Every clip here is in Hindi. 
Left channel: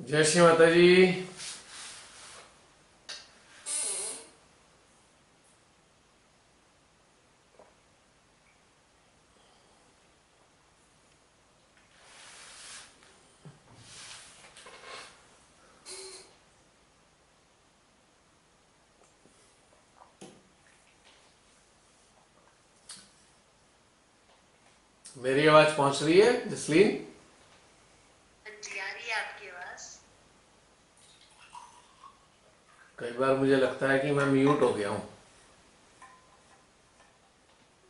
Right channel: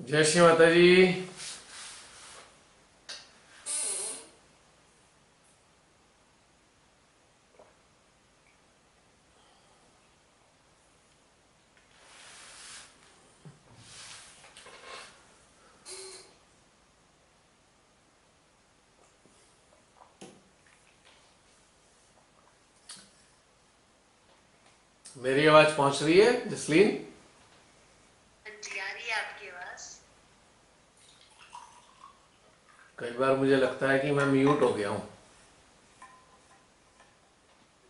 जय श्री माता जी। मेरी आवाज पहुंच रही है जसलीन? जी आ रही है आपकी आवाज। कई बार मुझे लगता है कि मैं म्यूट हो गया हूँ।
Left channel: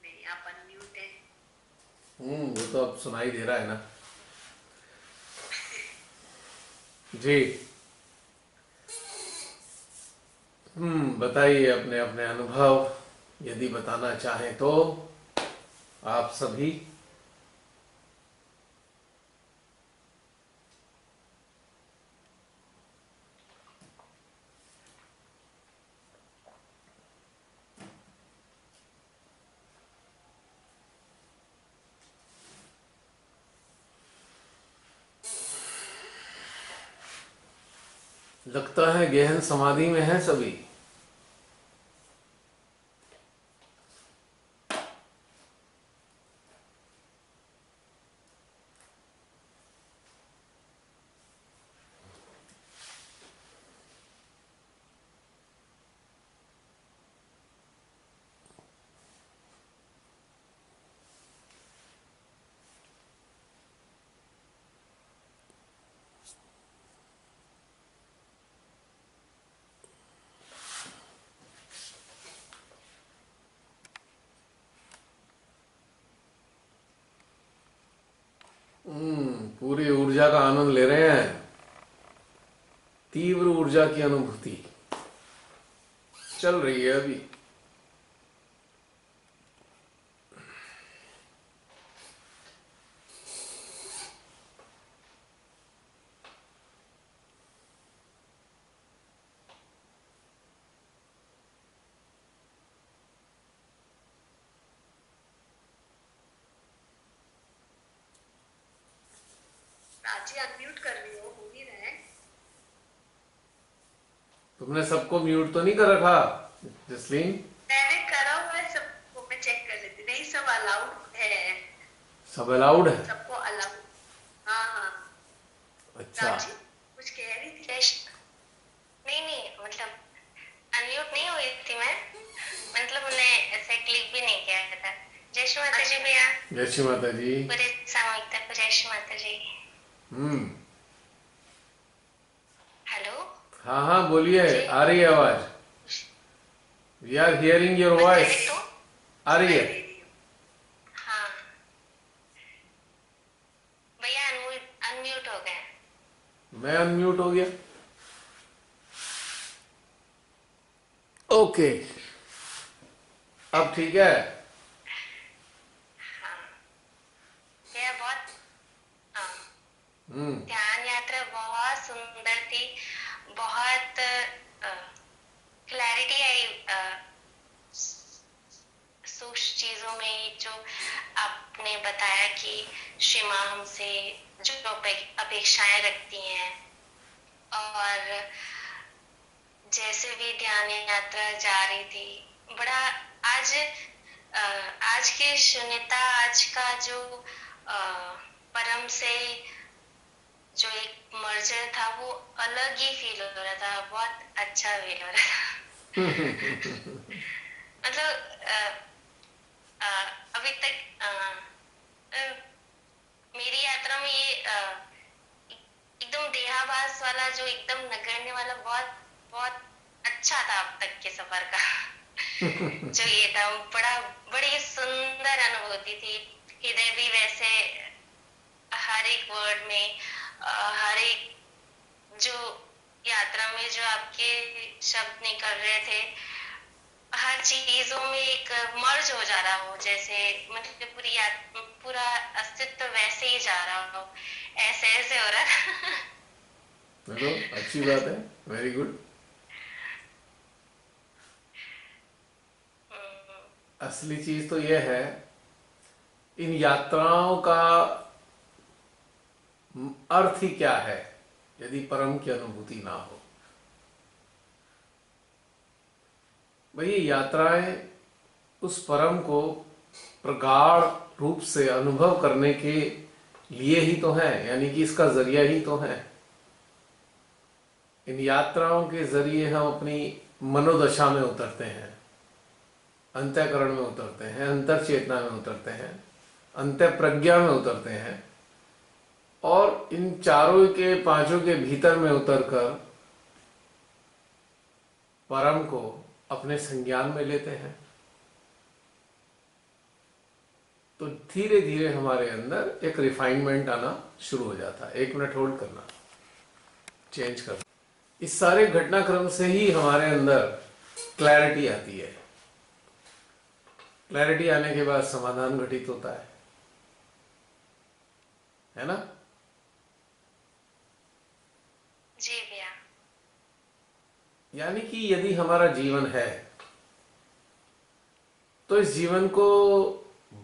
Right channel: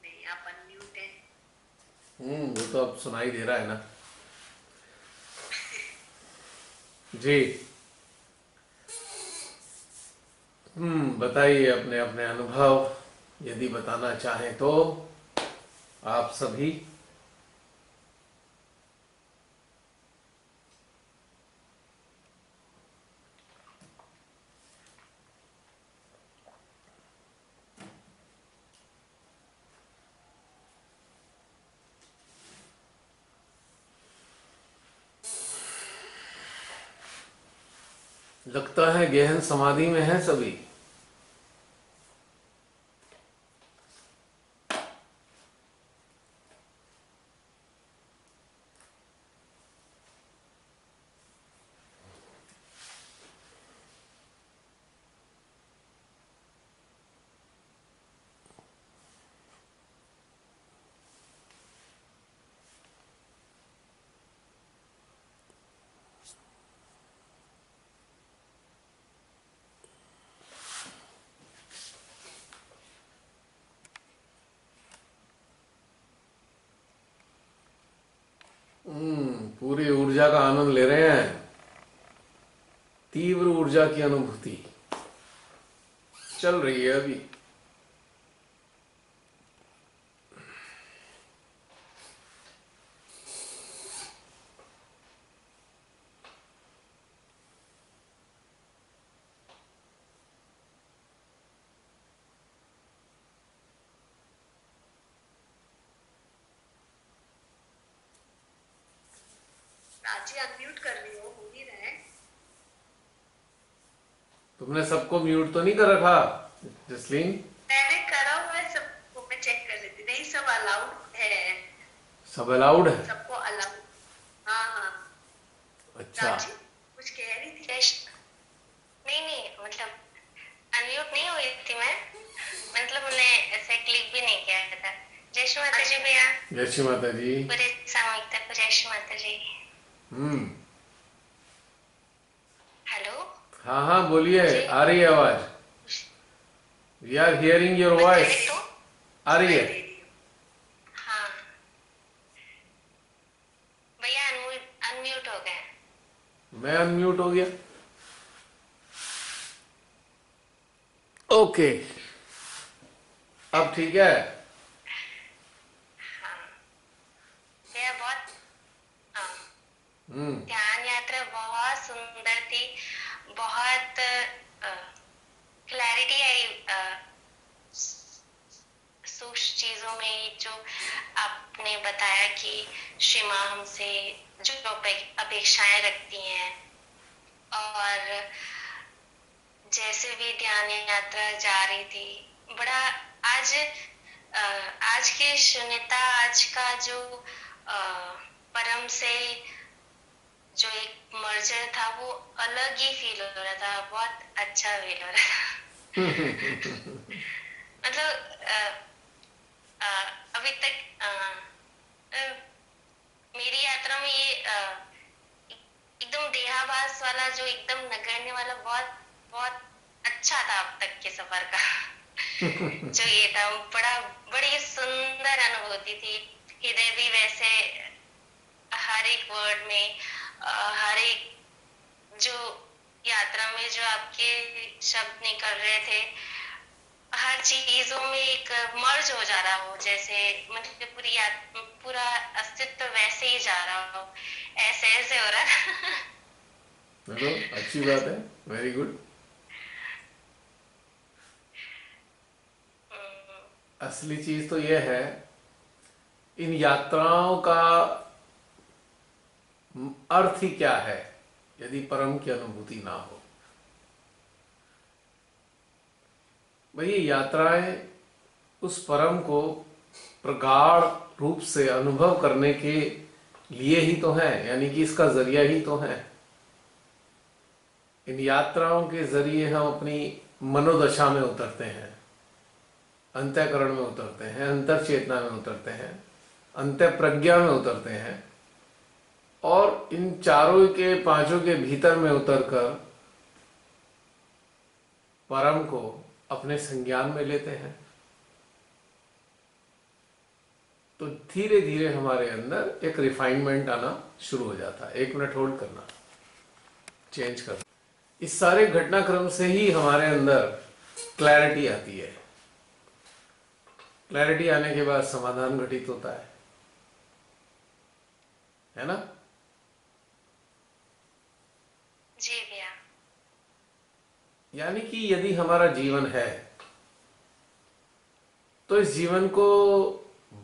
नहीं, आप अनम्यूट है। वो तो अब सुनाई दे रहा है ना। जी। बताइए अपने अपने अनुभव, यदि बताना चाहें तो आप सभी। लगता है गहन समाधि में है सभी। पूरी ऊर्जा का आनंद ले रहे हैं। तीव्र ऊर्जा की अनुभूति चल रही है अभी। प्राची अनम्यूट कर रही हो नहीं रहे। तुमने सबको म्यूट तो नहीं कर रखा जसलीन? मैंने करा हुआ है सबको, मैं चेक कर लेती। नहीं, सब अलाउड है। सब अलाउड है? सबको अलाउड। हाँ हाँ। अच्छा। प्राची कुछ कह रही थी। नहीं नहीं, मतलब अनम्यूट नहीं हुई थी मैं। मतलब मैंने ऐसे क्लिक भी नहीं किया था। जय श्री माता जी भैया। जय श्री माता जी। पूरे सामूहिकता को जय श्री माता जी। हम्म। हेलो। हाँ हाँ बोलिए, जी। आ रही है आवाज। वी आर हियरिंग योर मैं वॉइस। करेक्ट हूँ? आ रही सुनाई है। दे रही हूँ। हाँ। भैया अनम्यूट हो गए। मैं अनम्यूट हो गया। ओके, अब ठीक है। हाँ। भैया बहुत। हाँ। हम्म। ध्यान यात्रा बहुत सुंदर थी। बहुत क्लैरिटी आई सूक्ष्म चीजों में, जो आपने बताया कि श्री माँ हमसे जो अपेक्षाएं रखती हैं। और जैसे भी ध्यान यात्रा जा रही थी, बड़ा आज आज की शून्यता, आज का जो परम से जो एक मर्जर था, वो अलग ही फील हो रहा था। बहुत अच्छा फील हो रहा था। मतलब अ, अभी तक अ, मेरी यात्रा में ये एकदम देहाभास वाला, जो एकदम नगण्य वाला, बहुत बहुत अच्छा था अब तक के सफर का। जो ये था, बड़ा बड़ी सुंदर अनुभूति थी। हृदय भी वैसे हर एक वर्ड में, हर एक जो यात्रा में जो आपके शब्द निकल रहे थे, हर चीजों में एक मर्ज हो जा रहा हो, जैसे मतलब पूरा अस्तित्व वैसे ही जा रहा हो। ऐसे ऐसे हो रहा था। चलो अच्छी बात है, वेरी गुड। हम्म। असली चीज तो यह है, इन यात्राओं का अर्थ ही क्या है। यदि परम की अनुभूति ना हो। भाई ये यात्राएं उस परम को प्रगाढ़ रूप से अनुभव करने के लिए ही तो है, यानी कि इसका जरिया ही तो है। इन यात्राओं के जरिए हम अपनी मनोदशा में उतरते हैं, अंतःकरण में उतरते हैं, अंतर चेतना में उतरते हैं, अंतर प्रज्ञा में उतरते हैं, और इन चारों के पांचों के भीतर में उतरकर परम को अपने संज्ञान में लेते हैं। तो धीरे धीरे हमारे अंदर एक रिफाइनमेंट आना शुरू हो जाता है। 1 मिनट होल्ड करना, चेंज करना। इस सारे घटनाक्रम से ही हमारे अंदर क्लैरिटी आती है। क्लैरिटी आने के बाद समाधान घटित होता है ना? जी भैया। यानी कि यदि हमारा जीवन है तो इस जीवन को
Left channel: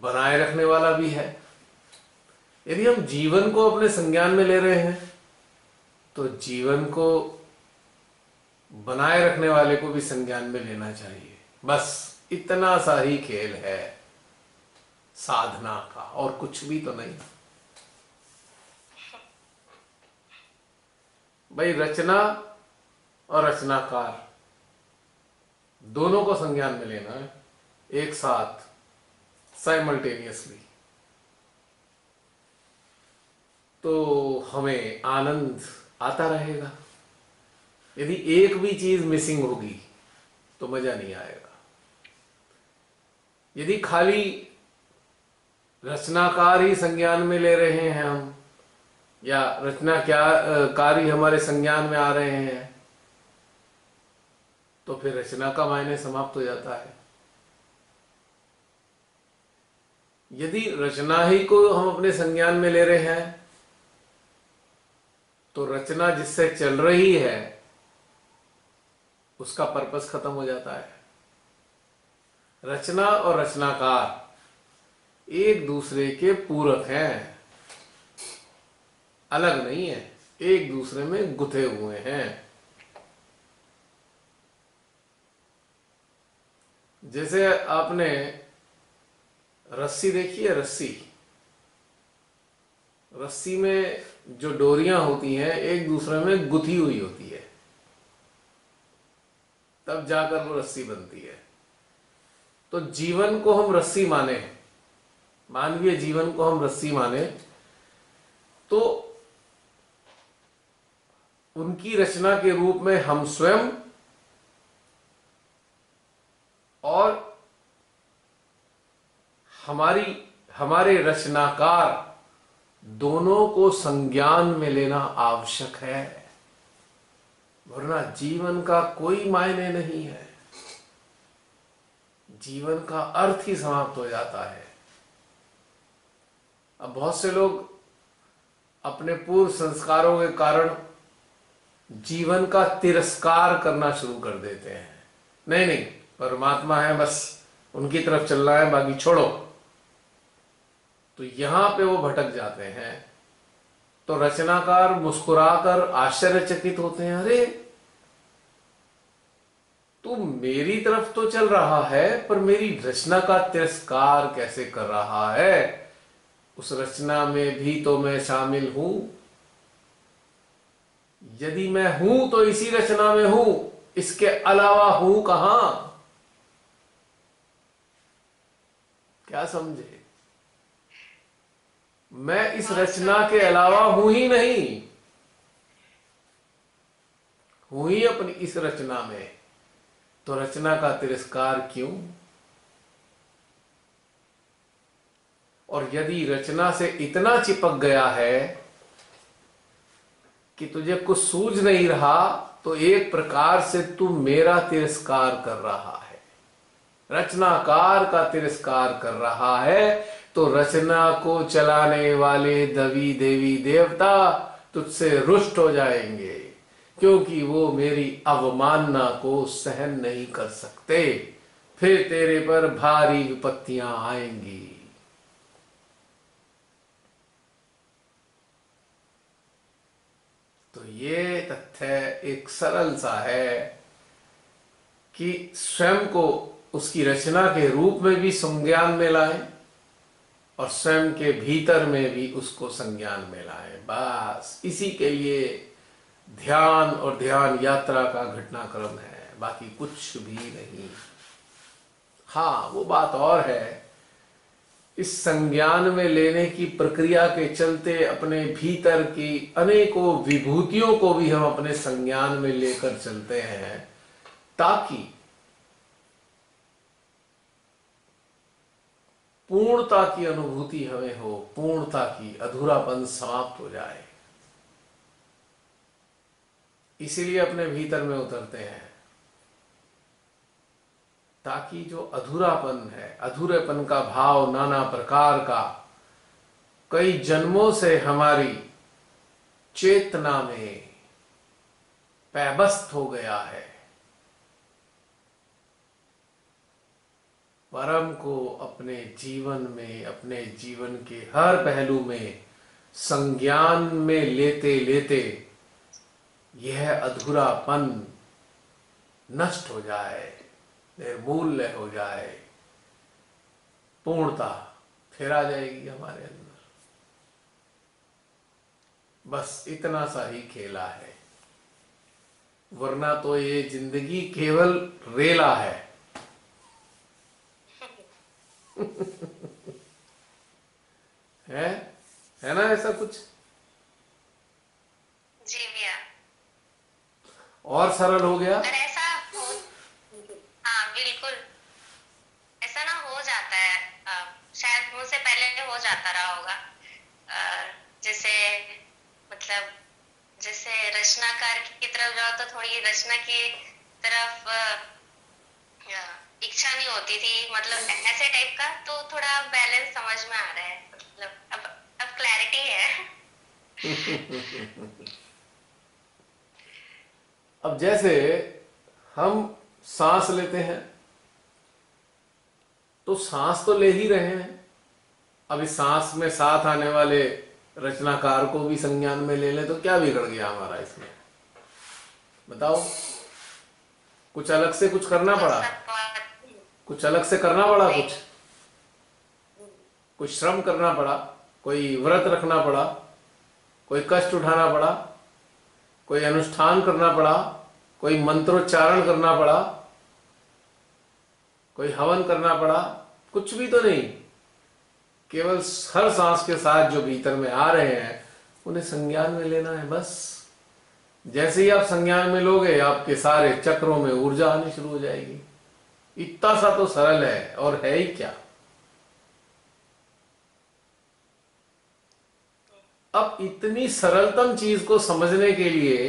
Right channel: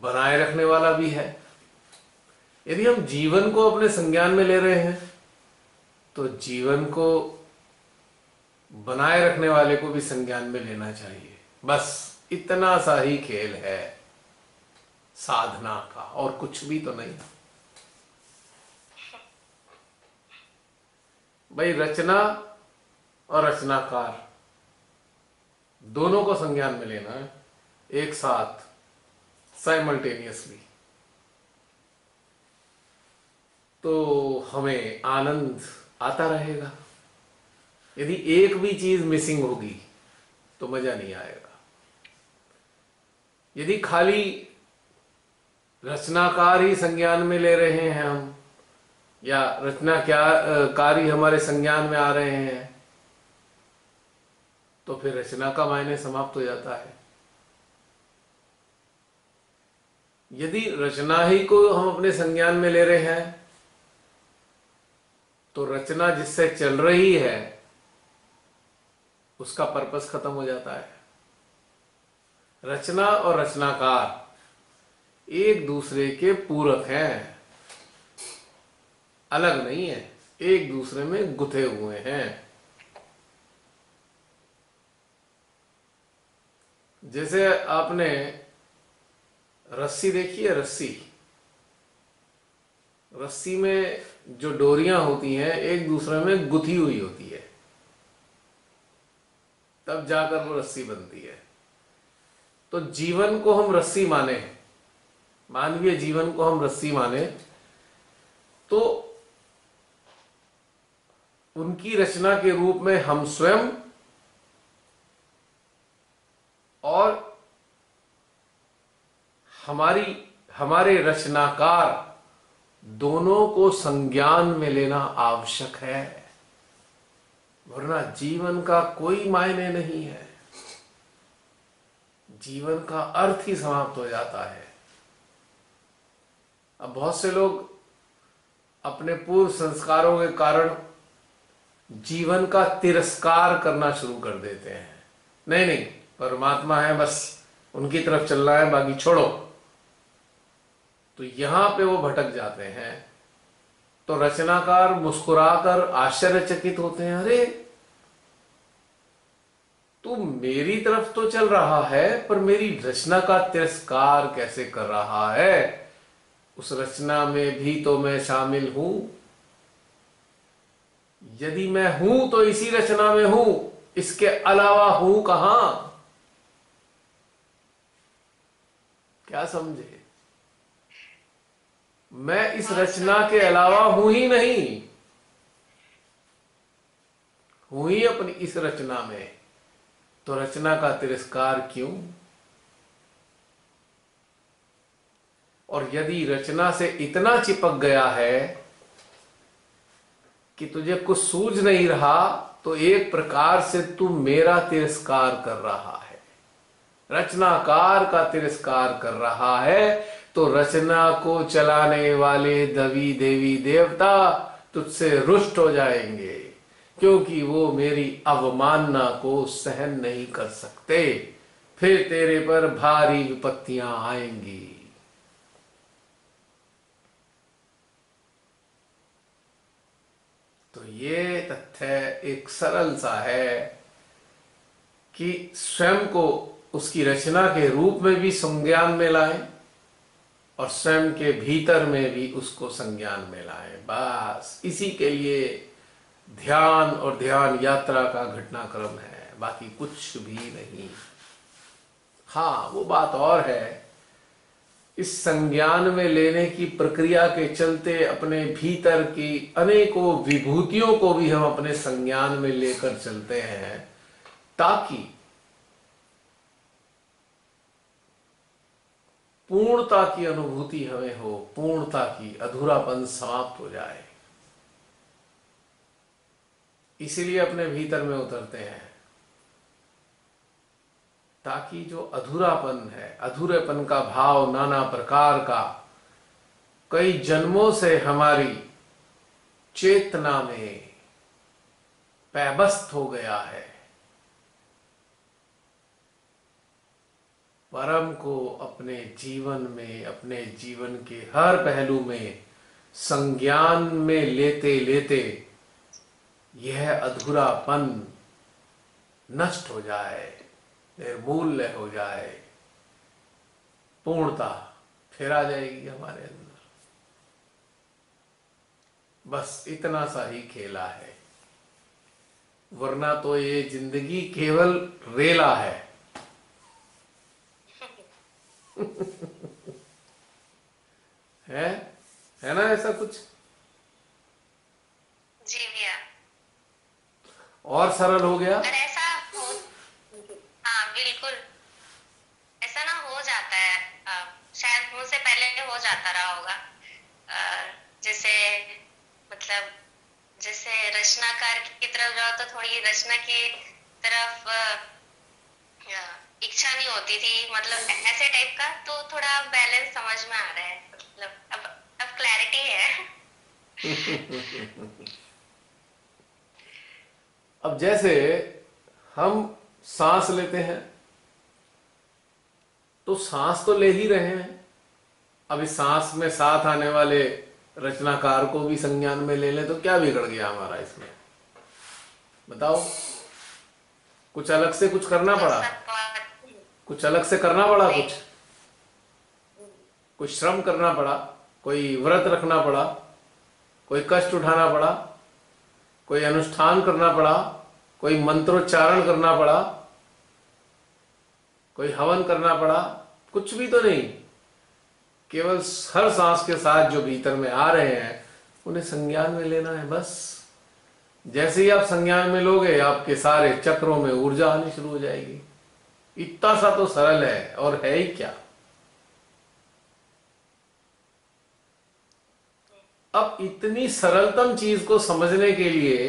बनाए रखने वाला भी है। यदि हम जीवन को अपने संज्ञान में ले रहे हैं तो जीवन को बनाए रखने वाले को भी संज्ञान में लेना चाहिए। बस इतना सा ही खेल है साधना का, और कुछ भी तो नहीं। भाई रचना और रचनाकार दोनों को संज्ञान में लेना है, एक साथ, साइमल्टेनियसली। तो हमें आनंद आता रहेगा। यदि एक भी चीज मिसिंग होगी तो मजा नहीं आएगा। यदि खाली रचनाकार ही संज्ञान में ले रहे हैं हम, या रचना क्या कार्य हमारे संज्ञान में आ रहे हैं, तो फिर रचना का मायने समाप्त हो जाता है। यदि रचना ही को हम अपने संज्ञान में ले रहे हैं तो रचना जिससे चल रही है उसका पर्पस खत्म हो जाता है। रचना और रचनाकार एक दूसरे के पूरक हैं, अलग नहीं है, एक दूसरे में गुथे हुए हैं। जैसे आपने रस्सी देखी है, रस्सी में जो डोरियां होती हैं एक दूसरे में गुथी हुई होती है, तब जाकर वो रस्सी बनती है। तो जीवन को हम रस्सी माने, मानवीय जीवन को हम रस्सी माने, तो उनकी रचना के रूप में हम स्वयं और हमारे रचनाकार दोनों को संज्ञान में लेना आवश्यक है, वरना जीवन का कोई मायने नहीं है। जीवन का अर्थ ही समाप्त हो जाता है। अब बहुत से लोग अपने पूर्व संस्कारों के कारण जीवन का तिरस्कार करना शुरू कर देते हैं। नहीं नहीं, परमात्मा है, बस उनकी तरफ चलना है, बाकी छोड़ो। तो यहां पे वो भटक जाते हैं। तो रचनाकार मुस्कुराकर आश्चर्यचकित होते हैं, अरे तू मेरी तरफ तो चल रहा है पर मेरी रचना का तिरस्कार कैसे कर रहा है? उस रचना में भी तो मैं शामिल हूं। यदि मैं हूं तो इसी रचना में हूं, इसके अलावा हूं कहां? क्या समझे? मैं इस रचना के अलावा हूं ही नहीं, हूं ही अपनी इस रचना में। तो रचना का तिरस्कार क्यों? और यदि रचना से इतना चिपक गया है कि तुझे कुछ सूझ नहीं रहा, तो एक प्रकार से तू मेरा तिरस्कार कर रहा है, रचनाकार का तिरस्कार कर रहा है। तो रचना को चलाने वाले देवी देवी देवता तुझसे रुष्ट हो जाएंगे, क्योंकि वो मेरी अवमानना को सहन नहीं कर सकते। फिर तेरे पर भारी विपत्तियां आएंगी। तो ये तथ्य एक सरल सा है कि स्वयं को उसकी रचना के रूप में भी संज्ञान में लाएं और स्वयं के भीतर में भी उसको संज्ञान में लाएं। बस इसी के लिए ध्यान और ध्यान यात्रा का घटनाक्रम है, बाकी कुछ भी नहीं। हाँ, वो बात और है, इस संज्ञान में लेने की प्रक्रिया के चलते अपने भीतर की अनेकों विभूतियों को भी हम अपने संज्ञान में लेकर चलते हैं, ताकि पूर्णता की अनुभूति हमें हो, पूर्णता की, अधूरापन समाप्त हो जाए। इसीलिए अपने भीतर में उतरते हैं, ताकि जो अधूरापन है, अधूरेपन का भाव नाना प्रकार का कई जन्मों से हमारी चेतना में पैबस्त हो गया है, परम को अपने जीवन में, अपने जीवन के हर पहलू में संज्ञान में लेते लेते यह अधूरापन नष्ट हो जाए, निर्मूल्य हो जाए, पूर्णता फिर आ जाएगी हमारे अंदर। बस इतना सा ही खेला है, वरना तो ये जिंदगी केवल रेला है। है ना ऐसा कुछ? जी भैया। और सरल हो गया। और ऐसा हो, हाँ बिल्कुल, ऐसा ना हो जाता है, शायद मुझसे पहले हो जाता रहा होगा। जैसे मतलब जैसे रचनाकार की तरफ जाओ तो थोड़ी रचना की तरफ इच्छा नहीं होती थी, मतलब ऐसे टाइप का। तो थोड़ा बैलेंस समझ में आ रहा है, मतलब अब क्लैरिटी है। अब जैसे हम सांस लेते हैं तो सांस तो ले ही रहे हैं, अब इस सांस में साथ आने वाले रचनाकार को भी संज्ञान में ले लें तो क्या बिगड़ गया हमारा इसमें? बताओ। कुछ अलग से कुछ करना पड़ा, कुछ अलग से करना पड़ा, कुछ श्रम करना पड़ा, कोई व्रत रखना पड़ा, कोई कष्ट उठाना पड़ा, कोई अनुष्ठान करना पड़ा, कोई मंत्रोच्चारण करना पड़ा, कोई हवन करना पड़ा? कुछ भी तो नहीं, केवल हर सांस के साथ जो भीतर में आ रहे हैं उन्हें संज्ञान में लेना है। बस जैसे ही आप संज्ञान में लोगे, आपके सारे चक्रों में ऊर्जा आनी शुरू हो जाएगी। इतना सा तो सरल है, और है ही क्या। अब इतनी सरलतम चीज को समझने के लिए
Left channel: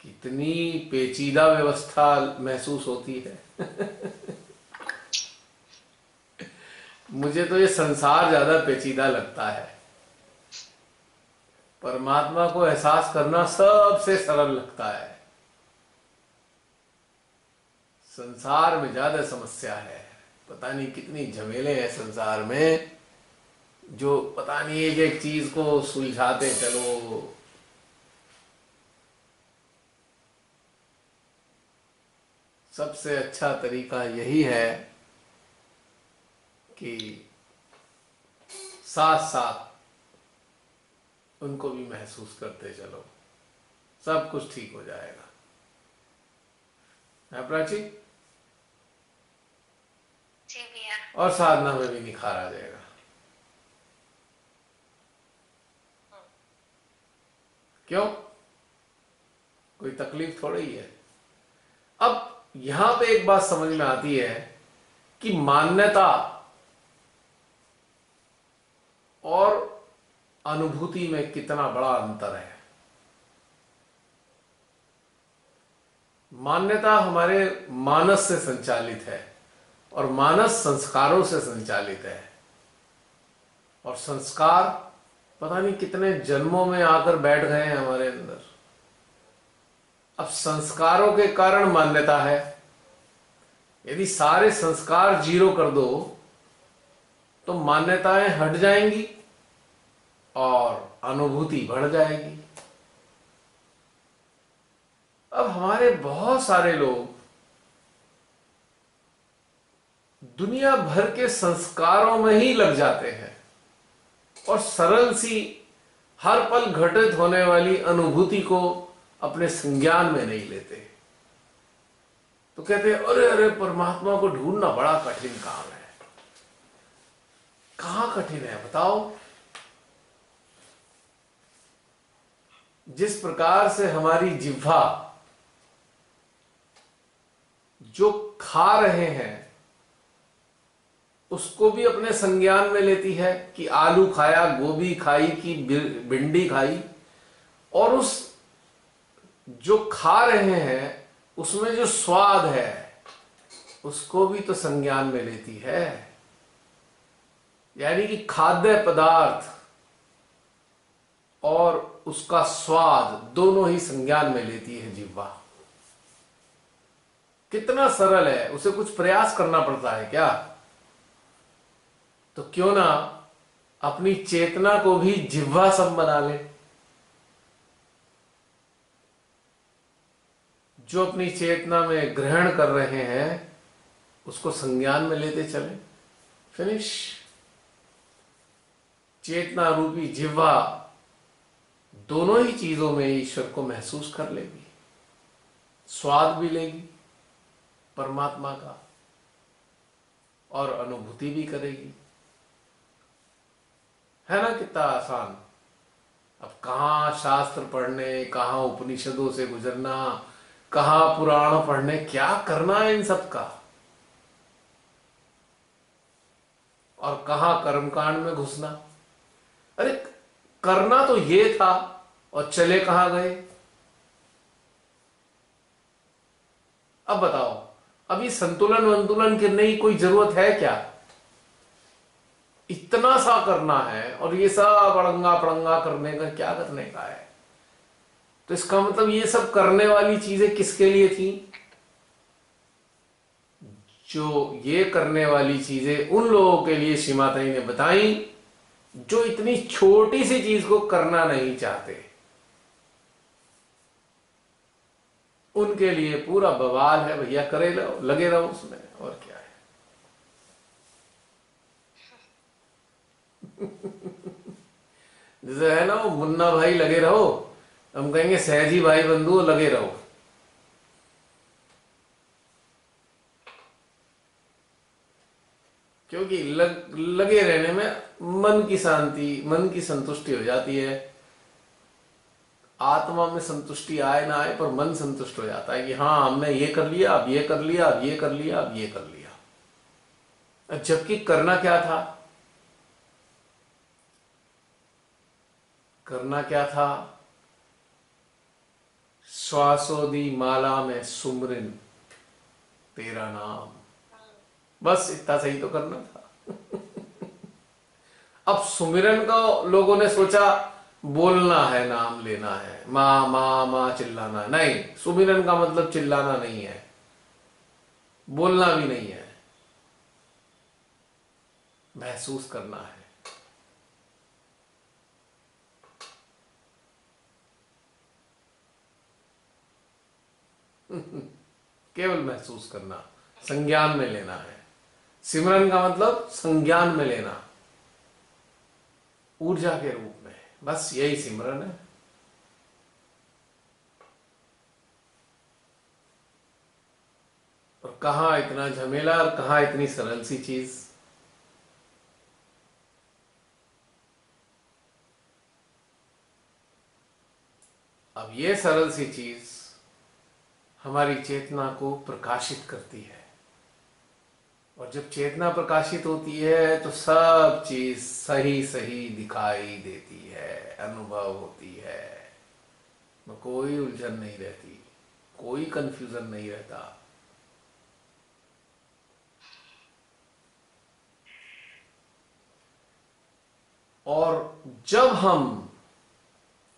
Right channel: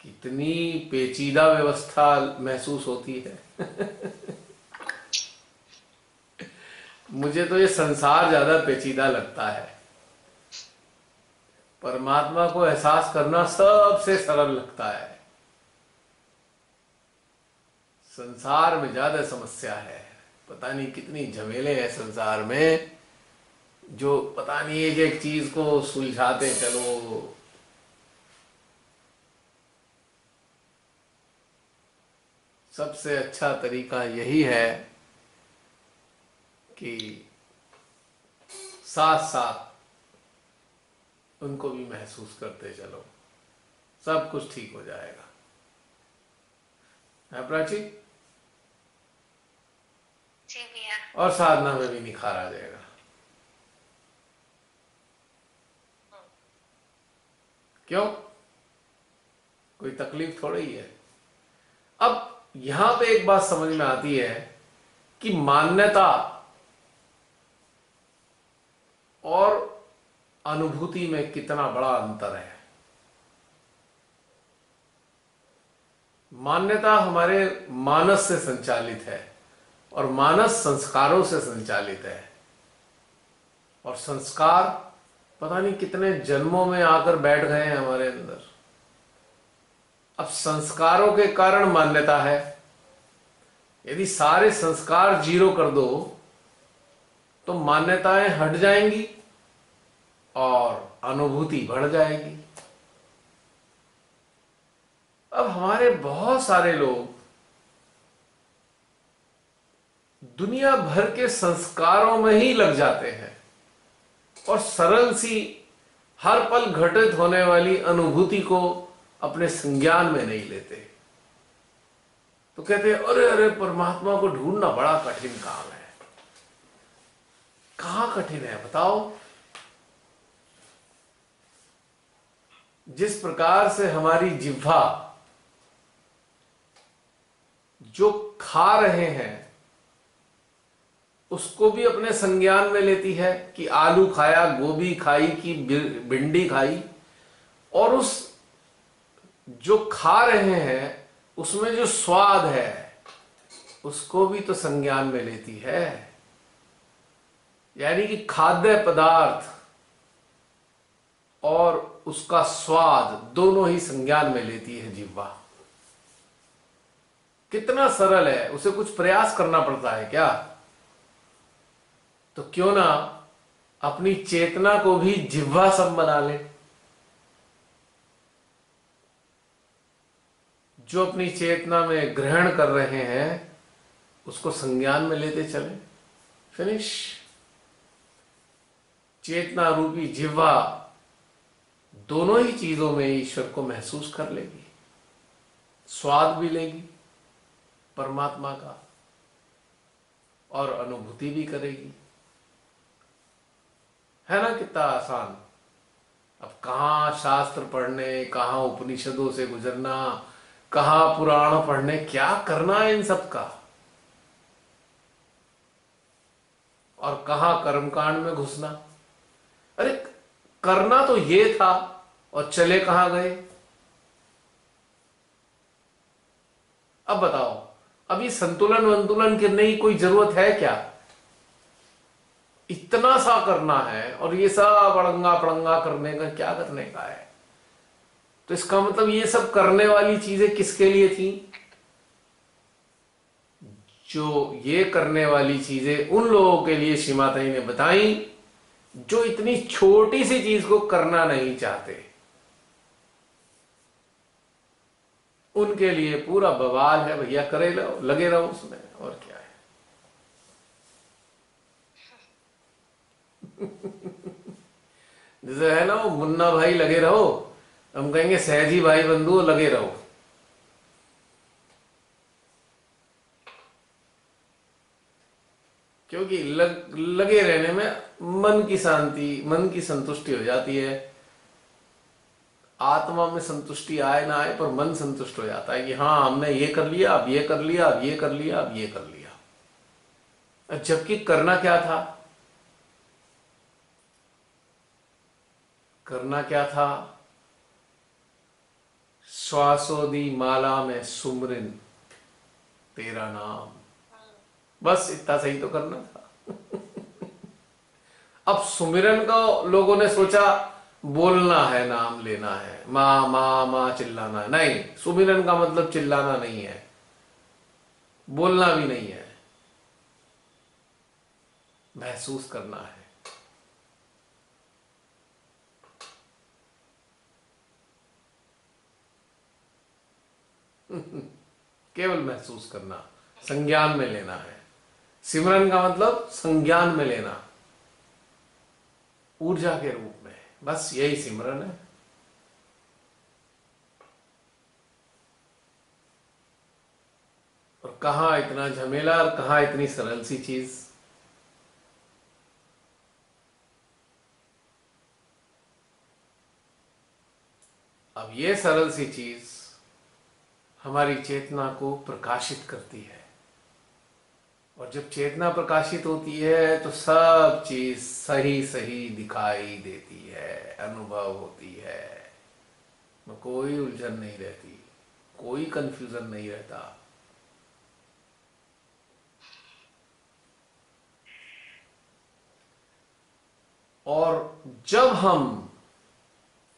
कितनी पेचीदा व्यवस्था महसूस होती है। मुझे तो ये संसार ज्यादा पेचीदा लगता है, परमात्मा को एहसास करना सबसे सरल लगता है। संसार में ज्यादा समस्या है, पता नहीं कितनी झमेले हैं संसार में, जो पता नहीं एक एक चीज को सुलझाते चलो। सबसे अच्छा तरीका यही है कि साथ साथ उनको भी महसूस करते चलो, सब कुछ ठीक हो जाएगा। है प्राची? जी भैया। और साधना में भी निखार आ जाएगा। क्यों? कोई तकलीफ थोड़ी ही है। अब यहां पे एक बात समझ में आती है कि मान्यता और अनुभूति में कितना बड़ा अंतर है। मान्यता हमारे मानस से संचालित है और मानस संस्कारों से संचालित है, और संस्कार पता नहीं कितने जन्मों में आकर बैठ गए हैं हमारे अंदर। अब संस्कारों के कारण मान्यता है। यदि सारे संस्कार जीरो कर दो तो मान्यताएं हट जाएंगी और अनुभूति बढ़ जाएगी। हमारे बहुत सारे लोग दुनिया भर के संस्कारों में ही लग जाते हैं और सरल सी हर पल घटित होने वाली अनुभूति को अपने संज्ञान में नहीं लेते। तो कहते हैं अरे अरे परमात्मा को ढूंढना बड़ा कठिन काम है। कहां कठिन है बताओ? जिस प्रकार से हमारी जिह्वा जो खा रहे हैं उसको भी अपने संज्ञान में लेती है कि आलू खाया, गोभी खाई कि भिंडी खाई, और उस जो खा रहे हैं उसमें जो स्वाद है उसको भी तो संज्ञान में लेती है। यानी कि खाद्य पदार्थ और उसका स्वाद दोनों ही संज्ञान में लेती है जिह्वा। कितना सरल है, उसे कुछ प्रयास करना पड़ता है क्या? तो क्यों ना अपनी चेतना को भी जिह्वा सम बना ले। जो अपनी चेतना में ग्रहण कर रहे हैं उसको संज्ञान में लेते चले। फिनिश। चेतना रूपी जिह्वा दोनों ही चीजों में ईश्वर को महसूस कर लेगी, स्वाद भी लेगी परमात्मा का और अनुभूति भी करेगी। है ना कितना आसान। अब कहां शास्त्र पढ़ने, कहां उपनिषदों से गुजरना, कहां पुराण पढ़ने, क्या करना है इन सब का, और कहां कर्मकांड में घुसना। अरे करना तो ये था और चले कहां गए। अब बताओ, अभी संतुलन वंतुलन करने की कोई जरूरत है क्या? इतना सा करना है और ये सब अड़ंगा पड़ंगा करने का क्या करने का है? तो इसका मतलब ये सब करने वाली चीजें किसके लिए थी? जो ये करने वाली चीजें उन लोगों के लिए श्री माता जी ने बताई जो इतनी छोटी सी चीज को करना नहीं चाहते। उनके लिए पूरा बवाल है भैया, करे लो, लगे रहो उसमें, और क्या है। जैसे है ना वो मुन्ना भाई लगे रहो, हम कहेंगे सहजी भाई बंधु लगे रहो। क्योंकि लगे रहने में मन की शांति, मन की संतुष्टि हो जाती है। आत्मा में संतुष्टि आए ना आए पर मन संतुष्ट हो जाता है कि हाँ हमने ये कर लिया, अब ये कर लिया, अब ये कर लिया, अब ये कर लिया। जबकि करना क्या था? करना क्या था? श्वासोदी माला में सुमरिन तेरा नाम, बस इतना सही तो करना था। अब सुमिरन का लोगों ने सोचा बोलना है, नाम लेना है, मां मां मां चिल्लाना है। नहीं, सुमिरन का मतलब चिल्लाना नहीं है, बोलना भी नहीं है, महसूस करना है। केवल महसूस करना, संज्ञान में लेना है। सिमरन का मतलब संज्ञान में लेना, ऊर्जा के रूप में, बस यही सिमरन है। और कहां इतना झमेला और कहां इतनी सरल सी चीज। अब ये सरल सी चीज हमारी चेतना को प्रकाशित करती है, और जब चेतना प्रकाशित होती है तो सब चीज सही सही दिखाई देती है, अनुभव होती है, कोई उलझन नहीं रहती, कोई कंफ्यूजन नहीं रहता। और जब हम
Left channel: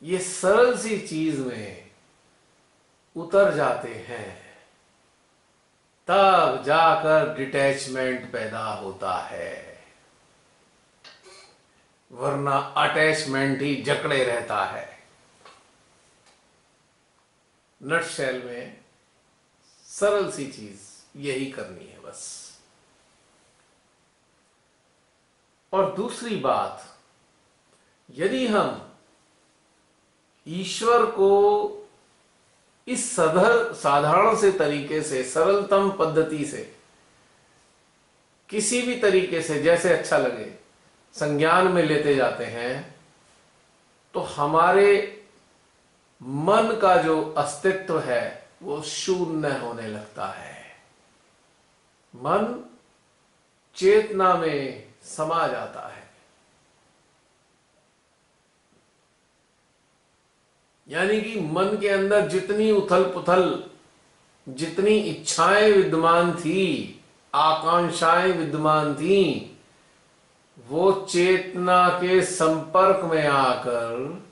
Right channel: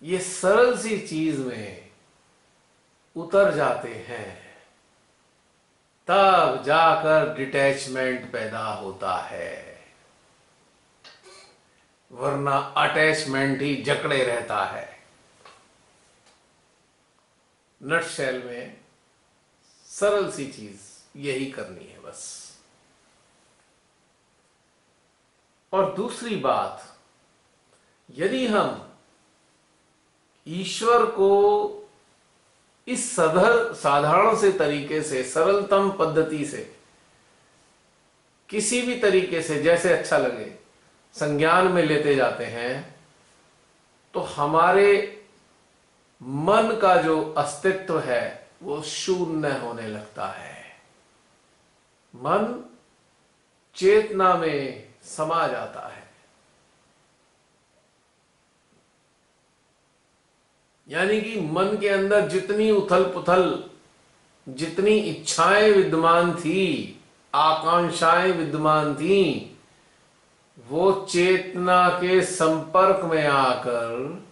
ये सरल सी चीज में उतर जाते हैं तब जाकर डिटैचमेंट पैदा होता है, वरना अटैचमेंट ही जकड़े रहता है। नटशेल में सरल सी चीज यही करनी है बस। और दूसरी बात, यदि हम ईश्वर को इस साधारण से तरीके से, सरलतम पद्धति से, किसी भी तरीके से जैसे अच्छा लगे संज्ञान में लेते जाते हैं, तो हमारे मन का जो अस्तित्व है वो शून्य होने लगता है। मन चेतना में समा जाता है। यानी कि मन के अंदर जितनी उथल पुथल, जितनी इच्छाएं विद्यमान थी, आकांक्षाएं विद्यमान थी, वो चेतना के संपर्क में आकर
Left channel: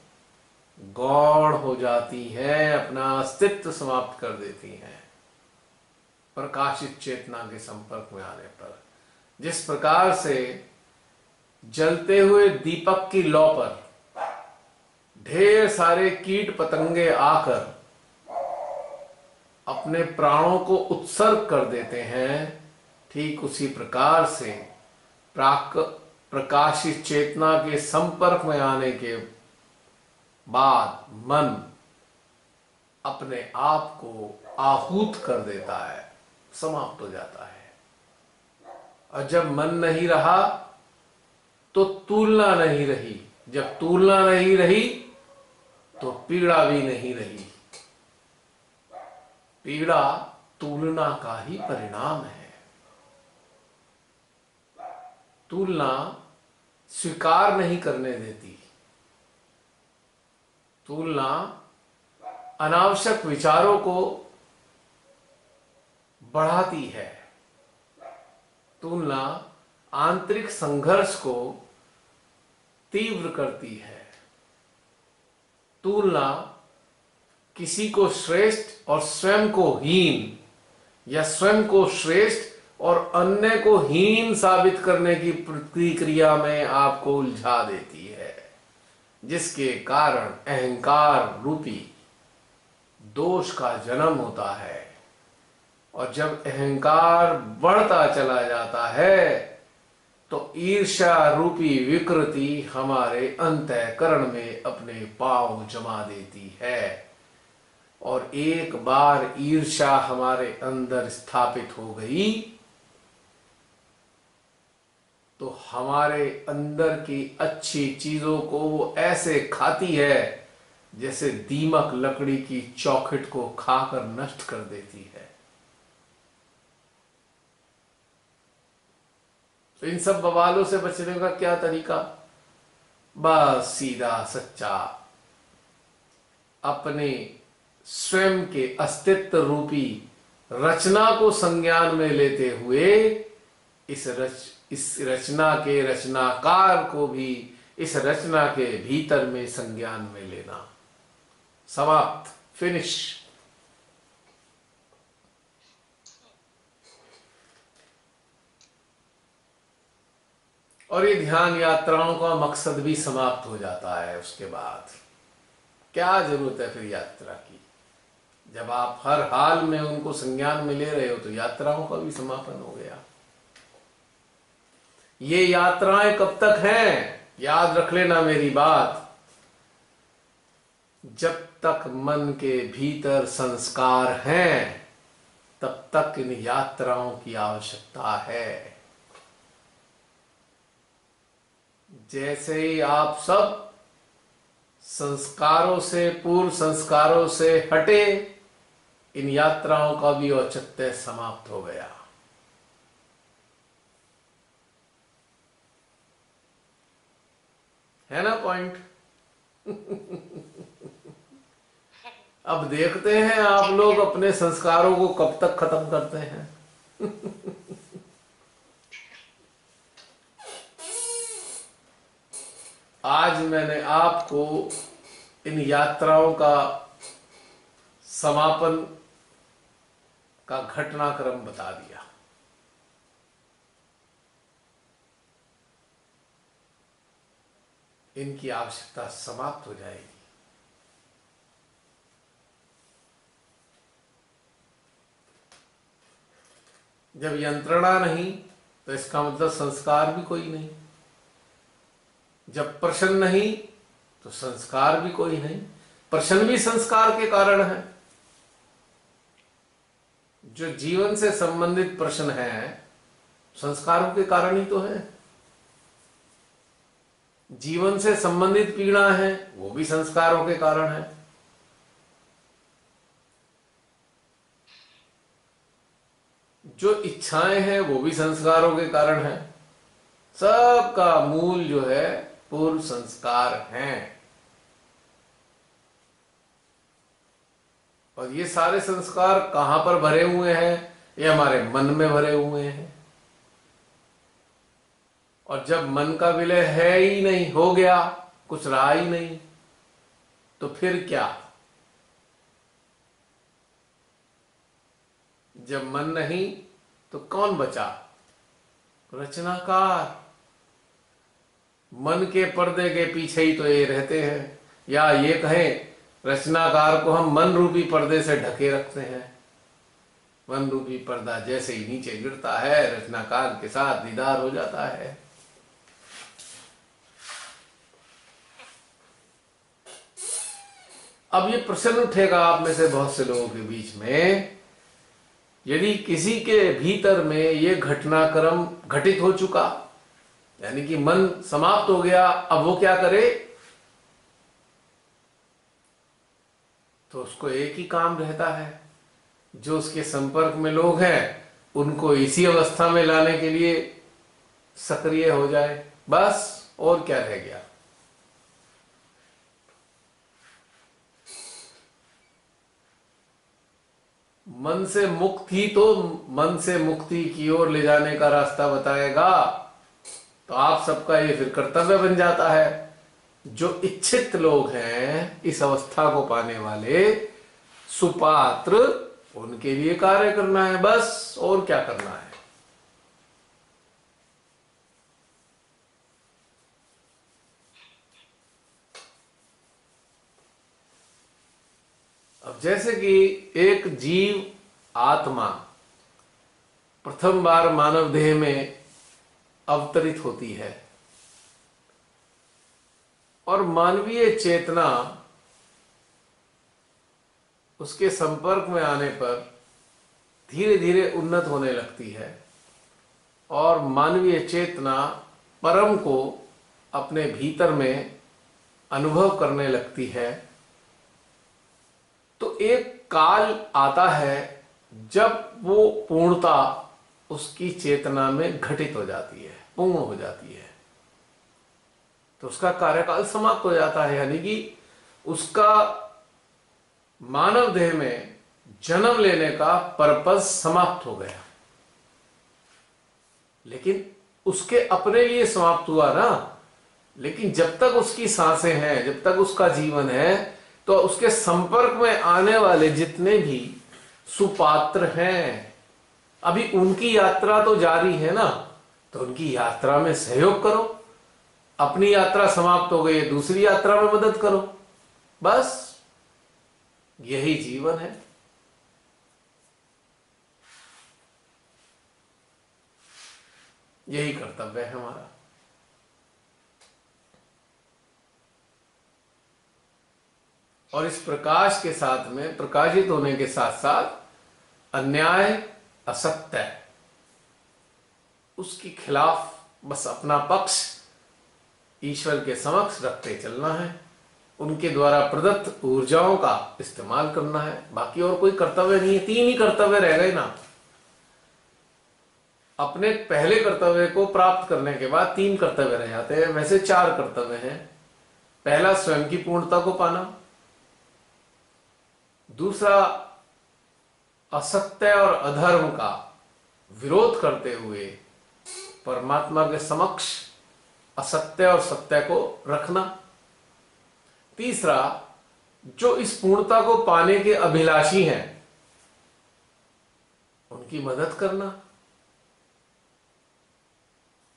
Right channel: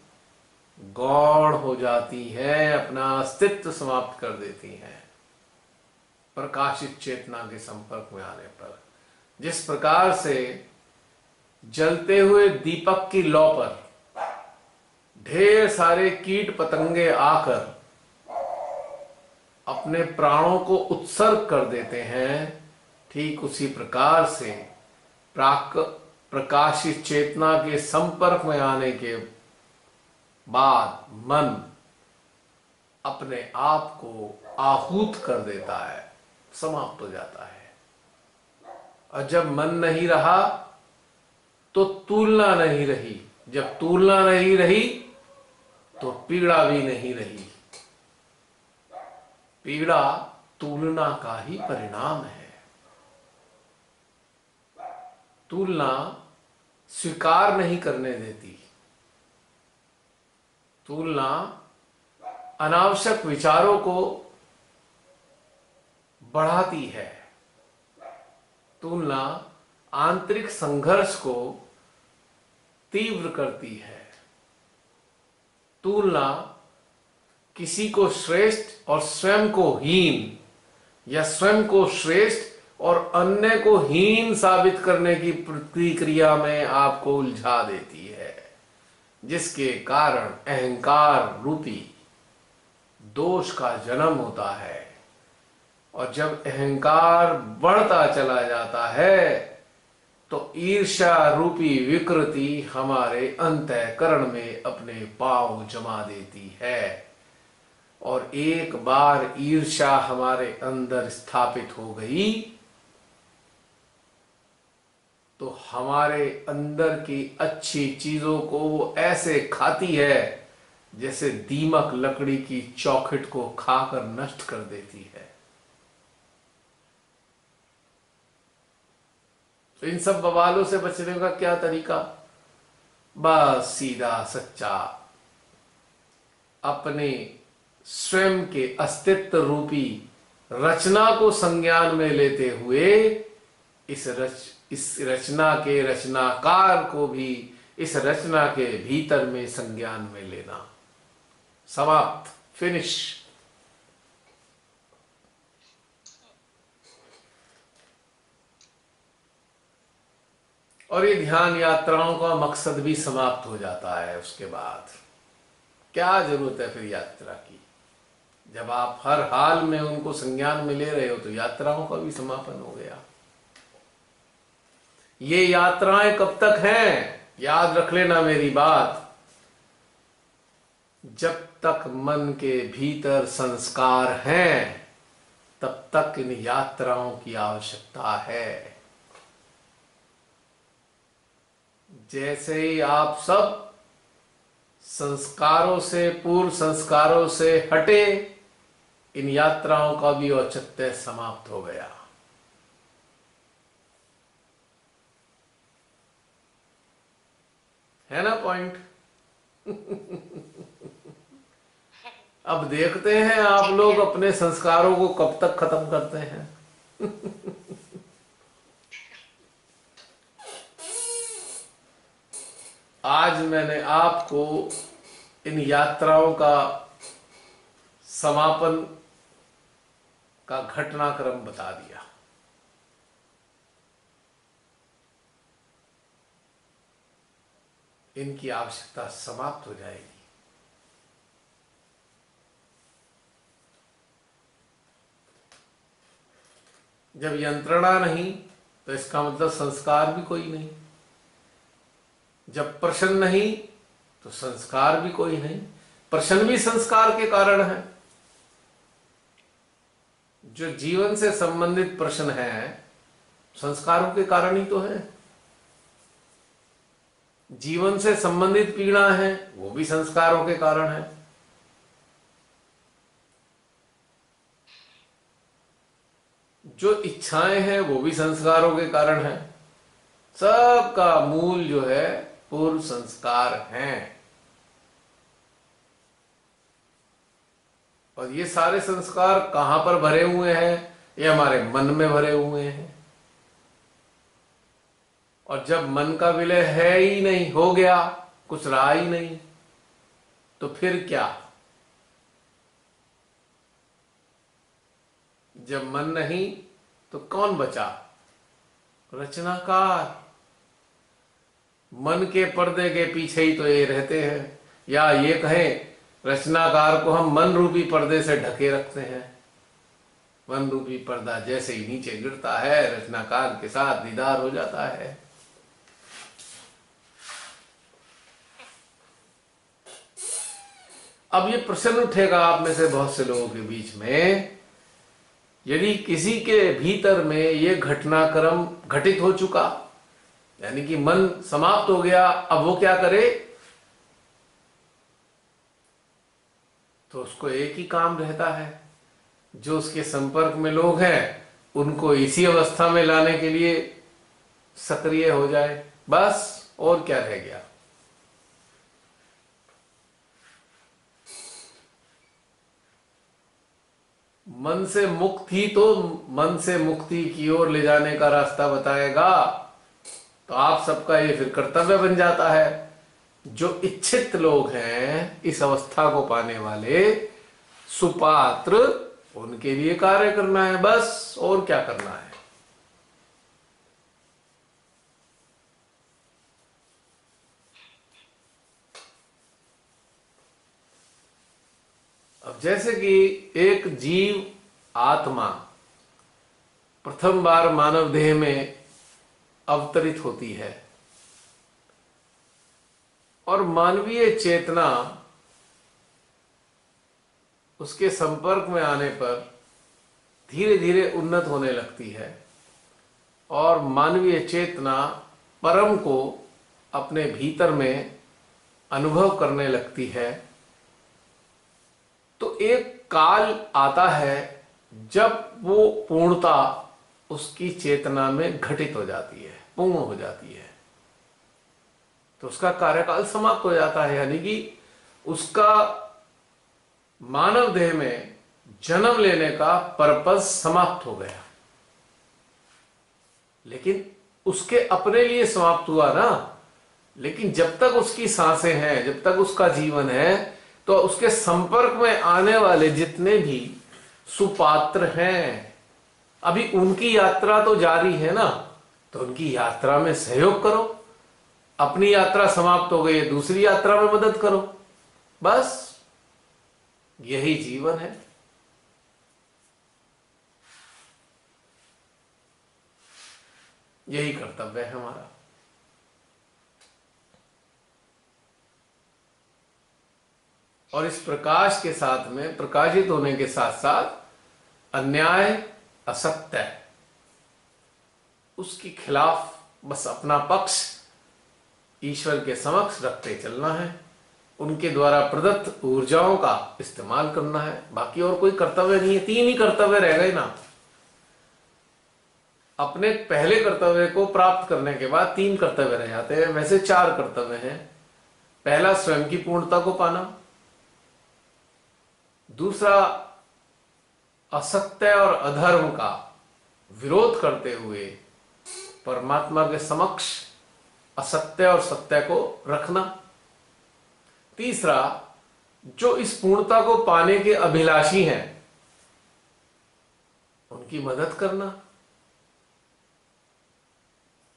गौण हो जाती हैं, अपना अस्तित्व समाप्त कर देती हैं प्रकाशित चेतना के संपर्क में आने पर। जिस प्रकार से जलते हुए दीपक की लौ पर ढेर सारे कीट पतंगे आकर अपने प्राणों को उत्सर्ग कर देते हैं, ठीक उसी प्रकार से प्रकाशित चेतना के संपर्क में आने के बाद मन अपने आप को आहूत कर देता है, समाप्त हो जाता है। और जब मन नहीं रहा तो तुलना नहीं रही, जब तुलना नहीं रही तो पीड़ा भी नहीं रही। पीड़ा तुलना का ही परिणाम है। तुलना स्वीकार नहीं करने देती। तुलना अनावश्यक विचारों को बढ़ाती है। तुलना आंतरिक संघर्ष को तीव्र करती है। तुलना किसी को श्रेष्ठ और स्वयं को हीन, या स्वयं को श्रेष्ठ और अन्य को हीन साबित करने की प्रतिक्रिया में आपको उलझा देती है, जिसके कारण अहंकार रूपी दोष का जन्म होता है। और जब अहंकार बढ़ता चला जाता है तो ईर्ष्या रूपी विकृति हमारे अंतःकरण में अपने पांव जमा देती है। और एक बार ईर्ष्या हमारे अंदर स्थापित हो गई तो हमारे अंदर की अच्छी चीजों को वो ऐसे खाती है जैसे दीमक लकड़ी की चौखट को खाकर नष्ट कर देती है। तो इन सब बवालों से बचने का क्या तरीका? बस सीधा सच्चा अपने स्वयं के अस्तित्व रूपी रचना को संज्ञान में लेते हुए इस रचना के रचनाकार को भी इस रचना के भीतर में संज्ञान में लेना। समाप्त, फिनिश। और ये ध्यान यात्राओं का मकसद भी समाप्त हो जाता है। उसके बाद क्या जरूरत है फिर यात्रा की? जब आप हर हाल में उनको संज्ञान में ले रहे हो तो यात्राओं का भी समापन हो गया। ये यात्राएं कब तक हैं? याद रख लेना मेरी बात, जब तक मन के भीतर संस्कार हैं तब तक इन यात्राओं की आवश्यकता है। जैसे ही आप सब संस्कारों से, पूर्व संस्कारों से हटे, इन यात्राओं का भी औचित्य समाप्त हो गया। है ना पॉइंट? अब देखते हैं आप लोग अपने संस्कारों को कब तक खत्म करते हैं। आज मैंने आपको इन यात्राओं का समापन का घटनाक्रम बता दिया। इनकी आवश्यकता समाप्त हो जाएगी। जब यंत्रणा नहीं तो इसका मतलब संस्कार भी कोई नहीं। जब प्रश्न नहीं तो संस्कार भी कोई नहीं। प्रश्न भी संस्कार के कारण है। जो जीवन से संबंधित प्रश्न है संस्कारों के कारण ही तो है। जीवन से संबंधित पीड़ा है वो भी संस्कारों के कारण है। जो इच्छाएं हैं वो भी संस्कारों के कारण है। सबका मूल जो है पूर्व संस्कार हैं। और ये सारे संस्कार कहां पर भरे हुए हैं? ये हमारे मन में भरे हुए हैं। और जब मन का विलय है ही नहीं, हो गया, कुछ रहा ही नहीं, तो फिर क्या? जब मन नहीं तो कौन बचा? रचनाकार। मन के पर्दे के पीछे ही तो ये रहते हैं, या ये कहें रचनाकार को हम मन रूपी पर्दे से ढके रखते हैं। मन रूपी पर्दा जैसे ही नीचे गिरता है रचनाकार के साथ दीदार हो जाता है। अब ये प्रश्न उठेगा आप में से बहुत से लोगों के बीच में, यदि किसी के भीतर में ये घटनाक्रम घटित हो चुका, यानी कि मन समाप्त हो गया, अब वो क्या करे? तो उसको एक ही काम रहता है, जो उसके संपर्क में लोग हैं उनको इसी अवस्था में लाने के लिए सक्रिय हो जाए, बस। और क्या रह गया? मन से मुक्त ही तो मन से मुक्ति की ओर ले जाने का रास्ता बताएगा। तो आप सबका ये फिर कर्तव्य बन जाता है, जो इच्छित लोग हैं इस अवस्था को पाने वाले सुपात्र, उनके लिए कार्य करना है, बस। और क्या करना है? अब जैसे कि एक जीव आत्मा प्रथम बार मानव देह में अवतरित होती है और मानवीय चेतना उसके संपर्क में आने पर धीरे धीरे उन्नत होने लगती है और मानवीय चेतना परम को अपने भीतर में अनुभव करने लगती है, तो एक काल आता है जब वो पूर्णता उसकी चेतना में घटित हो जाती है, पूर्ण हो जाती है। तो उसका कार्यकाल समाप्त हो जाता है, यानी कि उसका मानव देह में जन्म लेने का पर्पस समाप्त हो गया। लेकिन उसके अपने लिए समाप्त हुआ ना। लेकिन जब तक उसकी सांसें हैं, जब तक उसका जीवन है, तो उसके संपर्क में आने वाले जितने भी सुपात्र हैं, अभी उनकी यात्रा तो जारी है ना, तो उनकी यात्रा में सहयोग करो। अपनी यात्रा समाप्त हो गई, दूसरी यात्रा में मदद करो, बस। यही जीवन है। यही कर्तव्य है हमारा। और इस प्रकाश के साथ में, प्रकाशित होने के साथ साथ अन्याय, असत्य, उसके खिलाफ बस अपना पक्ष ईश्वर के समक्ष रखते चलना है। उनके द्वारा प्रदत्त ऊर्जाओं का इस्तेमाल करना है। बाकी और कोई कर्तव्य नहीं है। 3 ही कर्तव्य रह गए ना। अपने पहले कर्तव्य को प्राप्त करने के बाद 3 कर्तव्य रह जाते हैं। वैसे 4 कर्तव्य हैं। पहला, स्वयं की पूर्णता को पाना। दूसरा, असत्य और अधर्म का विरोध करते हुए परमात्मा के समक्ष असत्य और सत्य को रखना। तीसरा, जो इस पूर्णता को पाने के अभिलाषी हैं उनकी मदद करना।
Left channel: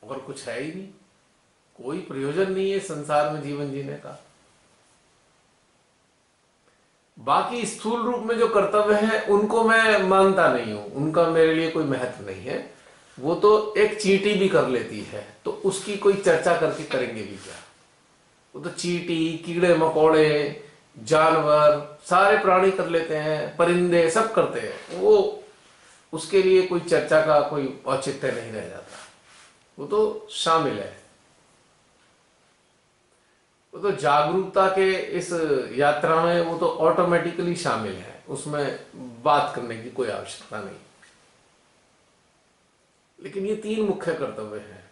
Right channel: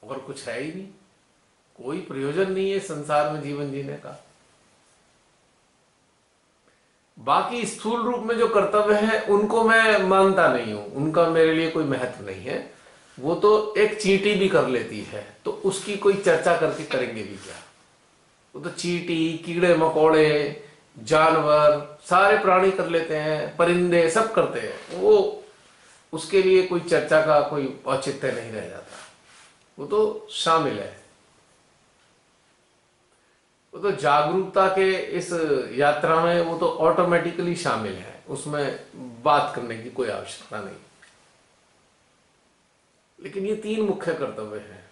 और कुछ है ही नहीं, कोई प्रयोजन नहीं है संसार में जीवन जीने का। बाकी स्थूल रूप में जो कर्तव्य है उनको मैं मानता नहीं हूं, उनका मेरे लिए कोई महत्व नहीं है। वो तो एक चींटी भी कर लेती है, तो उसकी कोई चर्चा करके करेंगे भी क्या। वो तो चींटी, कीड़े मकोड़े, जानवर, सारे प्राणी कर लेते हैं, परिंदे सब करते हैं। वो उसके लिए कोई चर्चा का कोई औचित्य नहीं रह जाता, वो तो शामिल है। वो तो जागरूकता के इस यात्रा में वो तो ऑटोमेटिकली शामिल है, उसमें बात करने की कोई आवश्यकता नहीं। लेकिन ये तीन मुख्य कर्तव्य हैं:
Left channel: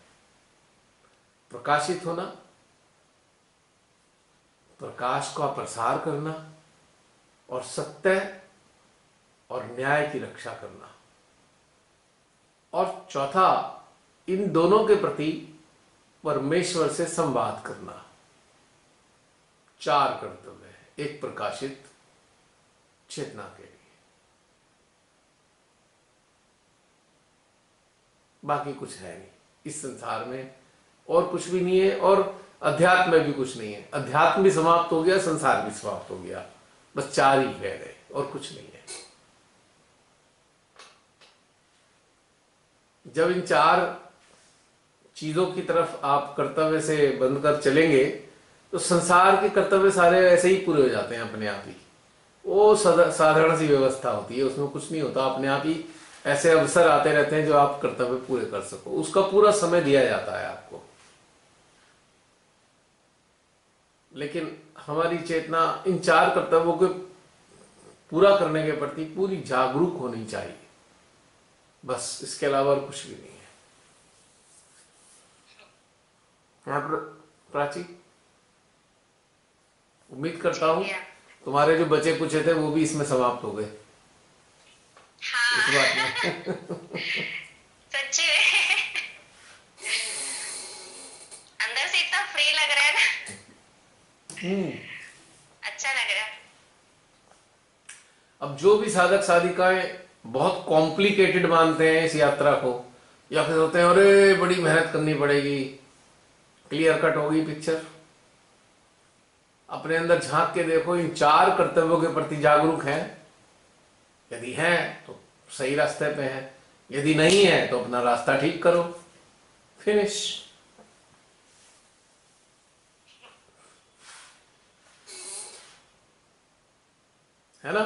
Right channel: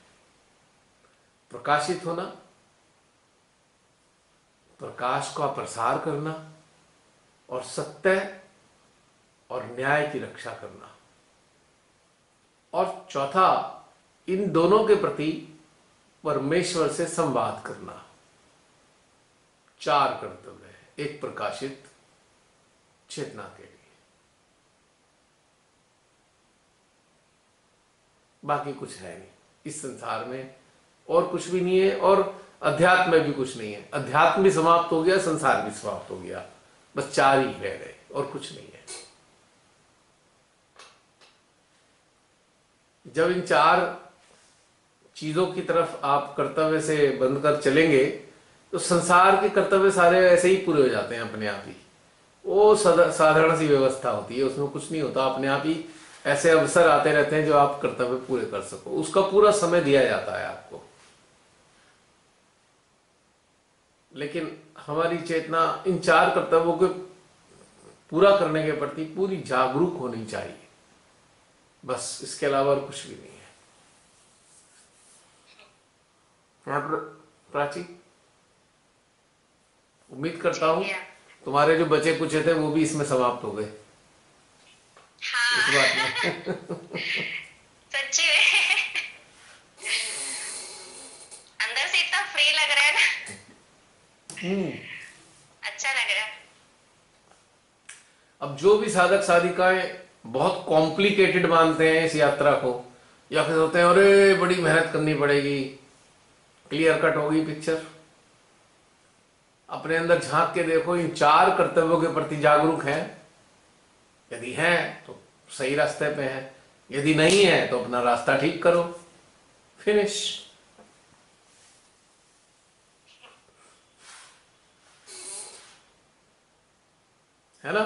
प्रकाशित होना, प्रकाश का प्रसार करना, और सत्य और न्याय की रक्षा करना। और चौथा, इन दोनों के प्रति परमेश्वर से संवाद करना। चार कर्तव्य है एक प्रकाशित चेतना के लिए। बाकी कुछ है नहीं इस संसार में, और कुछ भी नहीं है, और अध्यात्म में भी कुछ नहीं है। अध्यात्म भी समाप्त हो गया, संसार भी समाप्त हो गया, बस चार ही रह गए और कुछ नहीं है। जब इन चार चीजों की तरफ आप कर्तव्य से बंध कर चलेंगे तो संसार के कर्तव्य सारे ऐसे ही पूरे हो जाते हैं अपने आप ही। वो साधारण सी व्यवस्था होती है, उसमें कुछ नहीं होता, अपने आप ही ऐसे अवसर आते रहते हैं जो आप कर्तव्य पूरे कर सको, उसका पूरा समय दिया जाता है आपको। लेकिन हमारी चेतना इन चार कर्तव्यों को पूरा करने के प्रति पूरी जागरूक होनी चाहिए, बस इसके अलावा और कुछ भी नहीं है। यहाँ पर प्राची, उम्मीद करता हूं तुम्हारे जो बचे कुचे थे वो भी इसमें समाप्त हो गए। हाँ। इस बात में सच्ची में अंदर से इतना फ्री लग रहा है ना, अच्छा लग रहा है। अब जो भी साधक साधिकाएं बहुत कॉम्प्लिकेटेड मानते हैं इस यात्रा को, या फिर होते हैं अरे बड़ी मेहनत करनी पड़ेगी, क्लियर कट होगी पिक्चर, अपने अंदर झांक के देखो, इन चार कर्तव्यों के प्रति जागरूक हैं? यदि हैं तो सही रास्ते पे हैं, यदि नहीं है तो अपना रास्ता ठीक करो, फिनिश। है ना?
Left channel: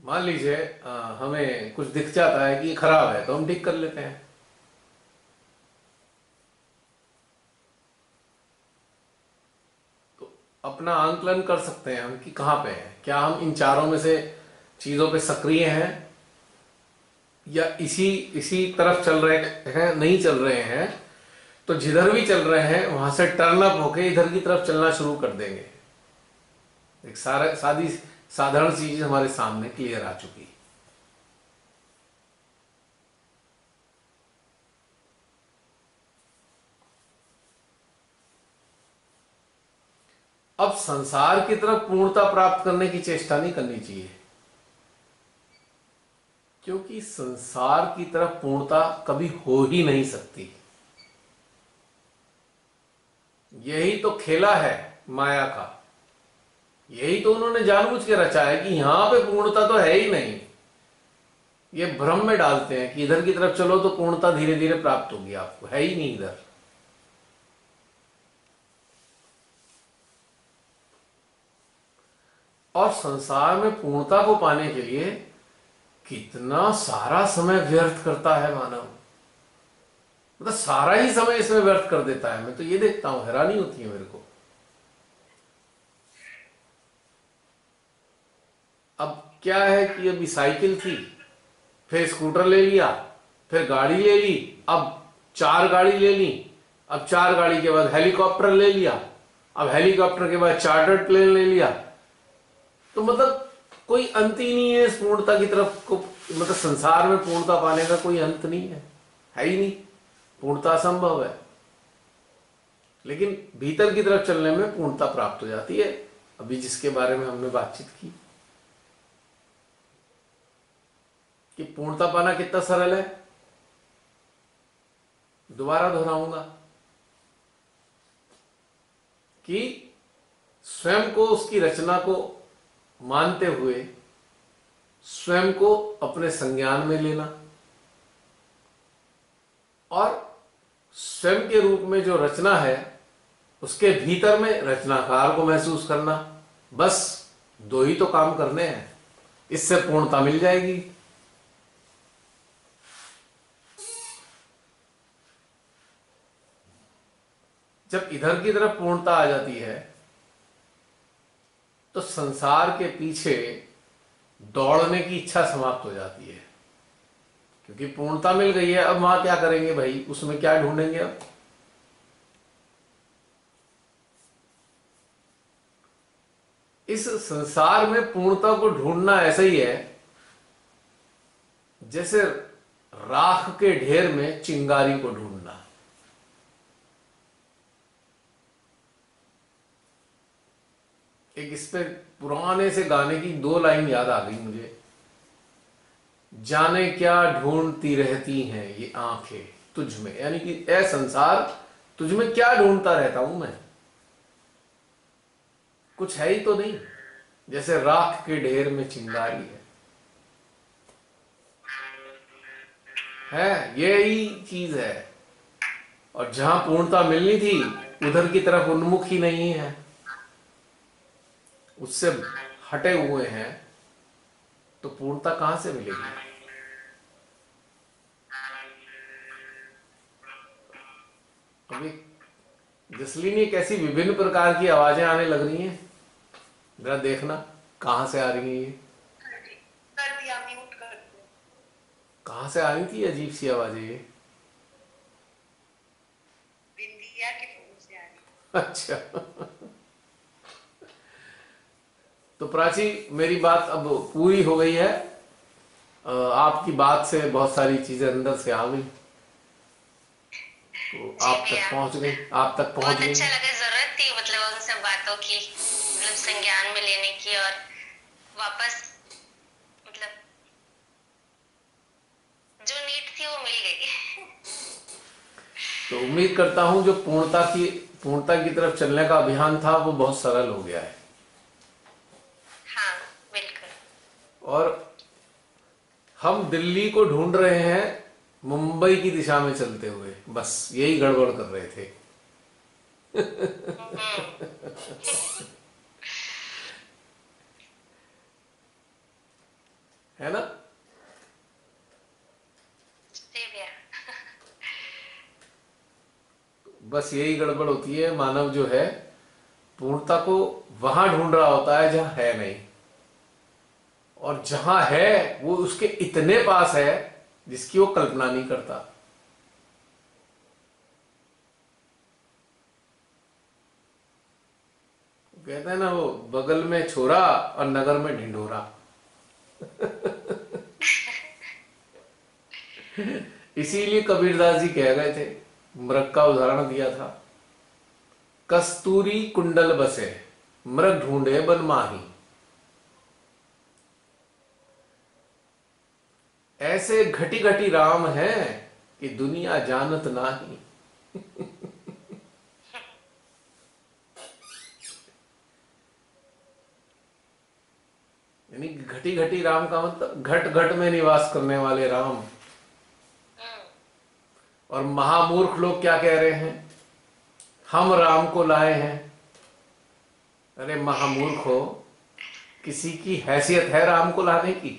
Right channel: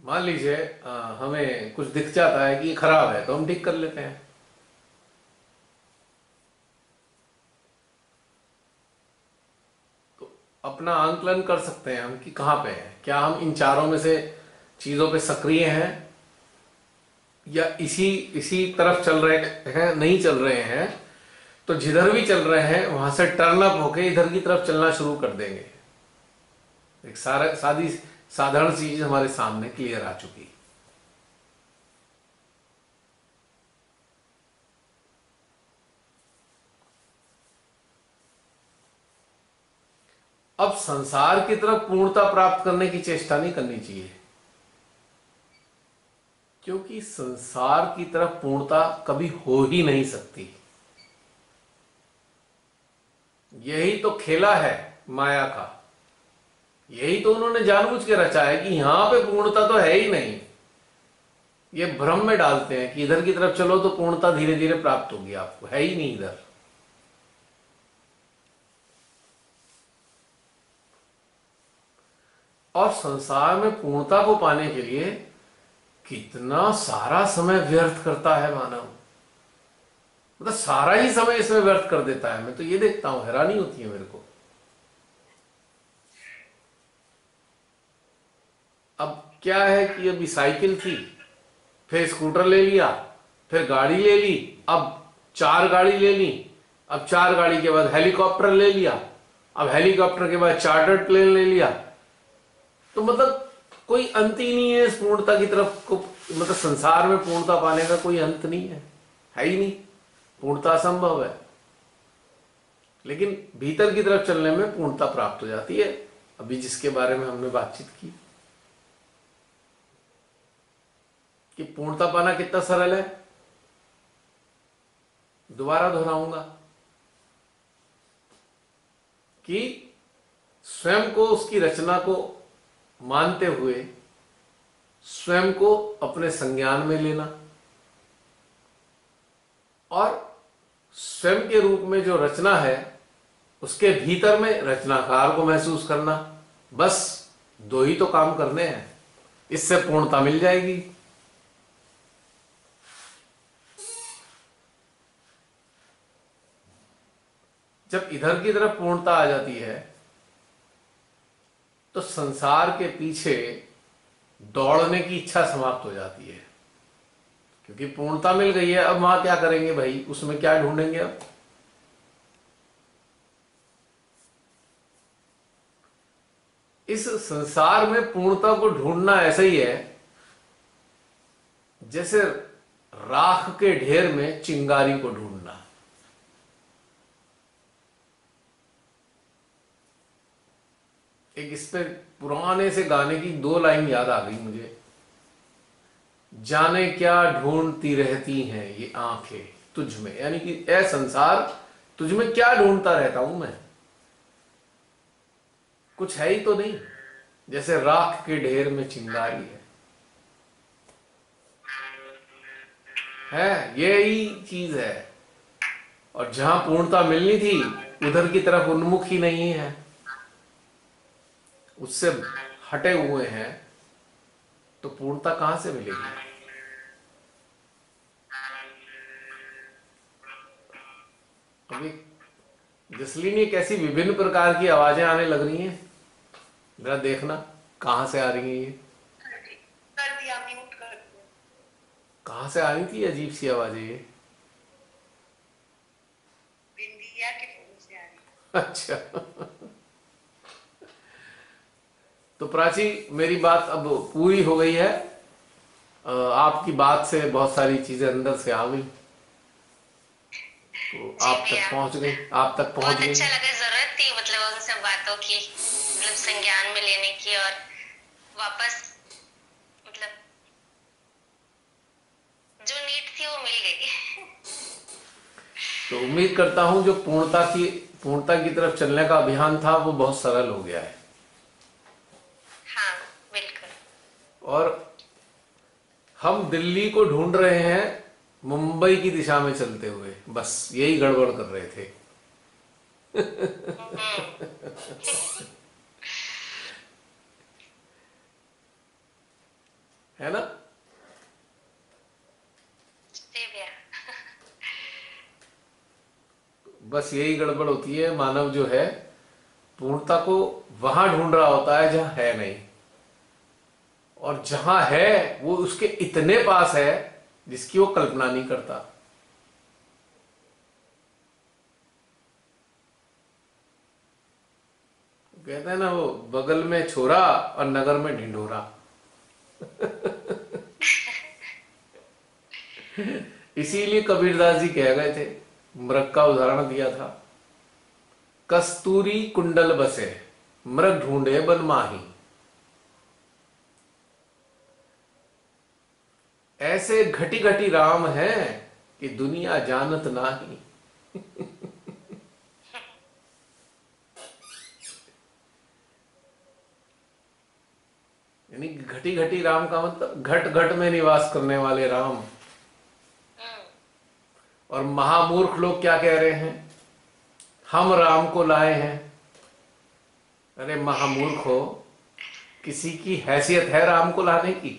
मान लीजिए हमें कुछ दिख जाता है कि ये खराब है तो हम ठीक कर लेते हैं। तो अपना आंकलन कर सकते हैं हम कि कहां पे हैं, क्या हम इन चारों में से चीजों पे सक्रिय हैं, या इसी इसी तरफ चल रहे हैं, नहीं चल रहे हैं। तो जिधर भी चल रहे हैं वहां से टर्न अप होके इधर की तरफ चलना शुरू कर देंगे। एक साधारण सी चीज हमारे सामने क्लियर आ चुकी। अब संसार की तरफ पूर्णता प्राप्त करने की चेष्टा नहीं करनी चाहिए, क्योंकि संसार की तरफ पूर्णता कभी हो ही नहीं सकती। यही तो खेला है माया का, यही तो उन्होंने जानबूझ के रचा है कि यहां पे पूर्णता तो है ही नहीं। ये भ्रम में डालते हैं कि इधर की तरफ चलो तो पूर्णता धीरे धीरे प्राप्त होगी, आपको है ही नहीं इधर। और संसार में पूर्णता को पाने के लिए कितना सारा समय व्यर्थ करता है मानव, मतलब सारा ही समय इसमें व्यर्थ कर देता है। मैं तो ये देखता हूं, हैरानी होती है मेरे को। अब क्या है कि अभी साइकिल थी, फिर स्कूटर ले लिया, फिर गाड़ी ले ली, अब चार गाड़ी ले ली, अब चार गाड़ी के बाद हेलीकॉप्टर ले लिया, अब हेलीकॉप्टर के बाद चार्टर्ड प्लेन ले लिया। तो मतलब कोई अंत ही नहीं है इस पूर्णता की तरफ को, मतलब संसार में पूर्णता पाने का कोई अंत नहीं है ही नहीं। पूर्णता असंभव है, लेकिन भीतर की तरफ चलने में पूर्णता प्राप्त हो जाती है। अभी जिसके बारे में हमने बातचीत की कि पूर्णता पाना कितना सरल है, दोबारा दोहराऊंगा। कि स्वयं को, उसकी रचना को मानते हुए स्वयं को अपने संज्ञान में लेना और स्वयं के रूप में जो रचना है उसके भीतर में रचनाकार को महसूस करना। बस दो ही तो काम करने हैं, इससे पूर्णता मिल जाएगी। जब इधर की तरफ पूर्णता आ जाती है तो संसार के पीछे दौड़ने की इच्छा समाप्त हो जाती है, क्योंकि पूर्णता मिल गई है। अब वहां क्या करेंगे भाई, उसमें क्या ढूंढेंगे अब? इस संसार में पूर्णता को ढूंढना ऐसा ही है जैसे राख के ढेर में चिंगारी को ढूंढना। एक इस पे पुराने से गाने की दो लाइन याद आ गई मुझे। जाने क्या ढूंढती रहती हैं ये आंखें तुझ में, यानी कि ए संसार, तुझ में क्या ढूंढता रहता हूं मैं, कुछ है ही तो नहीं, जैसे राख के ढेर में चिंगारी है यही चीज है। और जहां पूर्णता मिलनी थी उधर की तरफ उन्मुख ही नहीं है, उससे हटे हुए हैं, तो पूर्णता कहां से मिलेगी? अभी जसलीन, ये कैसी विभिन्न प्रकार की आवाजें आने लग रही हैं, जरा देखना कहां से आ रही हैं ये। कर दिया, म्यूट कर दिया। कहां से आ रही थी अजीब सी आवाजें ये? बिंदिया के फोन से आ रही। अच्छा। तो प्राची, मेरी बात अब पूरी हो गई है। आपकी बात से बहुत सारी चीजें अंदर से आ गई, तो आप तक पहुंच गई, आप तक पहुंच बहुत गई। अच्छा लगा, जरूरत थी मतलब उन सब बातों की, मतलब संज्ञान में लेने की, और वापस मतलब जो नीड थी वो मिल गई। तो उम्मीद करता हूं जो पूर्णता की तरफ चलने का अभियान था वो बहुत सरल हो गया है। हाँ बिल्कुल। और हम दिल्ली को ढूंढ रहे हैं मुंबई की दिशा में चलते हुए, बस यही गड़बड़ कर रहे थे। है ना? बस यही गड़बड़ होती है। मानव जो है पूर्णता को वहां ढूंढ रहा होता है जहां है नहीं, और जहां है वो उसके इतने पास है जिसकी वो कल्पना नहीं करता। कहते हैं ना, वो बगल में छोरा और नगर में ढिंढोरा। इसीलिए कबीरदास जी कह गए थे, मृग का उदाहरण दिया था, कस्तूरी कुंडल बसे मृग ढूंढे बन माही। ऐसे घटी घटी राम है कि दुनिया जानत नाही। यानी घटी घटी राम का मतलब घट घट में निवास करने वाले राम। और महामूर्ख लोग क्या कह रहे हैं, हम राम को लाए हैं। अरे महामूर्ख हो, किसी की हैसियत है राम को लाने की?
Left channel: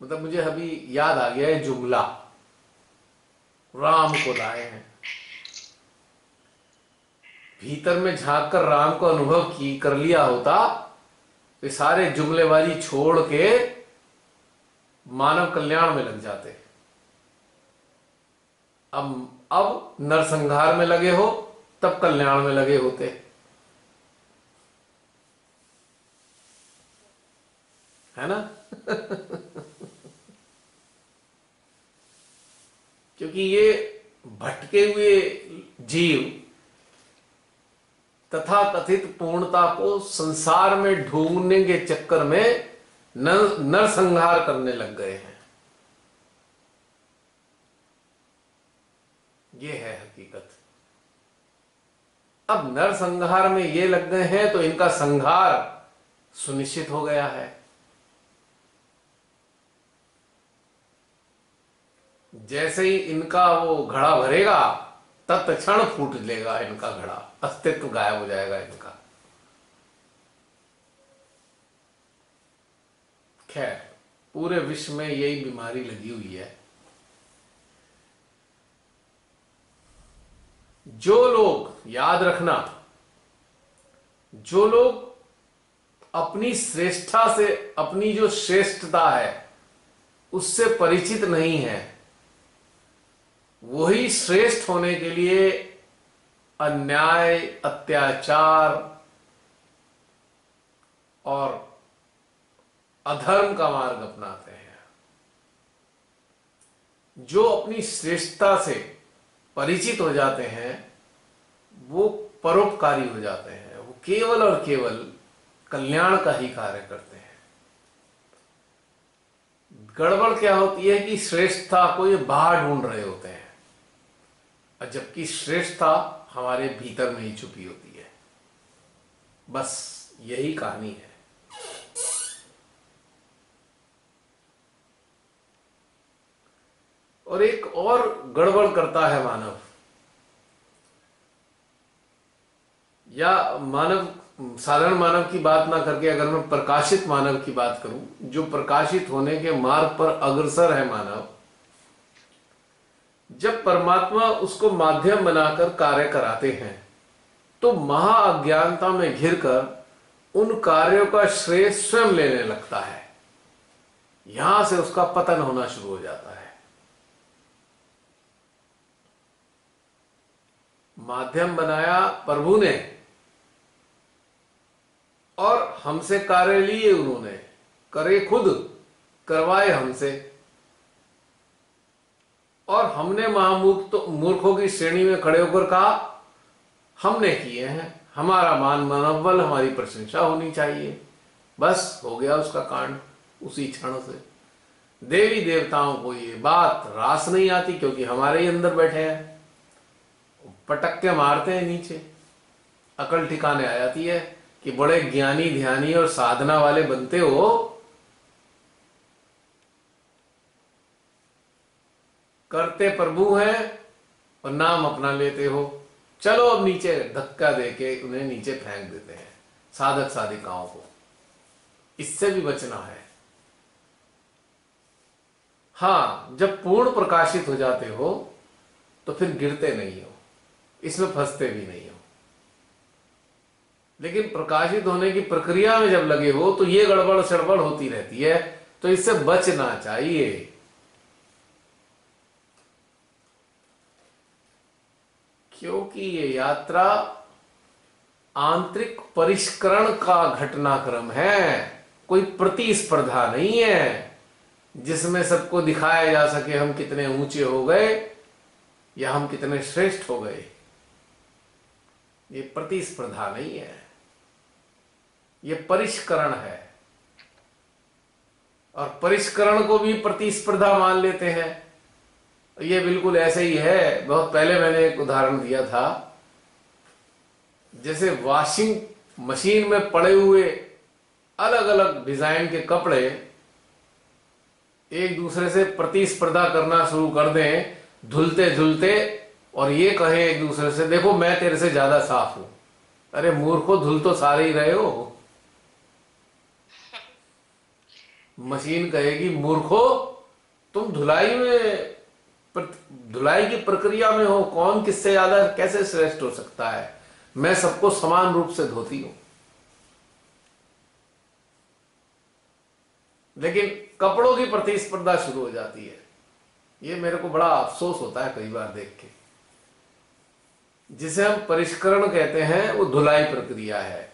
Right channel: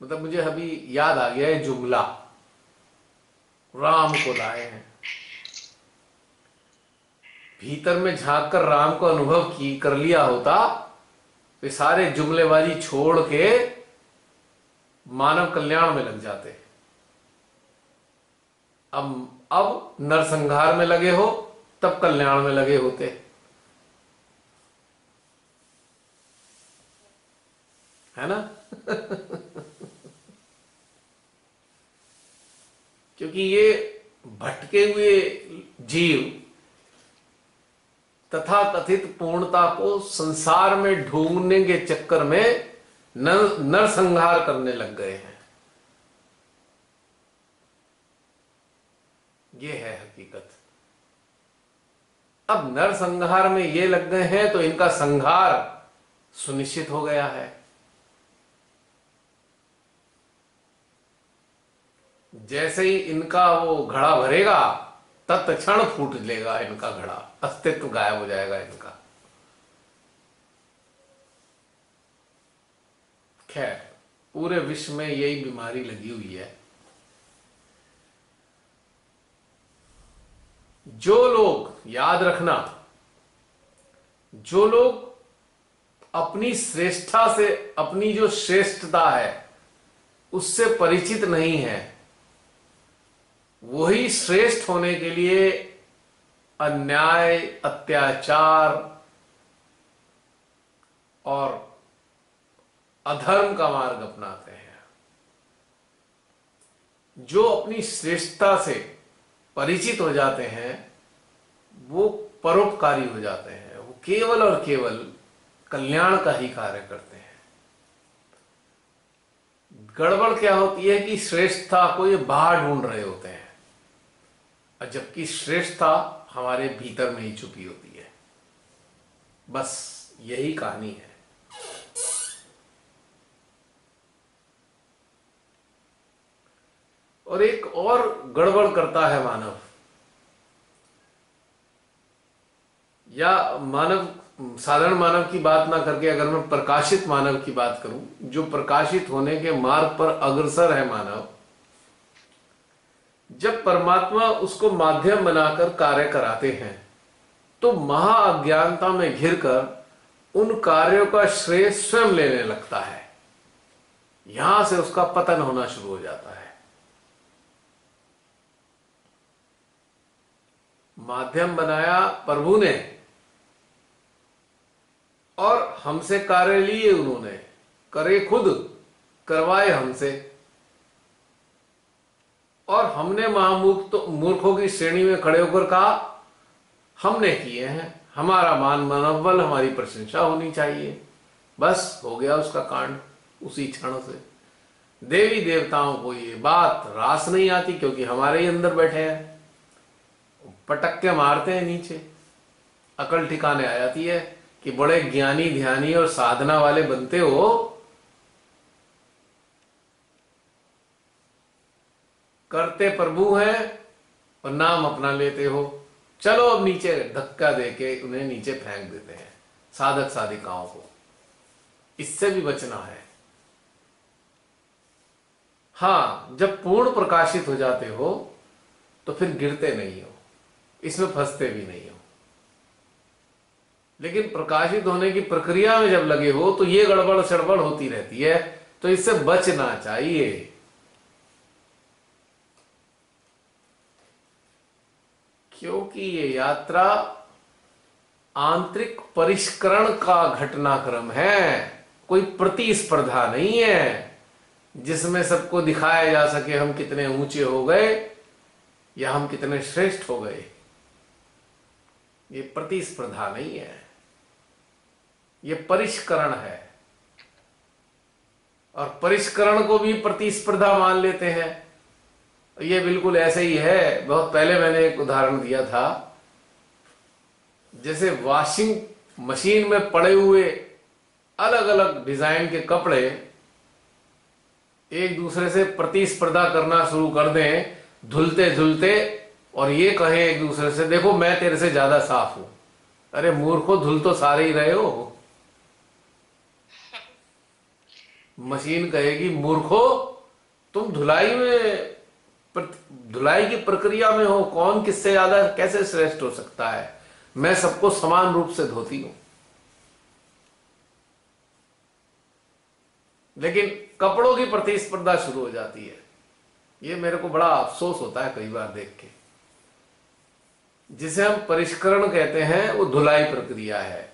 मतलब मुझे अभी याद आ गया है जुमला, राम को लाए हैं। भीतर में झांक कर राम को अनुभव कर लिया होता तो सारे जुमलेबाजी छोड़ के मानव कल्याण में लग जाते। अब नरसंहार में लगे हो तब कल्याण में लगे होते। है ना? क्योंकि ये भटके हुए जीव तथा कथित पूर्णता को संसार में ढूंढने के चक्कर में नरसंहार करने लग गए हैं। ये है हकीकत। अब नरसंहार में ये लग गए हैं तो इनका संहार सुनिश्चित हो गया है। जैसे ही इनका वो घड़ा भरेगा तत्क्षण फूट लेगा इनका घड़ा, अस्तित्व गायब हो जाएगा इनका। खैर, पूरे विश्व में यही बीमारी लगी हुई है। जो लोग, याद रखना, जो लोग अपनी श्रेष्ठता से, अपनी जो श्रेष्ठता है उससे परिचित नहीं है, वही श्रेष्ठ होने के लिए अन्याय, अत्याचार और अधर्म का मार्ग अपनाते हैं। जो अपनी श्रेष्ठता से परिचित हो जाते हैं वो परोपकारी हो जाते हैं, वो केवल और केवल कल्याण का ही कार्य करते हैं। गड़बड़ क्या होती है कि श्रेष्ठता को ये बाहर ढूंढ रहे होते हैं, और जबकि श्रेष्ठता हमारे भीतर में ही छुपी होती है। बस यही कहानी है। और एक और गड़बड़ करता है मानव, या मानव, साधारण मानव की बात ना करके अगर मैं प्रकाशित मानव की बात करूं, जो प्रकाशित होने के मार्ग पर अग्रसर है मानव, जब परमात्मा उसको माध्यम बनाकर कार्य कराते हैं तो महा अज्ञानता में घिरकर उन कार्यों का श्रेय स्वयं लेने लगता है। यहां से उसका पतन होना शुरू हो जाता है। माध्यम बनाया प्रभु ने और हमसे कार्य लिए उन्होंने, करे खुद, करवाए हमसे, और हमने मूर्खों की श्रेणी में खड़े होकर कहा हमने किए हैं, हमारा मान मनोबल, हमारी प्रशंसा होनी चाहिए। बस हो गया उसका कांड उसी क्षण से। देवी देवताओं को ये बात रास नहीं आती, क्योंकि हमारे ही अंदर बैठे हैं, पटक के मारते हैं नीचे। अकल ठिकाने आ जाती है कि बड़े ज्ञानी, ध्यानी और साधना वाले बनते हो, करते प्रभु हैं और नाम अपना लेते हो। चलो अब नीचे धक्का देके उन्हें नीचे फेंक देते हैं, साधक साधिकाओं को। इससे भी बचना है। हां, जब पूर्ण प्रकाशित हो जाते हो तो फिर गिरते नहीं हो, इसमें फंसते भी नहीं हो। लेकिन प्रकाशित होने की प्रक्रिया में जब लगे हो तो ये गड़बड़ सड़बड़ होती रहती है, तो इससे बचना चाहिए। क्योंकि ये यात्रा आंतरिक परिष्करण का घटनाक्रम है, कोई प्रतिस्पर्धा नहीं है जिसमें सबको दिखाया जा सके हम कितने ऊंचे हो गए या हम कितने श्रेष्ठ हो गए। ये प्रतिस्पर्धा नहीं है, ये परिष्करण है। और परिष्करण को भी प्रतिस्पर्धा मान लेते हैं। ये बिल्कुल ऐसे ही है। बहुत पहले मैंने एक उदाहरण दिया था, जैसे वॉशिंग मशीन में पड़े हुए अलग अलग डिजाइन के कपड़े एक दूसरे से प्रतिस्पर्धा करना शुरू कर दें धुलते धुलते, और ये कहें एक दूसरे से देखो मैं तेरे से ज्यादा साफ हूं। अरे मूर्खो, धुल तो सारे ही रहे हो। मशीन कहेगी मूर्खो तुम धुलाई की प्रक्रिया में हो, कौन किससे ज्यादा कैसे श्रेष्ठ हो सकता है, मैं सबको समान रूप से धोती हूं। लेकिन कपड़ों की प्रतिस्पर्धा शुरू हो जाती है। ये मेरे को बड़ा अफसोस होता है कई बार देख के। जिसे हम परिष्करण कहते हैं वो धुलाई प्रक्रिया है,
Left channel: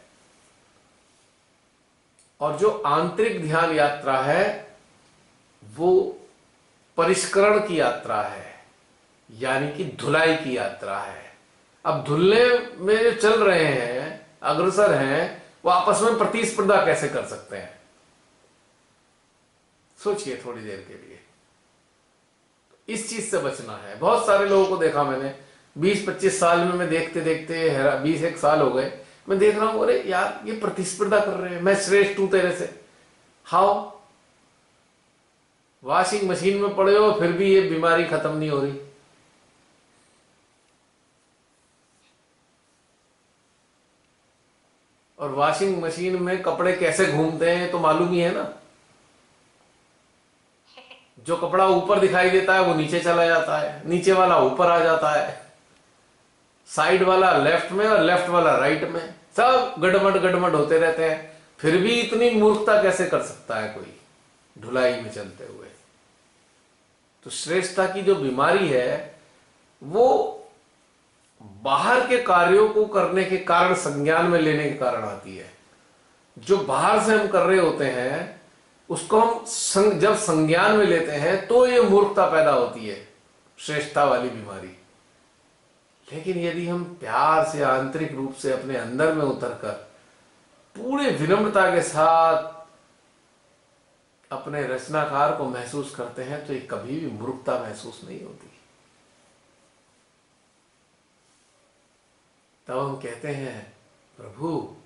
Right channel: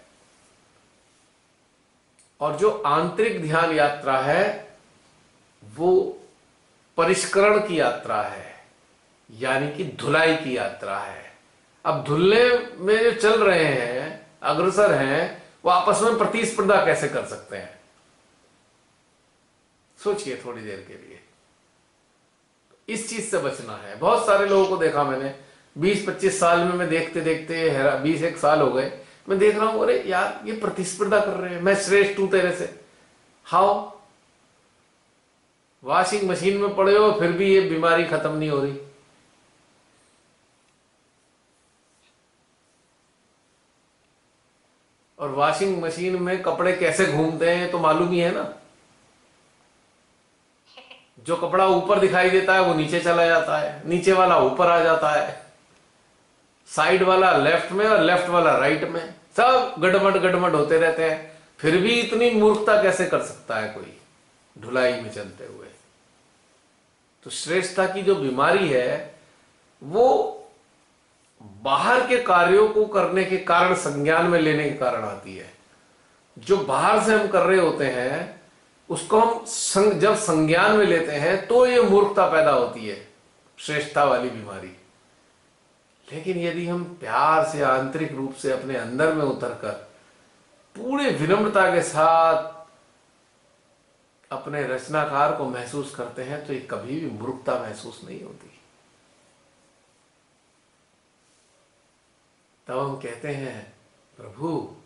और जो आंतरिक ध्यान यात्रा है वो परिष्करण की यात्रा है, यानी कि धुलाई की यात्रा है। अब धुलने में जो चल रहे हैं, अग्रसर हैं, वो आपस में प्रतिस्पर्धा कैसे कर सकते हैं? सोचिए थोड़ी देर के लिए। इस चीज से बचना है। बहुत सारे लोगों को देखा मैंने, 20-25 साल में, मैं देखते देखते 20 एक साल हो गए, मैं देख रहा हूं अरे यार ये प्रतिस्पर्धा कर रहे हैं, मैं श्रेष्ठ हूं तेरे से। हाउ? वॉशिंग मशीन में पड़े हो फिर भी ये बीमारी खत्म नहीं हो रही। और वॉशिंग मशीन में कपड़े कैसे घूमते हैं तो मालूम ही है ना। जो कपड़ा ऊपर दिखाई देता है वो नीचे चला जाता है, नीचे वाला ऊपर आ जाता है, साइड वाला लेफ्ट में और लेफ्ट वाला राइट में, सब गड़मड़ गड़मड़ होते रहते हैं। फिर भी इतनी मूर्खता कैसे कर सकता है कोई ढुलाई में चलते हुए। तो श्रेष्ठता की जो बीमारी है वो बाहर के कार्यों को करने के कारण, संज्ञान में लेने के कारण आती है। जो बाहर से हम कर रहे होते हैं उसको हम जब संज्ञान में लेते हैं तो ये मूर्खता पैदा होती है, श्रेष्ठता वाली बीमारी। लेकिन यदि हम प्यार से, आंतरिक रूप से अपने अंदर में उतरकर पूरे विनम्रता के साथ अपने रचनाकार को महसूस करते हैं तो ये कभी भी मूर्खता महसूस नहीं होती। तब हम कहते हैं प्रभु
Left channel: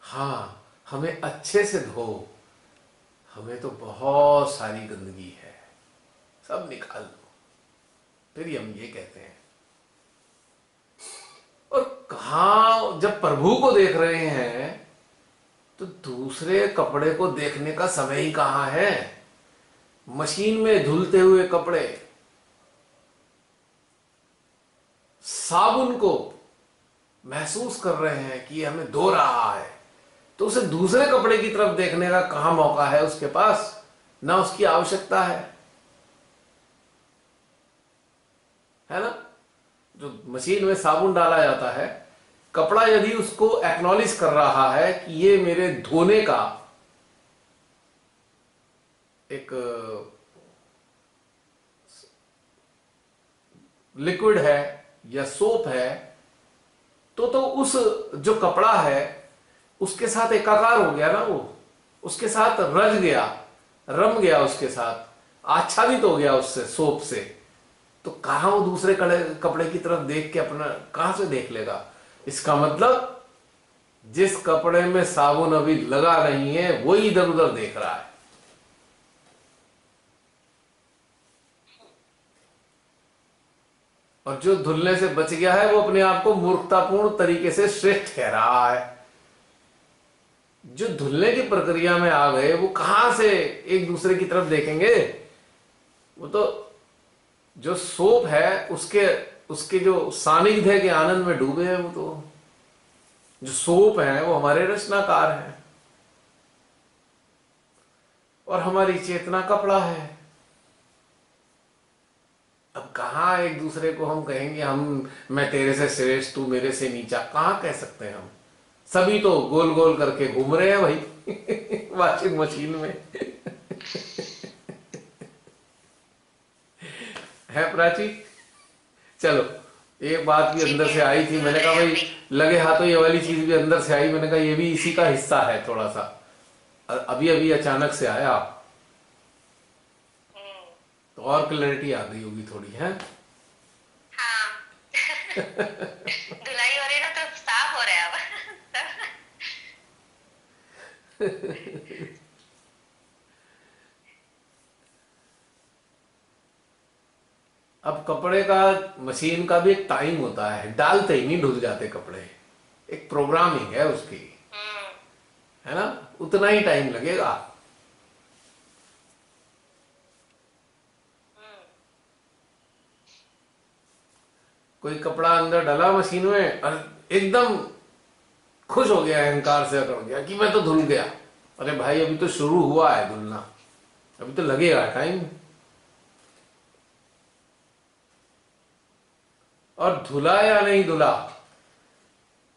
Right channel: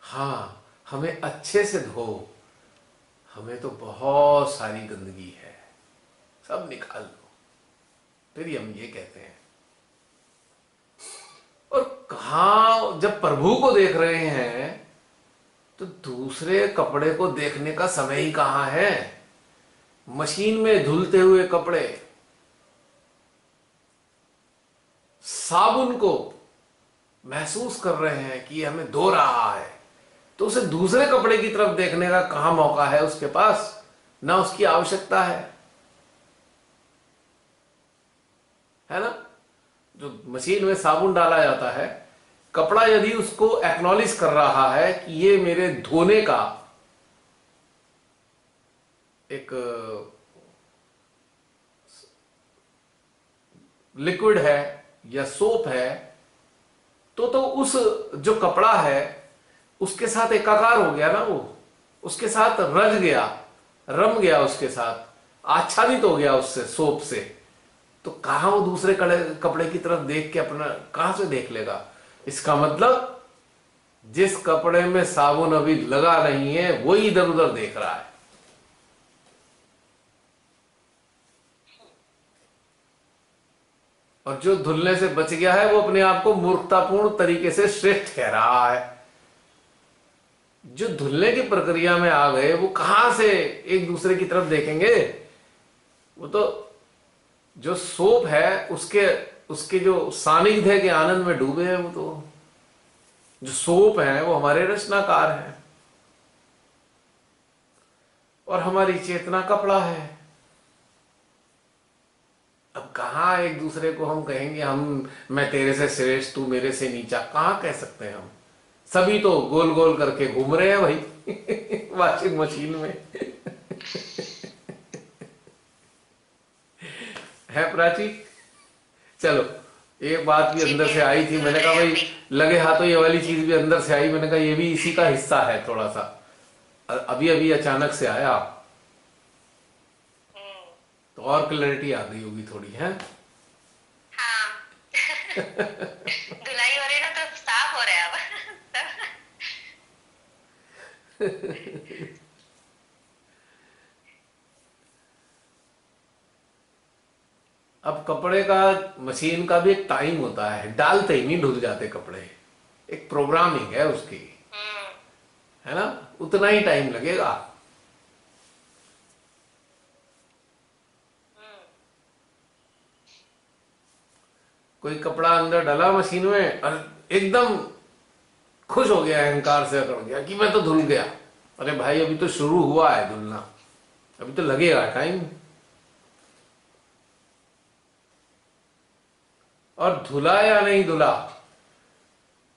हाँ हमें अच्छे से धो, हमें तो बहुत सारी गंदगी है, सब निकाल दो। फिर हम ये कहते हैं। और कहां जब प्रभु को देख रहे हैं तो दूसरे कपड़े को देखने का समय ही कहां है। मशीन में धुलते हुए कपड़े, साबुन को महसूस कर रहे हैं कि हमें धो रहा है, तो उसे दूसरे कपड़े की तरफ देखने का कहां मौका है उसके पास, ना उसकी आवश्यकता है ना। जो मशीन में साबुन डाला जाता है, कपड़ा यदि उसको एक्नॉलेज कर रहा है कि ये मेरे धोने का एक लिक्विड है या सोप है, तो उस जो कपड़ा है उसके साथ एकाकार हो गया ना, वो उसके साथ रच गया, रम गया, उसके साथ आच्छादित हो गया उससे, सोप से। तो कहां वो दूसरे कपड़े की तरफ देख के अपना कहां से देख लेगा। इसका मतलब जिस कपड़े में साबुन अभी लगा नहीं है वही इधर उधर देख रहा है। और जो धुलने से बच गया है वो अपने आप को मूर्खतापूर्ण तरीके से श्रेष्ठ कह रहा है। जो धुलने की प्रक्रिया में आ गए वो कहां से एक दूसरे की तरफ देखेंगे। वो तो जो सोप है उसके जो सानिध्य के आनंद में डूबे हैं। वो तो जो सोप है वो हमारे रचनाकार हैं और हमारी चेतना कपड़ा है। अब कहां एक दूसरे को हम कहेंगे मैं तेरे से श्रेष्ठ, तू मेरे से नीचा, कहां कह सकते हैं हम। सभी तो गोल गोल करके घूम रहे हैं भाई वॉशिंग मशीन में है प्राची। चलो एक बात भी अंदर से आई थी, मैंने कहा भाई लगे हाथों ये वाली चीज भी अंदर से आई, मैंने कहा ये भी इसी का हिस्सा है थोड़ा सा, अभी अभी अचानक से आया तो और क्लैरिटी आ गई होगी थोड़ी है। हाँ धुलाई हो रही ना तो साफ हो रहा है अब अब कपड़े का, मशीन का भी एक टाइम होता है, डालते ही नहीं धुल जाते कपड़े, एक प्रोग्रामिंग है उसकी, है ना, उतना ही टाइम लगेगा। कोई कपड़ा अंदर डाला मशीन में और एकदम खुश हो गया, अहंकार से अकड़ गया कि मैं तो धुल गया। अरे भाई अभी तो शुरू हुआ है धुलना, अभी तो लगेगा टाइम। और धुला या नहीं धुला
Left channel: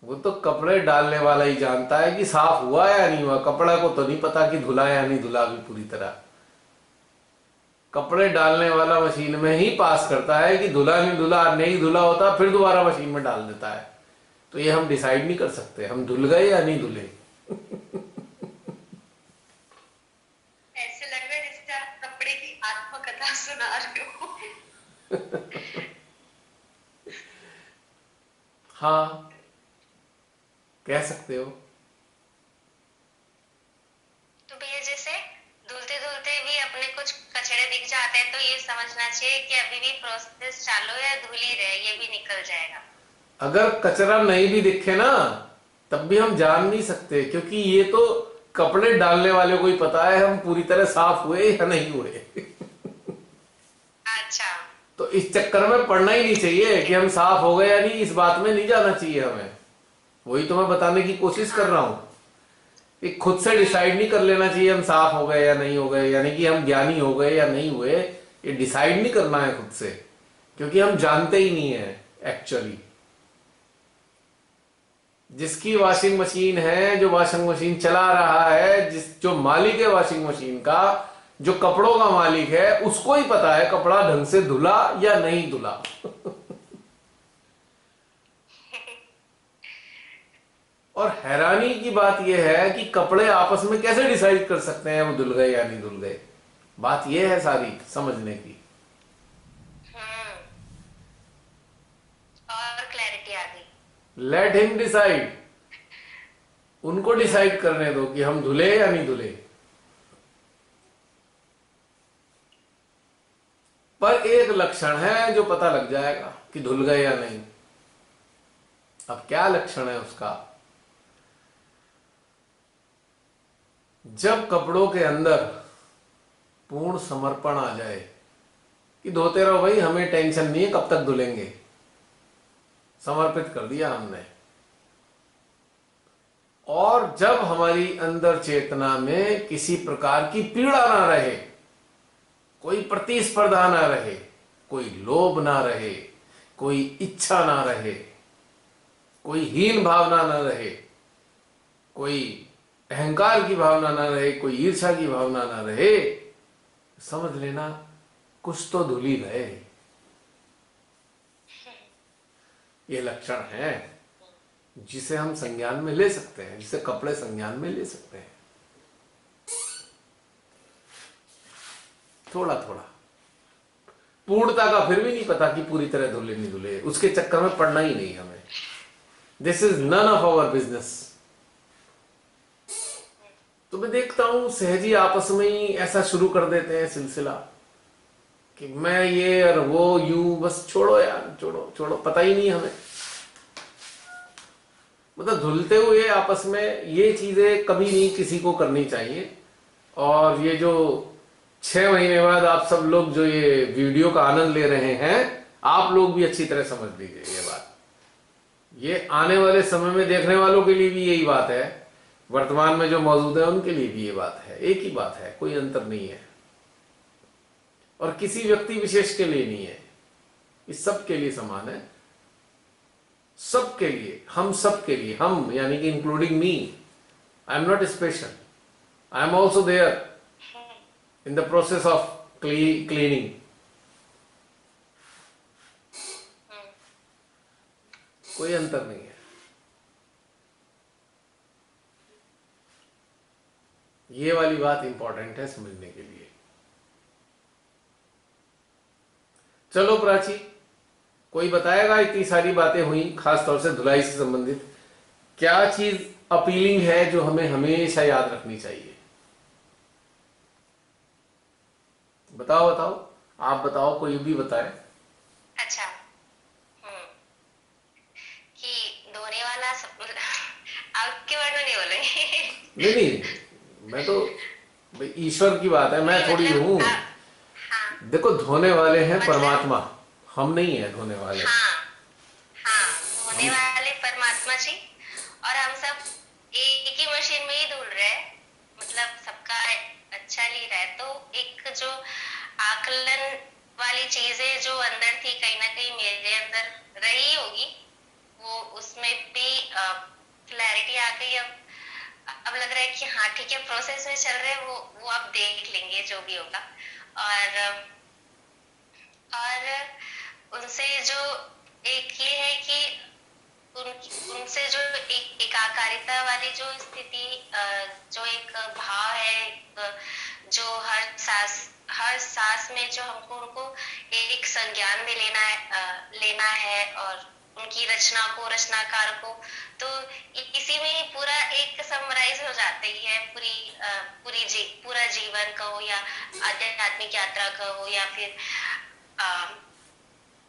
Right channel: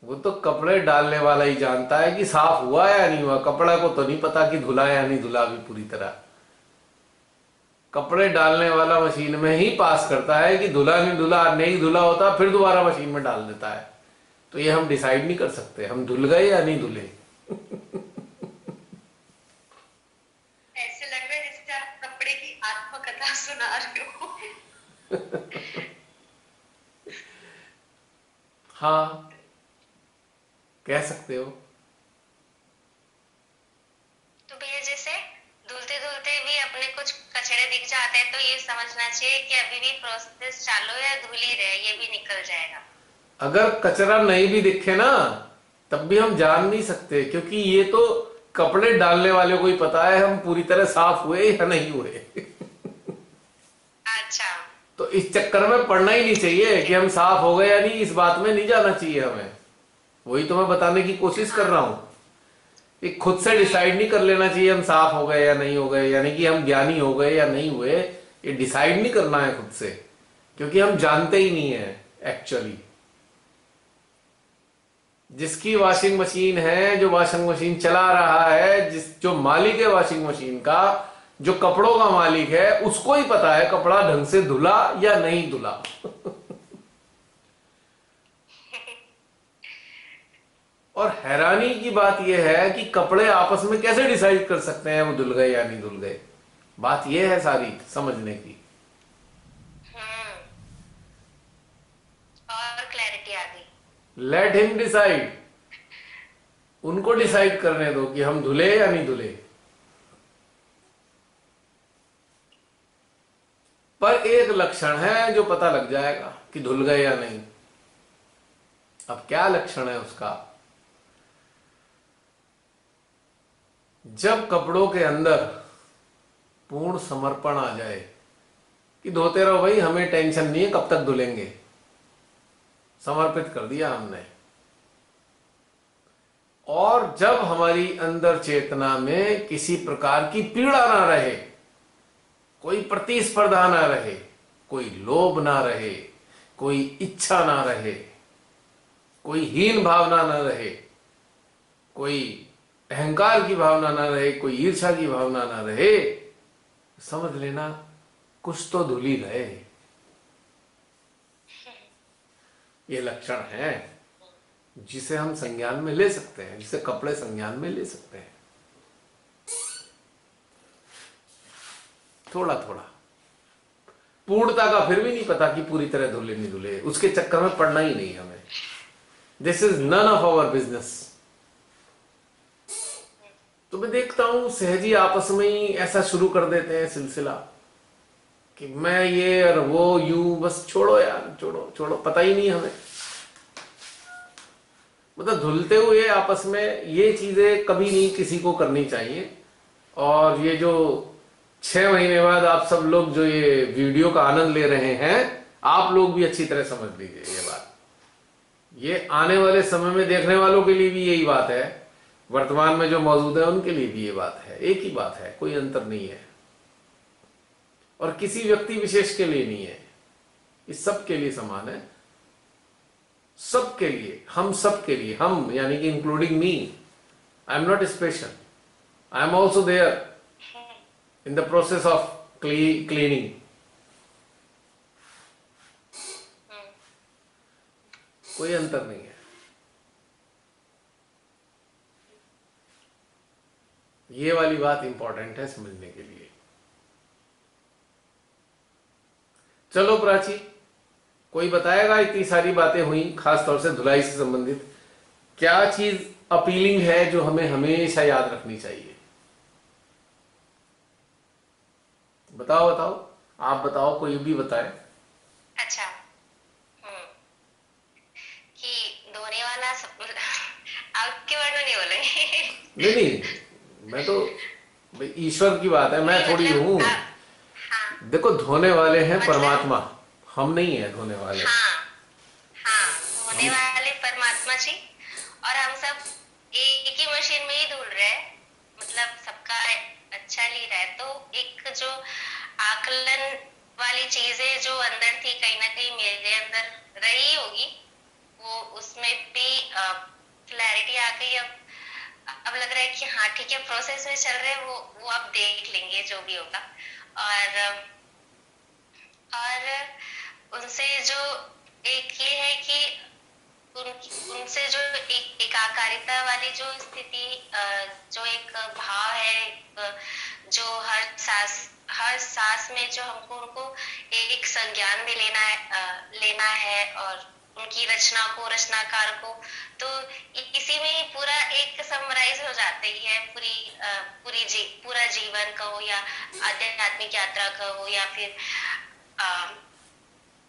वो तो कपड़े डालने वाला ही जानता है कि साफ हुआ या नहीं हुआ। कपड़ा को तो नहीं पता कि धुला या नहीं धुला भी पूरी तरह। कपड़े डालने वाला मशीन में ही पास करता है कि धुला नहीं धुला, नहीं धुला होता फिर दोबारा मशीन में डाल देता है। तो ये हम डिसाइड नहीं कर सकते हम धुल गए या नहीं धुले। ऐसे लग रहा है जैसे आप कपड़े की आत्मकथा सुना रहे हो। हाँ, कह सकते हो। तो भैया जैसे धुलते धुलते भी अपने कुछ कचरे दिख जाते हैं, तो ये समझना चाहिए कि अभी भी प्रोसेस चालू है, धुल ही रहे, ये भी निकल जाएगा। अगर कचरा नहीं भी दिखे ना, तब भी हम जान नहीं सकते, क्योंकि ये तो कपड़े डालने वाले को ही पता है हम पूरी तरह साफ हुए या नहीं हुए। अच्छा। तो इस चक्कर में पड़ना ही नहीं चाहिए कि हम साफ हो गए या नहीं, इस बात में नहीं जाना चाहिए हमें। वही तो मैं बताने की कोशिश कर हाँ। रहा हूं कि खुद से डिसाइड नहीं कर लेना चाहिए हम साफ हो गए या नहीं हो गए, यानी कि हम ज्ञानी हो गए या नहीं हुए। ये डिसाइड नहीं करना है खुद से, क्योंकि हम जानते ही नहीं है एक्चुअली। जिसकी वॉशिंग मशीन है, जो वॉशिंग मशीन चला रहा है, जो मालिक है वॉशिंग मशीन का, जो कपड़ों का मालिक है, उसको ही पता है कपड़ा ढंग से धुला या नहीं धुला। और हैरानी की बात यह है कि कपड़े आपस में कैसे डिसाइड कर सकते हैं वो धुल गए या नहीं धुल गए। बात यह है सारी समझने की। हम्म। और क्लैरिटी आ गई। लेट हिम डिसाइड, उनको डिसाइड करने दो कि हम धुले या नहीं धुले। पर एक लक्षण है जो पता लग जाएगा कि धुल गए या नहीं। अब क्या लक्षण है उसका? जब कपड़ों के अंदर पूर्ण समर्पण आ जाए कि धोते रहो भाई, हमें टेंशन नहीं है कब तक धुलेंगे, समर्पित कर दिया हमने। और जब हमारी अंदर चेतना में किसी प्रकार की पीड़ा ना रहे, कोई प्रतिस्पर्धा ना रहे, कोई लोभ ना रहे, कोई इच्छा ना रहे, कोई हीन भावना ना रहे, कोई अहंकार की भावना ना रहे, कोई ईर्ष्या की भावना ना रहे, समझ लेना कुछ तो धुल ही गए। ये लक्षण है जिसे हम संज्ञान में ले सकते हैं, जिसे कपड़े संज्ञान में ले सकते हैं। थोड़ा थोड़ा, पूर्णता का फिर भी नहीं पता कि पूरी तरह धुले नहीं धुले, उसके चक्कर में पड़ना ही नहीं हमें। This is none of our business. तो मैं देखता हूं सहज ही आपस में ही ऐसा शुरू कर देते हैं सिलसिला कि मैं ये और वो यूं, बस छोड़ो यार, छोड़ो छोड़ो, पता ही नहीं हमें। मतलब धुलते हुए आपस में ये चीजें कभी नहीं किसी को करनी चाहिए। और ये जो 6 महीने बाद आप सब लोग जो ये वीडियो का आनंद ले रहे हैं, आप लोग भी अच्छी तरह समझ लीजिए ये बात। ये आने वाले समय में देखने वालों के लिए भी यही बात है, वर्तमान में जो मौजूद है उनके लिए भी ये बात है, एक ही बात है, कोई अंतर नहीं है। और किसी व्यक्ति विशेष के लिए नहीं है, इस सब के लिए समान है, सबके लिए, हम सबके लिए, हम यानी कि including me. I am not special, I am also there in the process of cleaning. कोई अंतर नहीं है। ये वाली बात इंपॉर्टेंट है समझने के लिए। चलो प्राची, कोई बताएगा, इतनी सारी बातें हुई खासतौर से धुलाई से संबंधित, क्या चीज अपीलिंग है जो हमें हमेशा याद रखनी चाहिए? बताओ बताओ, आप बताओ, कोई भी बताए। अच्छा। कि धोने वाला सब आपके वर्ड में नहीं बोलेंगे। नहीं नहीं, मैं तो भाई ईश्वर की बात है, मैं नहीं थोड़ी मतलब हूं। हाँ देखो धोने वाले हैं मतलब परमात्मा, हम नहीं है धोने वाले। हाँ हाँ, धोने हम वाले परमात्मा जी। और हम सब एक ही मशीन में ही धुल रहे हैं, मतलब सबका अच्छा ली रहा है। तो एक जो आकलन वाली चीजें जो अंदर थी, कहीं ना कहीं मेरे अंदर रही होगी, वो उसमें भी क्लैरिटी आ गई। अब लग रहा है कि हाँ ठीक है, प्रोसेस में चल रहे हैं, वो आप देख लेंगे जो भी होगा। और उनसे जो एक ये है कि उनसे जो एक एकाकारिता वाली जो स्थिति, जो एक भाव है, जो हर सांस हर सांस में जो हमको उनको एक संज्ञान में लेना है, और उनकी रचना को, रचनाकार को, तो इसी में ही पूरा एक समराइज हो जाती है पूरा जीवन कहो, या आध्यात्मिक यात्रा कहो, या फिर अ,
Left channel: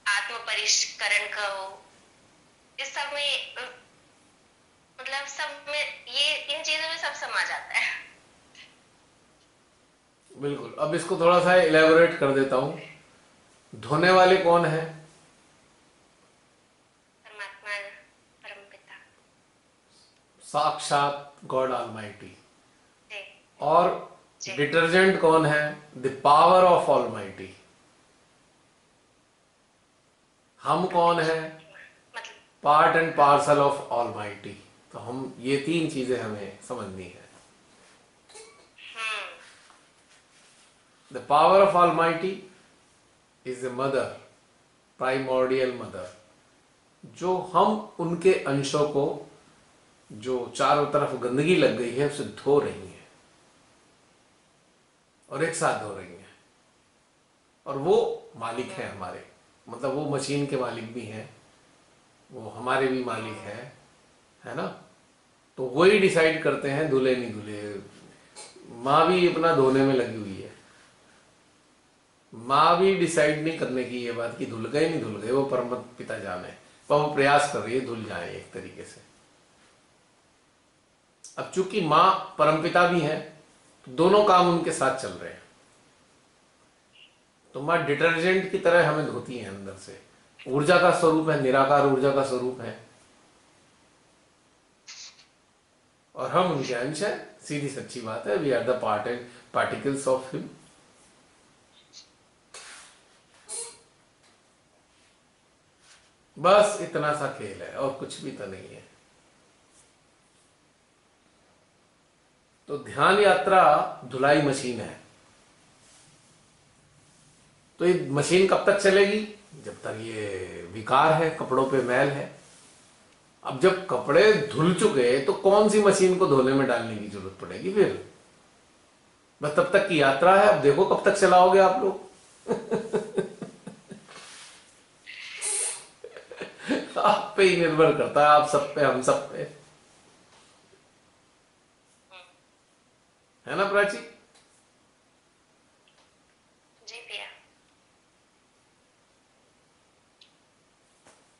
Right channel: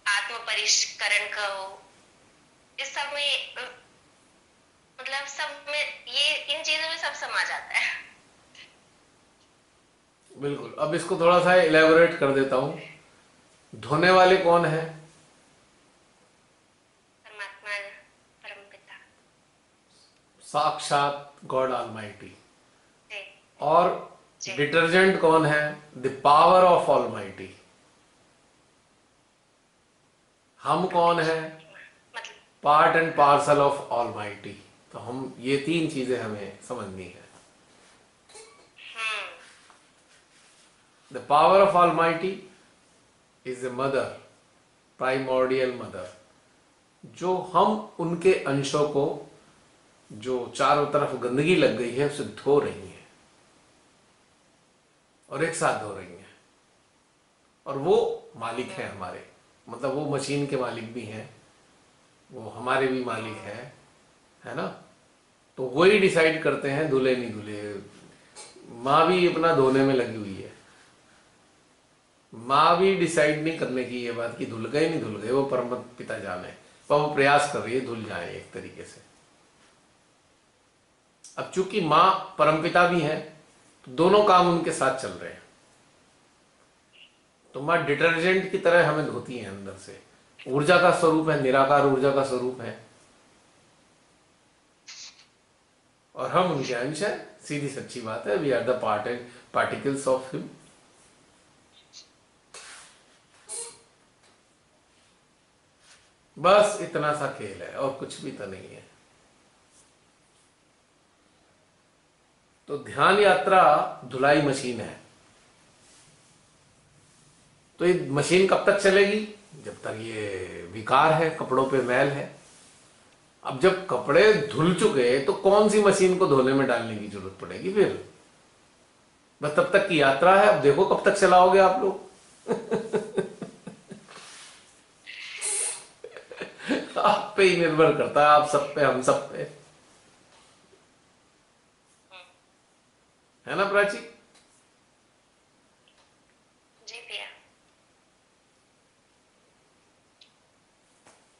आत्म परिष्करण कहो। इस सब में मतलब सब में ये इन चीजों में सब समा जाता है। बिल्कुल। अब इसको थोड़ा सा इलेबोरेट कर देता हूं। धोने वाले कौन है? परमात्मा, परमपिता। साक्षात गॉड ऑलमाइटी। जी और जी। डिटर्जेंट कौन है? The power of almighty. हम कौन है? मतलब part and parcel of almighty. तो हम ये तीन चीजें हमें समझनी है। Hmm the power of almighty is a mother, primordial mother, जो हम उनके अंशों को, जो चारों तरफ गंदगी लग गई है, उसे धो रही है, और एक साथ धो रही है। और वो मालिक है हमारे, मतलब वो मशीन के मालिक भी हैं, वो हमारे भी मालिक है ना। तो वही डिसाइड करते हैं धुले नहीं धुले। माँ भी अपना धोने में लगी हुई है। माँ भी डिसाइड नहीं करने की ये बात कि धुल गए नहीं धुल गए, वो परम पिता जाने, पर वो प्रयास कर रही है धुल जाए एक तरीके से। अब चूंकि माँ परमपिता भी है, तो दोनों काम उनके साथ चल रहे हैं। तो माँ डिटर्जेंट की तरह हमें धोती है अंदर से। ऊर्जा का स्वरूप है, निराकार ऊर्जा का स्वरूप है, और हम उनके अंश हैं। सीधी सच्ची बात है, we are the particles of him. बस इतना सा खेल है, और कुछ भी तो नहीं है। तो ध्यान यात्रा धुलाई मशीन है। तो ये मशीन कब तक चलेगी? जब तक ये विकार है, कपड़ों पे मैल है। अब जब कपड़े धुल चुके, तो कौन सी मशीन को धोने में डालने की जरूरत पड़ेगी फिर? बस तब तक की यात्रा है। अब देखो कब तक चलाओगे आप लोग। आप पे ही निर्भर करता है, आप सब पे, हम सब पे, है ना प्राची? जी भैया।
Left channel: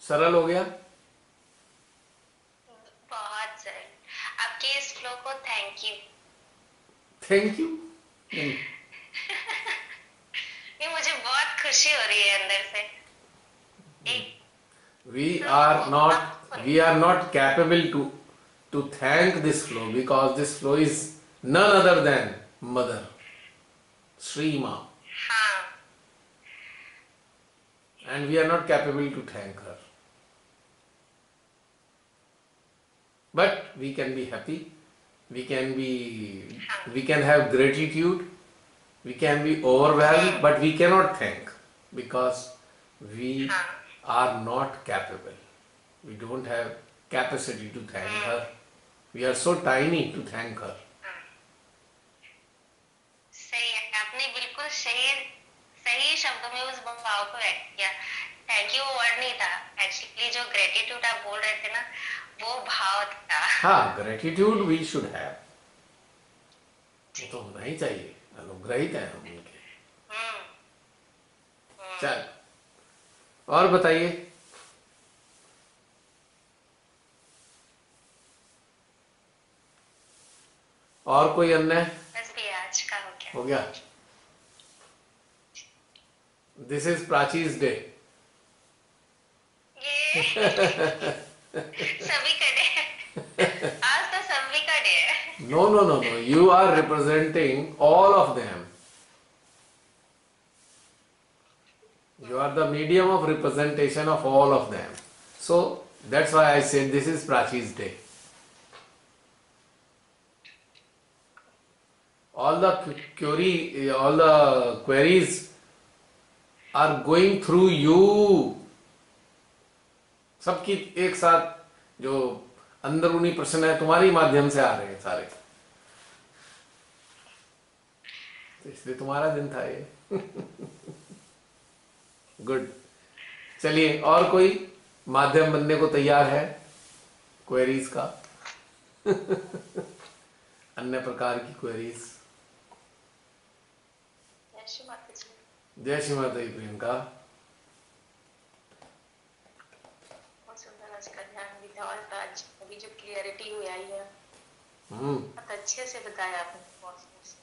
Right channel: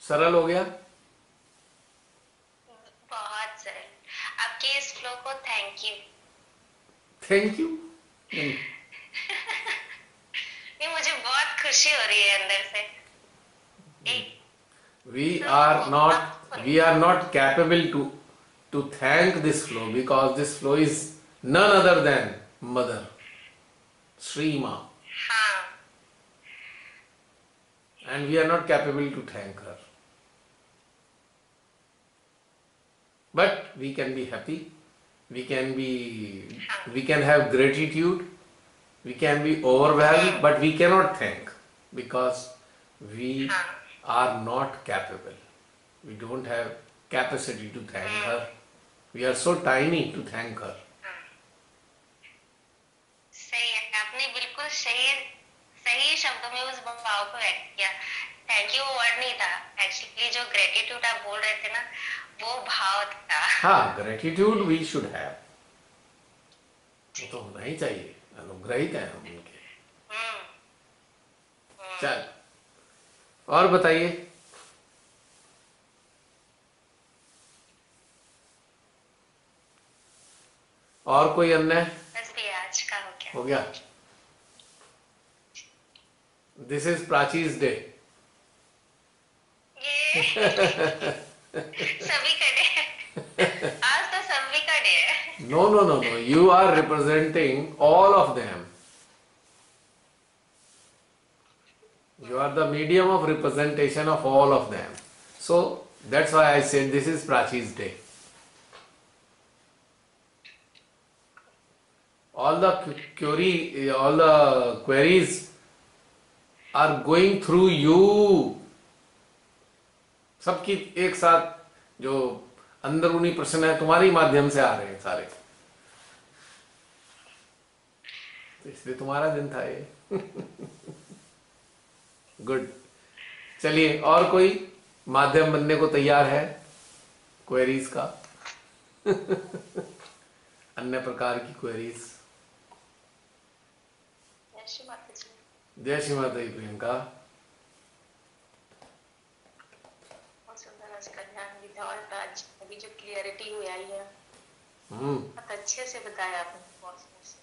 सरल हो गया। बहुत सरल। आपके इस फ्लो को थैंक यू। Thank you. ये मुझे बहुत खुशी हो रही है अंदर से। एक we फ्लो are को not आप we are not capable to thank this flow, because this flow is none other than mother Sri Ma, हाँ and we are not capable to thank her, but we can be happy, we can have gratitude, we can be overwhelmed, but we cannot thank, because we हाँ are not capable. We don't have capacity to thank her. We are so tiny to thank her. सही है। आपने बिल्कुल सही सही शब्दों में उस भाव को व्यक्त किया। थैंक यू वर्ड नहीं था एक्चुअली, जो ग्रेटिट्यूड आप बोल रहे थे ना, वो भाव था। हाँ, gratitude we should have. वो तो होना ही चाहिए, अनुग्रहित हैं हम उनके। चल, और बताइए। और कोई अन्य? बस भी आज का हो गया। हो गया। दिस इज प्राचीज डे। ये सभी का डे। आज तो सभी का डे है। No, no, no, no. You are representing all of them. You are the medium of representation of all of them. So that's why I said this is Prachi's day. All the queries are going through you. सबकी एक साथ जो अंदरूनी प्रश्न है, तुम्हारे माध्यम से आ रहे हैं सारे। तो इसलिए तुम्हारा दिन था ये। गुड। चलिए, और कोई माध्यम बनने को तैयार है क्वेरीज का? अन्य प्रकार की क्वेरीज? जय श्री माता जी। जय श्री माता दी प्रियंका। बहुत सुंदर आज का ध्यान भी था, और आज अभी जो क्लियरिटी हुई आई है, हम्म। बहुत अच्छे से बताया आपने, बहुत सुंदर से।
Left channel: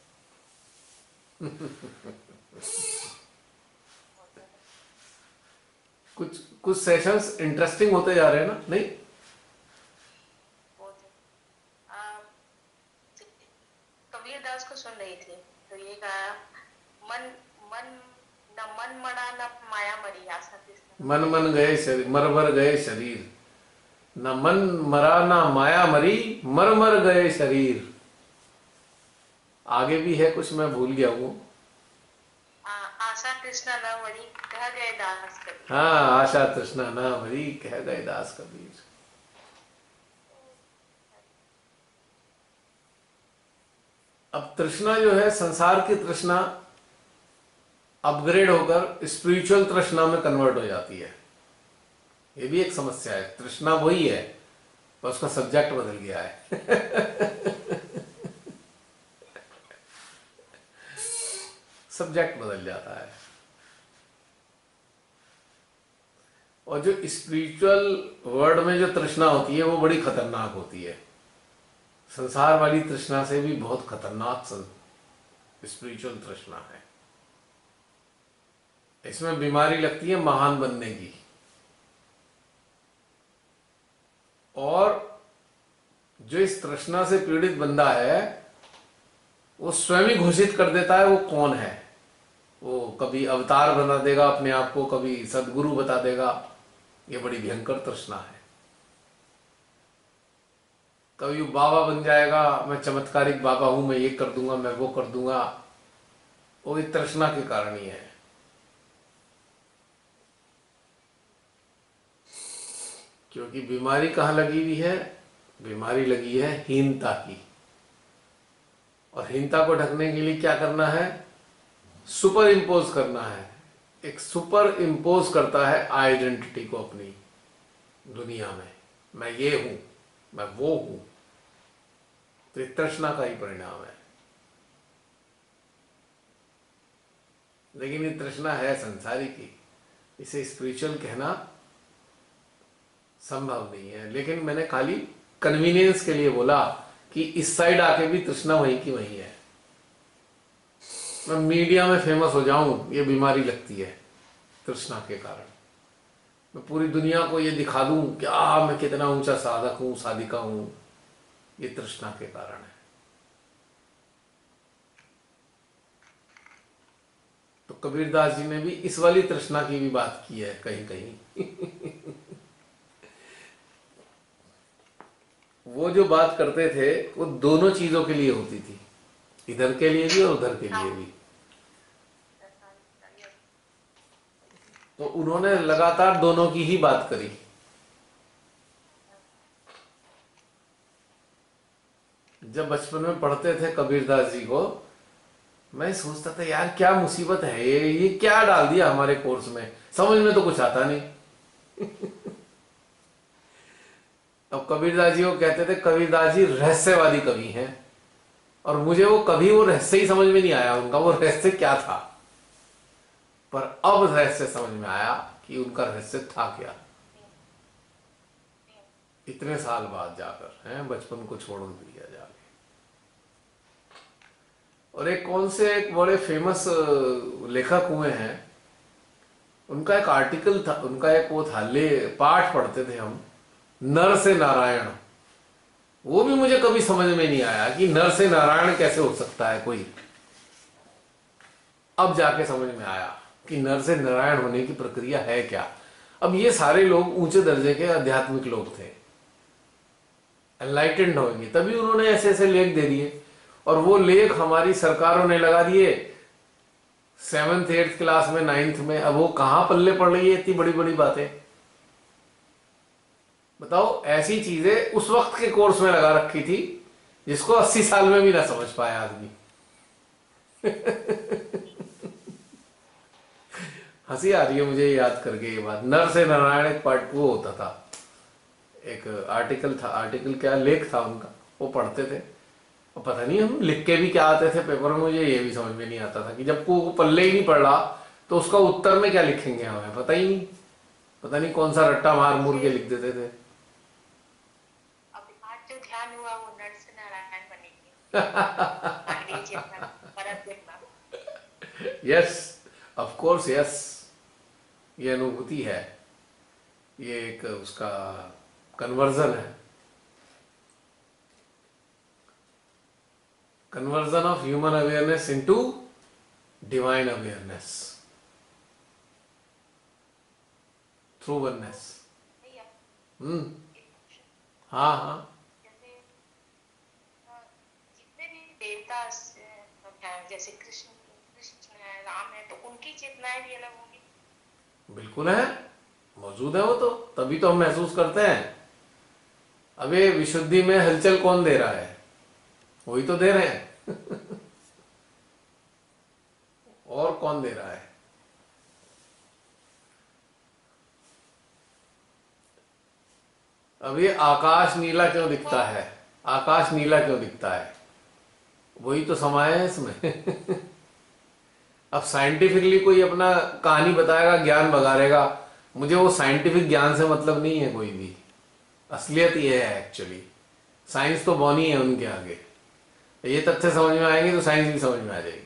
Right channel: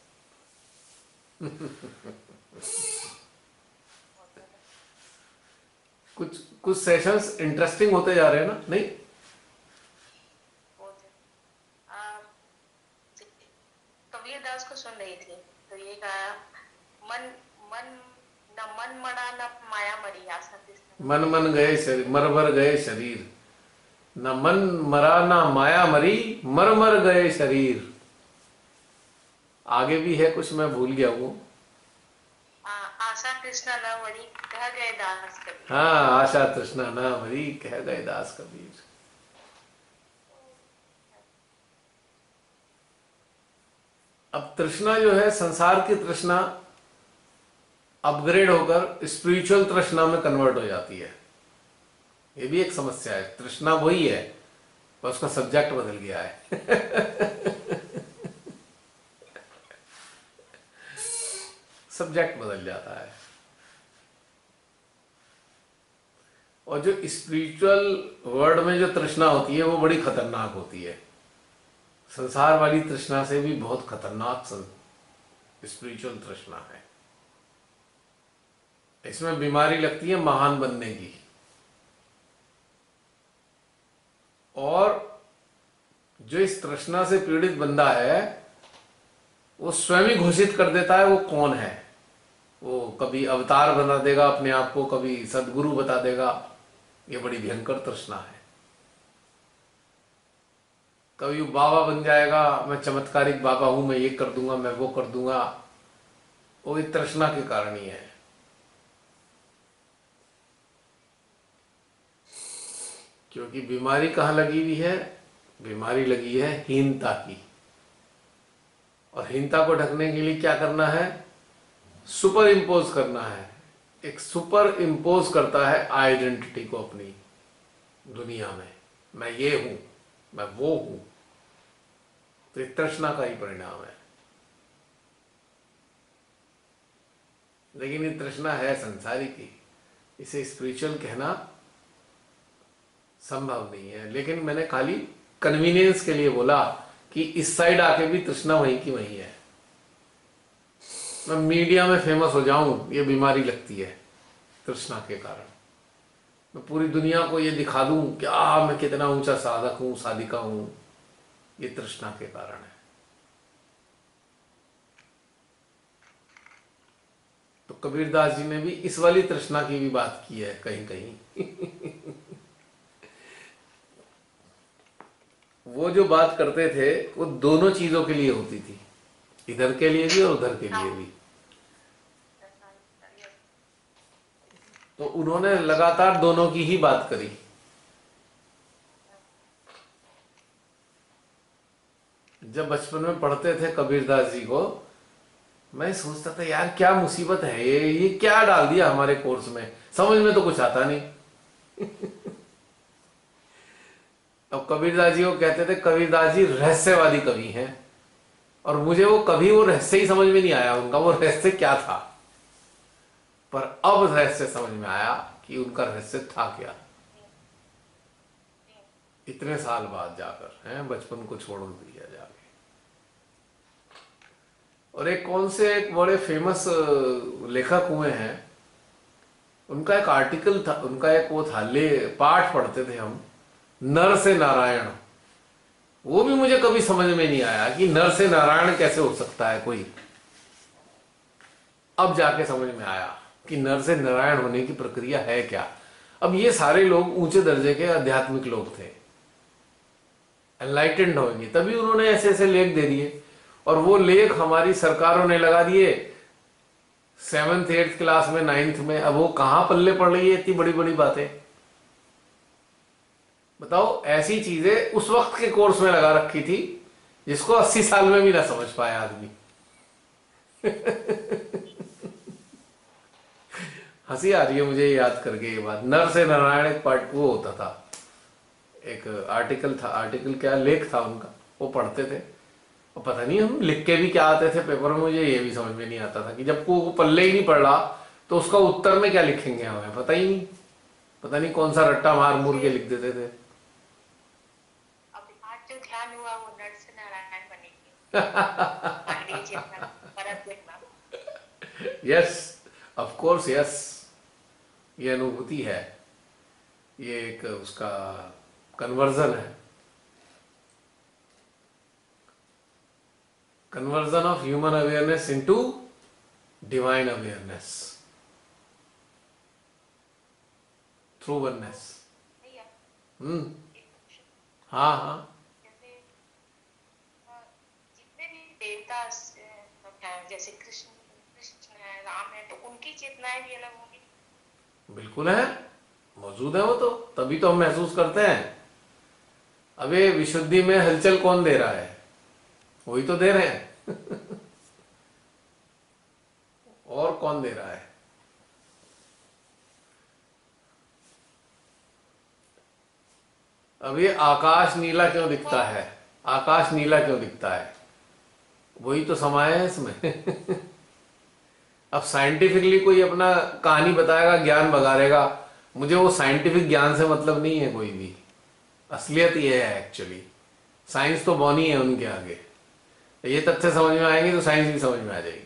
बहुत ज्यादा। कुछ कुछ सेशंस इंटरेस्टिंग होते जा रहे हैं ना, नहीं? बहुत कबीर दास को सुन रही थी, तो ये कहा, मन मन न मन मरा न माया मरी, आशा कृष्ण। मन मन गए शरीर, मर मर गए शरीर। न मन मरा ना माया मरी, मर मर गए शरीर। आगे भी है कुछ, मैं भूल गया हूँ। आशा कृष्ण न मरी, कह गए दास कबीर। हाँ, आशा तृष्णा ना मरी, कह गए दास कबीर। अब तृष्णा जो है, संसार की तृष्णा अपग्रेड होकर स्पिरिचुअल तृष्णा में कन्वर्ट हो जाती है। ये भी एक समस्या है। तृष्णा वही है, पर उसका सब्जेक्ट बदल गया है। सब्जेक्ट बदल जाता है। और जो स्पिरिचुअल वर्ल्ड में जो तृष्णा होती है, वो बड़ी खतरनाक होती है। संसार वाली तृष्णा से भी बहुत खतरनाक स्पिरिचुअल तृष्णा है। इसमें बीमारी लगती है महान बनने की, और जो इस तृष्णा से पीड़ित बंदा है, वो स्वयं ही घोषित कर देता है वो कौन है। वो कभी अवतार बना देगा अपने आप को, कभी सदगुरु बता देगा। ये बड़ी भयंकर तृष्णा है। कभी वो बाबा बन जाएगा, मैं चमत्कारिक बाबा हूं, मैं ये कर दूंगा, मैं वो कर दूंगा। वो इस तृष्णा के कारण ही है। क्योंकि बीमारी कहाँ लगी हुई है? बीमारी लगी है हीनता की। और हीनता को ढकने के लिए क्या करना है? सुपर इम्पोज करना है। एक सुपर इम्पोज करता है आइडेंटिटी को अपनी दुनिया में। मैं ये हूं, मैं वो हूं। तो एक तृष्णा का ही परिणाम है। लेकिन ये तृष्णा है संसारी की, इसे स्पिरिचुअल कहना संभव नहीं है। लेकिन मैंने खाली कन्वीनियंस के लिए बोला कि इस साइड आके भी तृष्णा वहीं की वहीं है। मैं मीडिया में फेमस हो जाऊं, ये बीमारी लगती है तृष्णा के कारण। मैं पूरी दुनिया को ये दिखा दूं क्या मैं कितना ऊंचा साधक हूं, साधिका हूं, ये तृष्णा के कारण है। तो कबीरदास जी ने भी इस वाली तृष्णा की भी बात की है कहीं कहीं। वो जो बात करते थे वो दोनों चीजों के लिए होती थी, इधर के लिए भी और उधर के लिए भी। तो उन्होंने लगातार दोनों की ही बात करी। जब बचपन में पढ़ते थे कबीरदास जी को, मैं सोचता था यार क्या मुसीबत है ये क्या डाल दिया हमारे कोर्स में, समझ में तो कुछ आता नहीं। अब कबीरदास जी को कहते थे कबीरदास जी रहस्यवादी कवि हैं, और मुझे वो कभी वो रहस्य ही समझ में नहीं आया उनका, वो रहस्य क्या था। पर अब रहस्य समझ में आया कि उनका रहस्य था क्या, इतने साल बाद जाकर। हैं, बचपन को छोड़ दिया जाके। और एक कौन से एक बड़े फेमस लेखक हुए हैं, उनका एक आर्टिकल था, उनका एक वो था, पाठ पढ़ते थे हम, नर से नारायण। वो भी मुझे कभी समझ में नहीं आया कि नर से नारायण कैसे हो सकता है कोई। अब जाके समझ में आया कि नर से नारायण होने की प्रक्रिया है क्या। अब ये सारे लोग ऊंचे दर्जे के आध्यात्मिक लोग थे, एनलाइटेंड होंगे, तभी उन्होंने ऐसे ऐसे लेख दे दिए। और वो लेख हमारी सरकारों ने लगा दिए 7th 8th क्लास में, 9th में। अब वो कहां पल्ले पड़ रही है इतनी बड़ी बड़ी बातें, बताओ। ऐसी चीजें उस वक्त के कोर्स में लगा रखी थी जिसको 80 साल में भी ना समझ पाया आदमी। हंसी आ रही है मुझे याद करके ये बात। नर से नारायण एक पार्ट वो होता था, एक आर्टिकल था, आर्टिकल क्या लेख था उनका, वो पढ़ते थे। और पता नहीं हम लिख के भी क्या आते थे पेपर में, मुझे ये भी समझ में नहीं आता था कि जब को वो पल्ले ही नहीं पड़ रहा तो उसका उत्तर में क्या लिखेंगे, हमें पता ही नहीं। पता नहीं कौन सा रट्टा मार मूर के लिख देते थे। अब आज जो ध्यान हुआ वो नर से नारायण बनेंगे। आगे जितना परत देखना। यस, ऑफ कोर्स यस, ये अनुभूति है, ये एक उसका कन्वर्जन है, conversion of human awareness into divine awareness through oneness. भैया हम्म। एक क्वेश्चन, हाँ हाँ। जैसे जितने भी देवता हैं, जैसे कृष्ण कृष्ण है, राम है, तो उनकी चेतनाएं भी अलग होंगी। बिल्कुल है, मौजूद है वो तो, तभी तो हम महसूस करते हैं। अबे विशुद्धि में हलचल कौन दे रहा है, वही तो दे रहे हैं। और कौन दे रहा है। अब ये आकाश नीला क्यों दिखता है, आकाश नीला क्यों दिखता है, वही तो समाया है इसमें। अब साइंटिफिकली कोई अपना कहानी बताएगा, ज्ञान बगाड़ेगा, मुझे वो साइंटिफिक ज्ञान से मतलब नहीं है कोई भी। असलियत ये है एक्चुअली, साइंस तो बौनी है उनके आगे। ये तथ्य समझ में आएंगे तो साइंस भी समझ में आ जाएगी।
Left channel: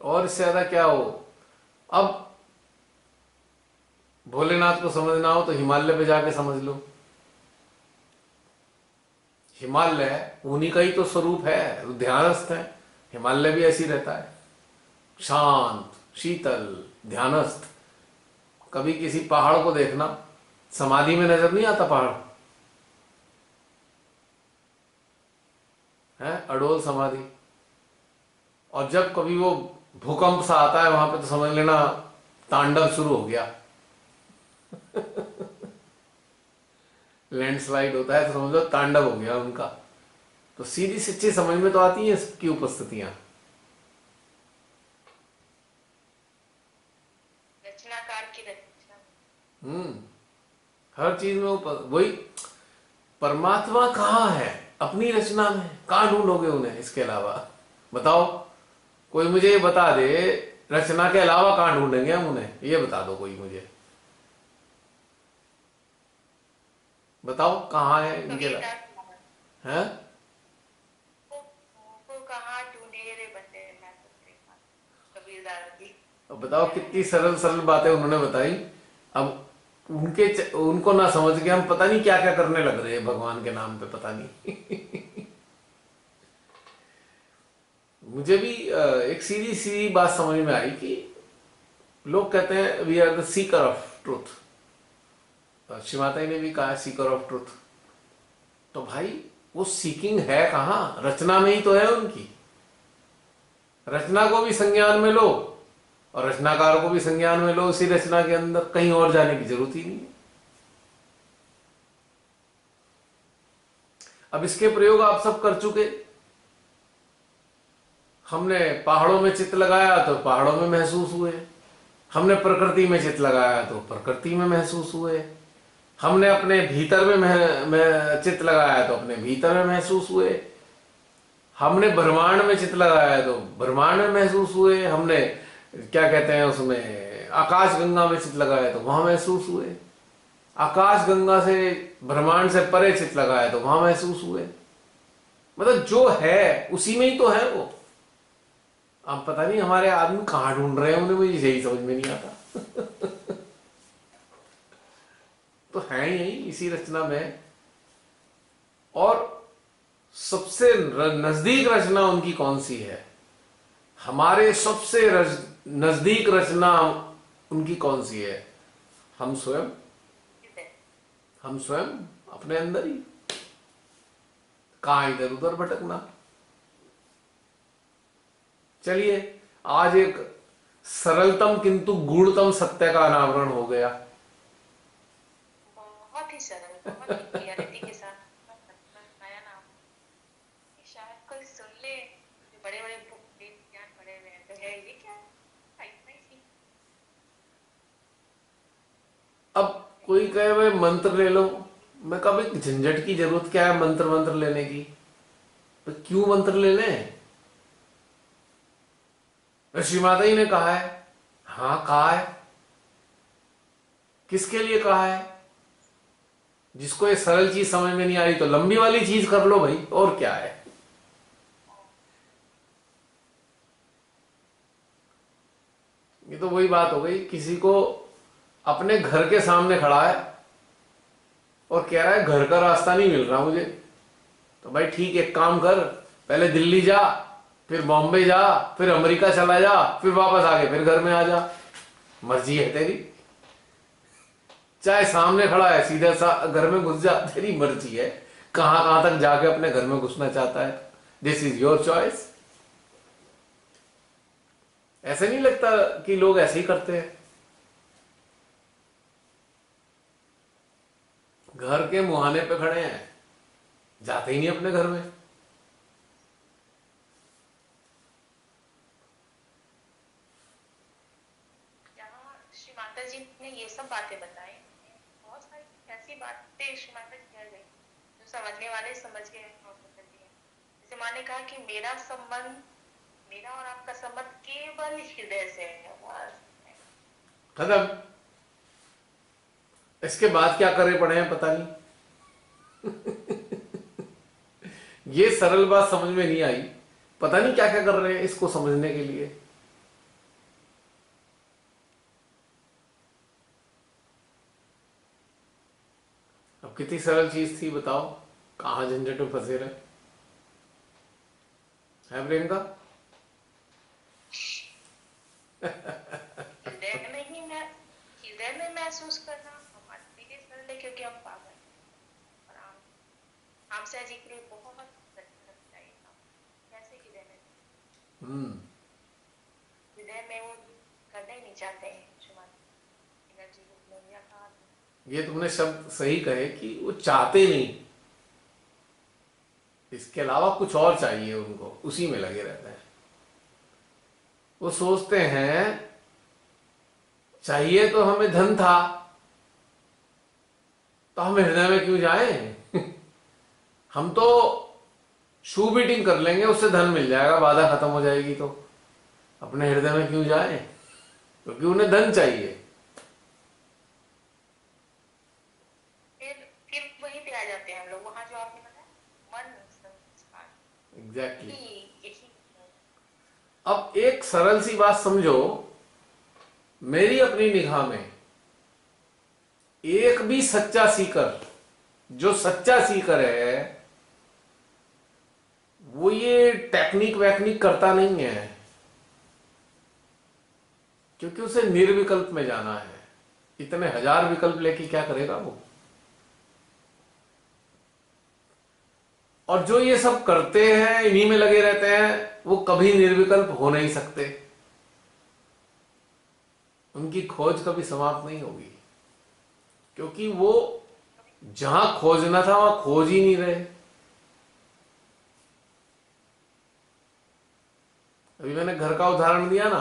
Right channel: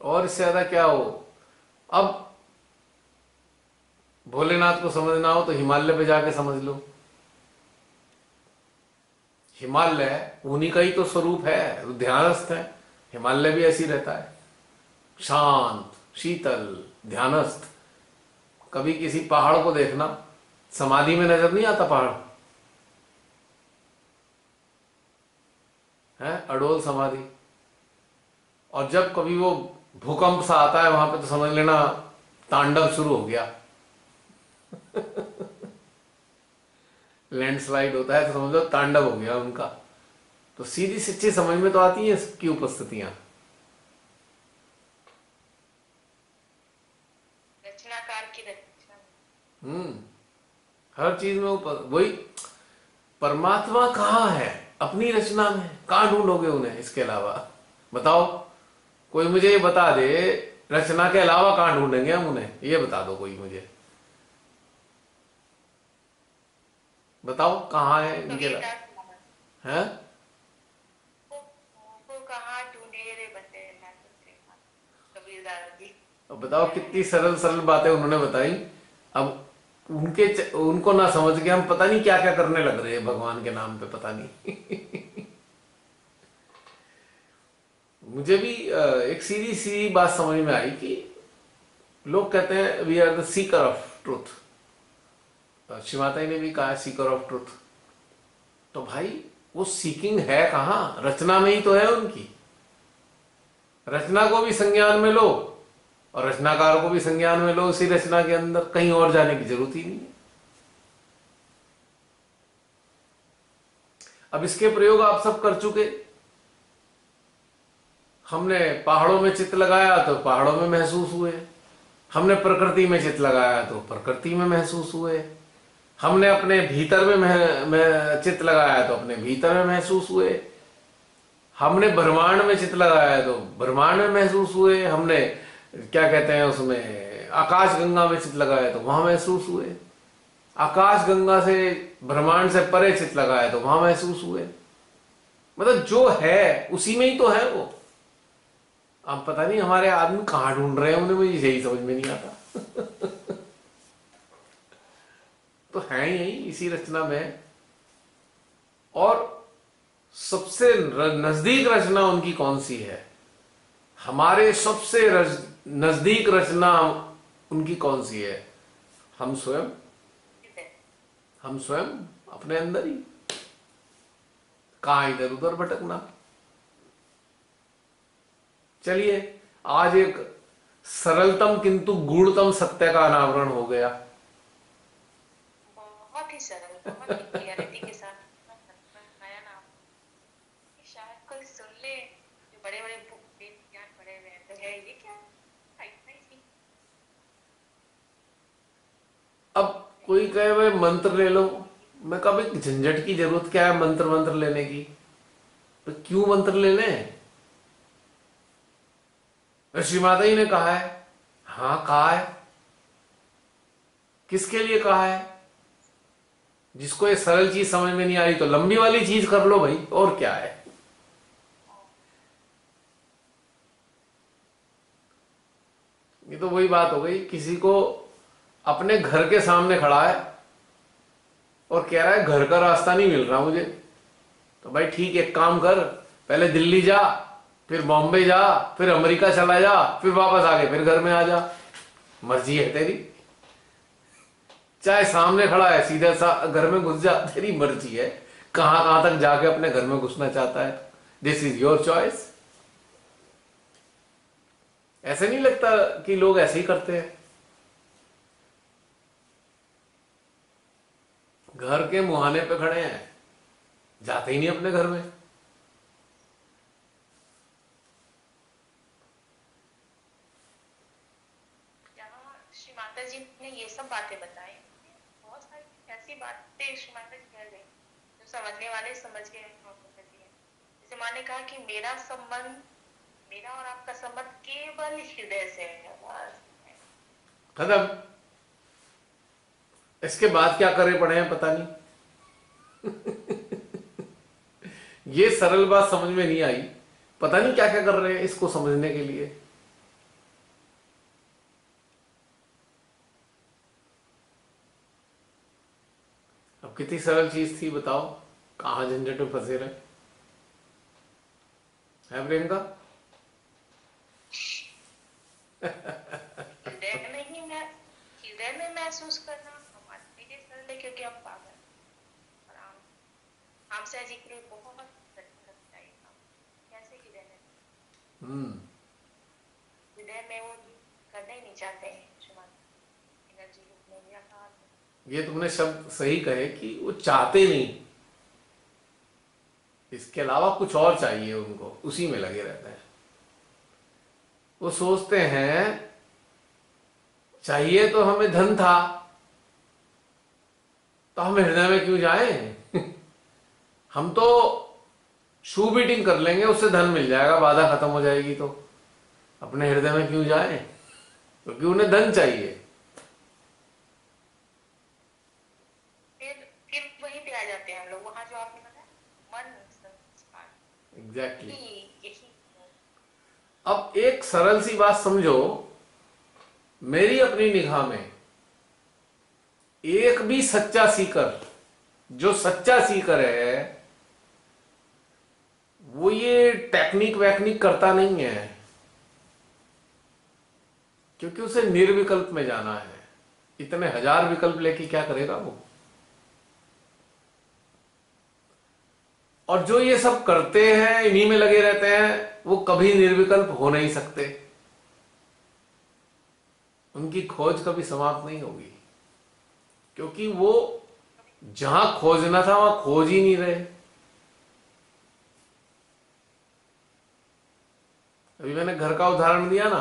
और इससे ज्यादा क्या हो। अब भोलेनाथ को समझना हो तो हिमालय पे जाके समझ लो। हिमालय उन्हीं का ही तो स्वरूप है, ध्यानस्थ है। हिमालय भी ऐसी रहता है, शांत शीतल ध्यानस्थ। कभी किसी पहाड़ को देखना, समाधि में नजर नहीं आता पहाड़ है, अडोल समाधि। और जब कभी वो भूकंप सा आता है वहां पे तो समझ लेना तांडव शुरू हो गया। लैंडस्लाइड होता है तो समझ लो तांडव हो गया उनका। तो सीधी सच्ची समझ में तो आती है सबकी उपस्थितियां। रचनाकार की रचना। हर चीज में वही परमात्मा कहाँ है, अपनी रचना में। कहाँ ढूंढोगे उन्हें इसके अलावा, बताओ। कोई मुझे ये बता दे, रचना के अलावा कहाँ ढूंढेंगे हम उन्हें, ये बता दो कोई मुझे, बताओ कहाँ है इनके अलावा। है को कहाँ ढूंढे रे बंदे, मैं तो तेरे पास। कबीरदास जी। अब बताओ कितनी सरल सरल बातें उन्होंने बताई। अब उनको ना समझ के हम पता नहीं क्या क्या करने लग रहे हैं भगवान के नाम पे, पता नहीं। मुझे भी एक सीधी सी बात समझ में आई कि लोग कहते हैं we are the seeker of truth. Shivatai ने भी कहा सीकर ऑफ ट्रूथ। तो भाई वो सीकिंग है कहाँ, रचना में ही तो है उनकी। रचना को भी संज्ञान में लो और रचनाकार को भी संज्ञान में लो, उसी रचना के अंदर, कहीं और जाने की जरूरत ही नहीं है। अब इसके प्रयोग आप सब कर चुके। हमने पहाड़ों में चित्त लगाया तो पहाड़ों में महसूस हुए, हमने प्रकृति में चित्त लगाया तो प्रकृति में महसूस हुए, हमने अपने भीतर में चित्त लगाया तो अपने भीतर में महसूस हुए, हमने ब्रह्मांड में चित्त लगाया तो ब्रह्मांड में महसूस हुए, हमने क्या कहते हैं उसमें आकाश गंगा में चित्त लगाया तो वहां महसूस हुए, आकाश गंगा से ब्रह्मांड से परे चित्त लगाया तो वहां महसूस हुए। मतलब जो है उसी में ही तो है वो। अब पता नहीं हमारे आदमी कहाँ ढूंढ रहे हैं उन्हें, मुझे यही समझ में नहीं आता। तो है यही इसी रचना में। और सबसे नजदीक रचना उनकी कौन सी है, हमारे सबसे नजदीक रचना उनकी कौन सी है, हम स्वयं। हम स्वयं अपने अंदर ही, कहां इधर उधर भटकना। चलिए आज एक सरलतम किंतु गूढ़तम सत्य का अनावरण हो गया। बहुत ही सरल, बहुत ही क्लियरिटी के साथ नया नाम बड़े बड़े बुक ज्ञान पढ़े हुए हैं, तो है ये क्या, इतना ही सीख। अब कोई कहे भाई मंत्र ले लो, मैं कहा भाई झंझट की जरूरत क्या है मंत्र मंत्र लेने की, तो क्यों मंत्र ले लें? ऋषि माता जी ने कहा है। हाँ कहा है, किसके लिए कहा है? जिसको ये सरल चीज समझ में नहीं आ रही तो लंबी वाली चीज कर लो भाई, और क्या है। ये तो वही बात हो गई, किसी को अपने घर के सामने खड़ा है और कह रहा है घर का रास्ता नहीं मिल रहा मुझे, तो भाई ठीक, एक काम कर, पहले दिल्ली जा, फिर बॉम्बे जा, फिर अमेरिका चला जा, फिर वापस आके फिर घर में आ जा, मर्जी है तेरी। चाहे सामने खड़ा है सीधा सा घर में घुस जा, तेरी मर्जी है कहां कहां तक जाके अपने घर में घुसना चाहता है, दिस इज योर चॉइस। ऐसे नहीं लगता कि लोग ऐसे ही करते हैं? घर के मुहाने पे खड़े हैं, जाते ही नहीं अपने घर में। यहाँ श्री माता जी ने ये सब बातें बताई, बहुत सारी ऐसी बातें श्री माता जी कह गई जो समझने वाले समझ गए जैसे माँ ने कहा कि मेरा संबंध, मेरा और आपका संबंध केवल हृदय से है, बस। खत्म। इसके बाद क्या करे पड़े हैं पता नहीं। ये सरल बात समझ में नहीं आई, पता नहीं क्या क्या कर रहे हैं इसको समझने के लिए। अब कितनी सरल चीज थी बताओ, कहां झंझट में फंसे रहे है प्रियंका? हृदय में महसूस करना हमारे लिए सरल है, क्योंकि हम पागल हैं। और आम से जी के लिए बहुत कठिन लगता है ये काम। कैसे हृदय में वो करना ही नहीं चाहते हैं एनर्जी रूप में या कहा। ये तुमने शब्द सही कहे कि वो चाहते नहीं, इसके अलावा कुछ और चाहिए उनको, उसी में लगे रहते हैं। वो सोचते हैं चाहिए तो हमें धन था, तो हम हृदय में क्यों जाएं? हम तो शू बीटिंग कर लेंगे, उससे धन मिल जाएगा, बाधा खत्म हो जाएगी, तो अपने हृदय में क्यों जाएं? क्योंकि उन्हें धन चाहिए। फिर वहीं पे आ जाते हैं हम लोग, वहां जो आपने बताया मन संस्कार। एग्जैक्टली। यही। अब एक सरल सी बात समझो, मेरी अपनी निगाह में एक भी सच्चा सीकर, जो सच्चा सीकर है, वो ये टेक्निक वैक्निक करता नहीं है, क्योंकि उसे निर्विकल्प में जाना है। इतने हजार विकल्प लेके क्या करेगा वो? और जो ये सब करते हैं, इन्हीं में लगे रहते हैं, वो कभी निर्विकल्प हो नहीं सकते, उनकी खोज कभी समाप्त नहीं होगी, क्योंकि वो जहां खोजना था वहां खोज ही नहीं रहे। अभी मैंने घर का उदाहरण दिया ना,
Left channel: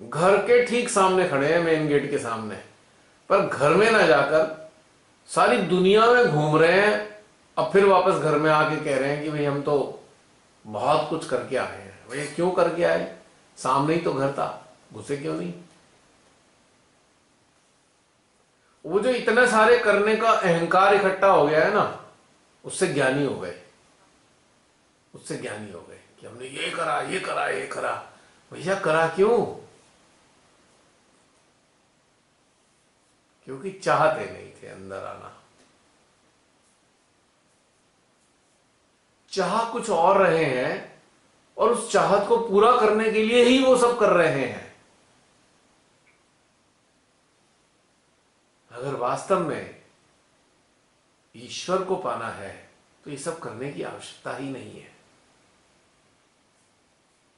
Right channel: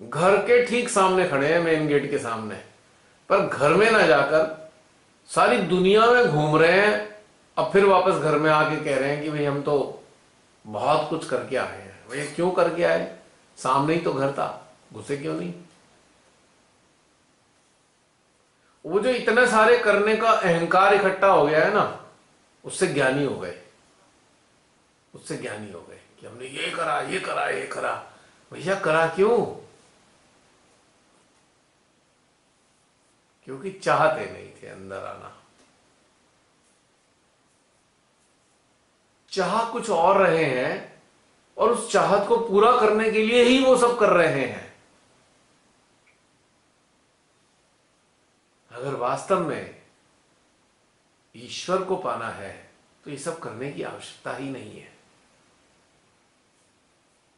घर के ठीक सामने खड़े हैं, मेन गेट के सामने, पर घर में ना जाकर सारी दुनिया में घूम रहे हैं, अब फिर वापस घर में आके कह रहे हैं कि भाई हम तो बहुत कुछ करके आए हैं। भाई क्यों करके आए? सामने ही तो घर था, घुसे क्यों नहीं? वो जो इतने सारे करने का अहंकार इकट्ठा हो गया है ना, उससे ज्ञानी हो गए, उससे ज्ञानी हो गए कि हमने ये करा, ये करा, ये करा। भैया करा क्यों? क्योंकि चाहते नहीं थे अंदर आना, चाह कुछ और रहे हैं, और उस चाहत को पूरा करने के लिए ही वो सब कर रहे हैं। अगर वास्तव में ईश्वर को पाना है तो ये सब करने की आवश्यकता ही नहीं है।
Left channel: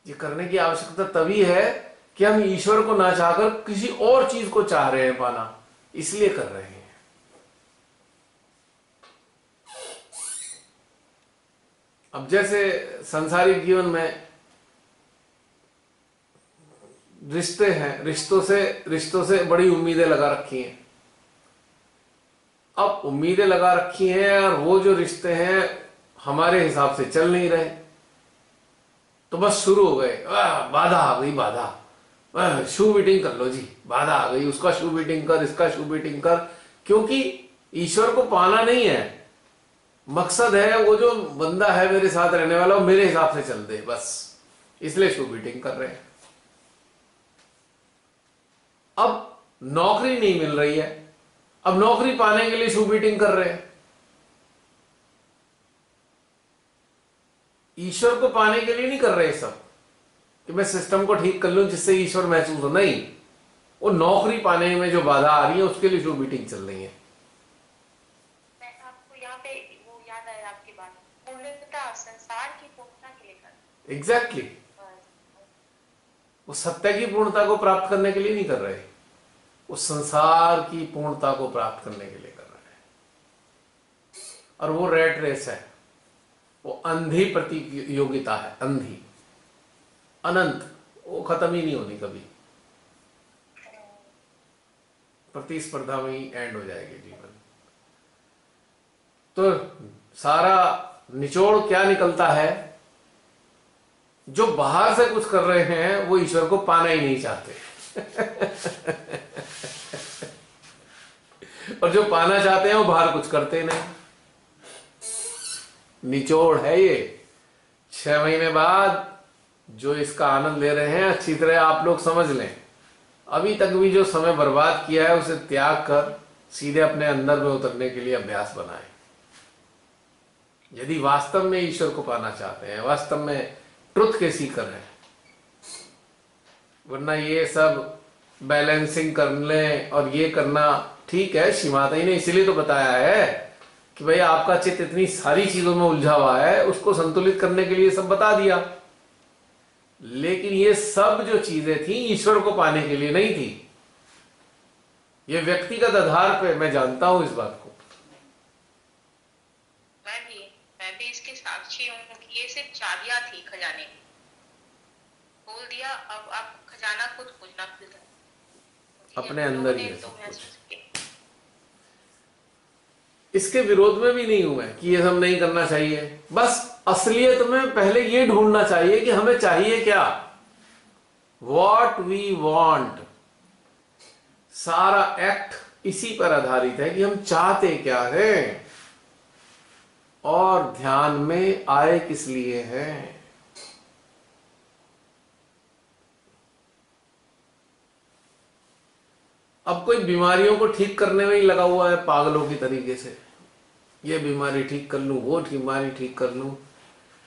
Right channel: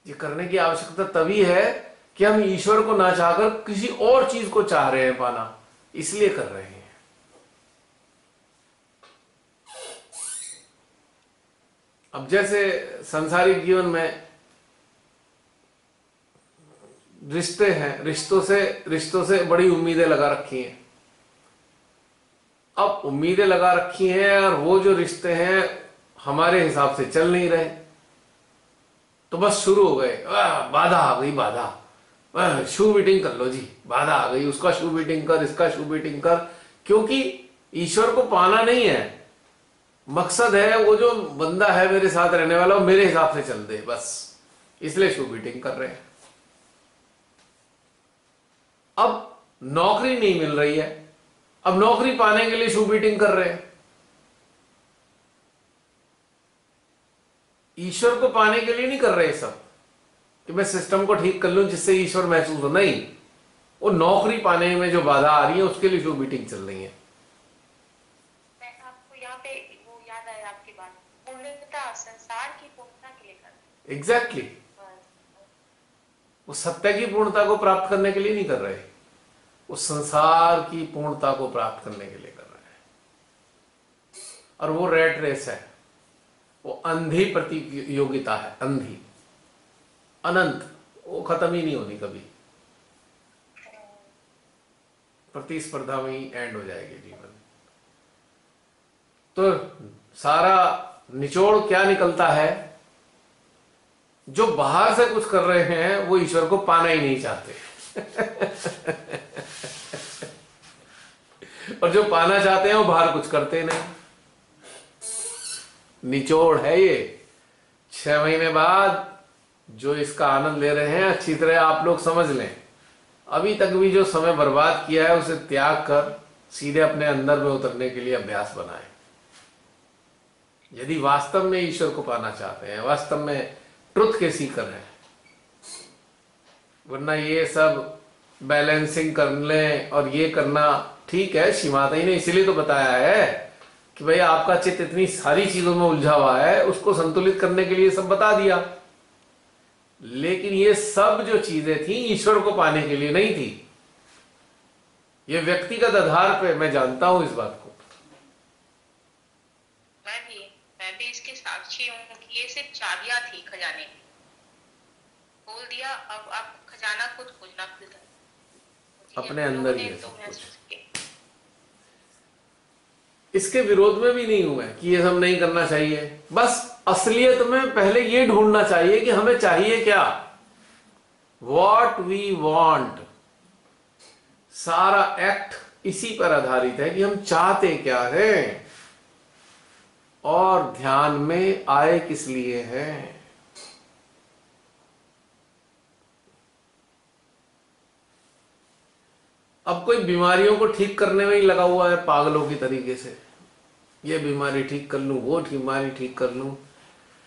ये करने की आवश्यकता तभी है कि हम ईश्वर को ना चाहकर किसी और चीज को चाह रहे हैं पाना, इसलिए कर रहे हैं। अब जैसे संसारिक जीवन में रिश्ते हैं, रिश्तों से बड़ी उम्मीदें लगा रखी हैं। अब उम्मीदें लगा रखी हैं और वो जो रिश्ते हैं हमारे हिसाब से चल नहीं रहे, तो बस शुरू हो गए, बाधा आ गई, बाधा, शू बीटिंग कर लो जी, बाधा आ गई, उसका शू बीटिंग कर, इसका शू बीटिंग कर। क्योंकि ईश्वर को पाना नहीं है, मकसद है वो जो बंदा है मेरे साथ रहने वाला वो मेरे हिसाब से चल दे, बस इसलिए शू बीटिंग कर रहे हैं। अब नौकरी नहीं मिल रही है, अब नौकरी पाने के लिए शू बीटिंग कर रहे हैं। ईश्वर को पाने के लिए नहीं कर रहे सब कि मैं सिस्टम को ठीक कर लूं जिससे ईश्वर महसूस हो, नहीं, वो नौकरी पाने में जो बाधा आ रही है उसके लिए शू बीटिंग चल रही है। मैं आपको यहाँ पे वो याद आया आपकी बात, पूर्णता संसार की पूर्णता के लिए कर। एग्जैक्टली, वो सत्य की पूर्णता को प्राप्त करने के लिए नहीं कर रहे, वो संसार की पूर्णता को प्राप्त करने के लिए कर रहे हैं। और वो रेट रेस है, वो अंधी प्रतियोगिता है, अंधी, अनंत, वो खत्म ही नहीं होनी कभी, प्रतिस्पर्धा में ही एंड हो जाएगी जीवन। तो सारा निचोड़ क्या निकलता है, जो बाहर से कुछ कर रहे हैं वो ईश्वर को पाना ही नहीं चाहते और जो पाना चाहते हैं वो बाहर कुछ करते नहीं। निचोड़ है ये। 6 महीने बाद जो इसका आनंद ले रहे हैं अच्छी तरह आप लोग समझ लें, अभी तक भी जो समय बर्बाद किया है उसे त्याग कर सीधे अपने अंदर में उतरने के लिए अभ्यास बनाएं। यदि वास्तव में ईश्वर को पाना चाहते हैं, वास्तव में ट्रुथ के सीकर हैं, वरना ये सब बैलेंसिंग कर लें और ये करना ठीक है। श्री माता जी ने इसीलिए तो बताया है कि भाई आपका चित्त इतनी सारी चीजों में उलझा हुआ है, उसको संतुलित करने के लिए सब बता दिया। लेकिन ये सब जो चीजें थी ईश्वर को पाने के लिए नहीं थी। ये व्यक्तिगत आधार पे मैं जानता हूं इस बात को। मैं भी इसके साक्षी हूँ कि ये सिर्फ चाबियां थी खजाने की, खोल दिया, अब आप खजाना खुद खोजना खुलता है अपने अंदर ही है सब कुछ। इसके विरोध में भी नहीं हूं मैं कि ये सब नहीं करना चाहिए, बस असलियत में पहले ये ढूंढना चाहिए कि हमें चाहिए क्या, वॉट वी वॉन्ट। सारा एक्ट इसी पर आधारित है कि हम चाहते क्या हैं और ध्यान में आए किस लिए हैं। अब कोई बीमारियों को ठीक करने में ही लगा हुआ है पागलों की तरीके से, ये बीमारी ठीक कर लूं, वो बीमारी ठीक कर लूं।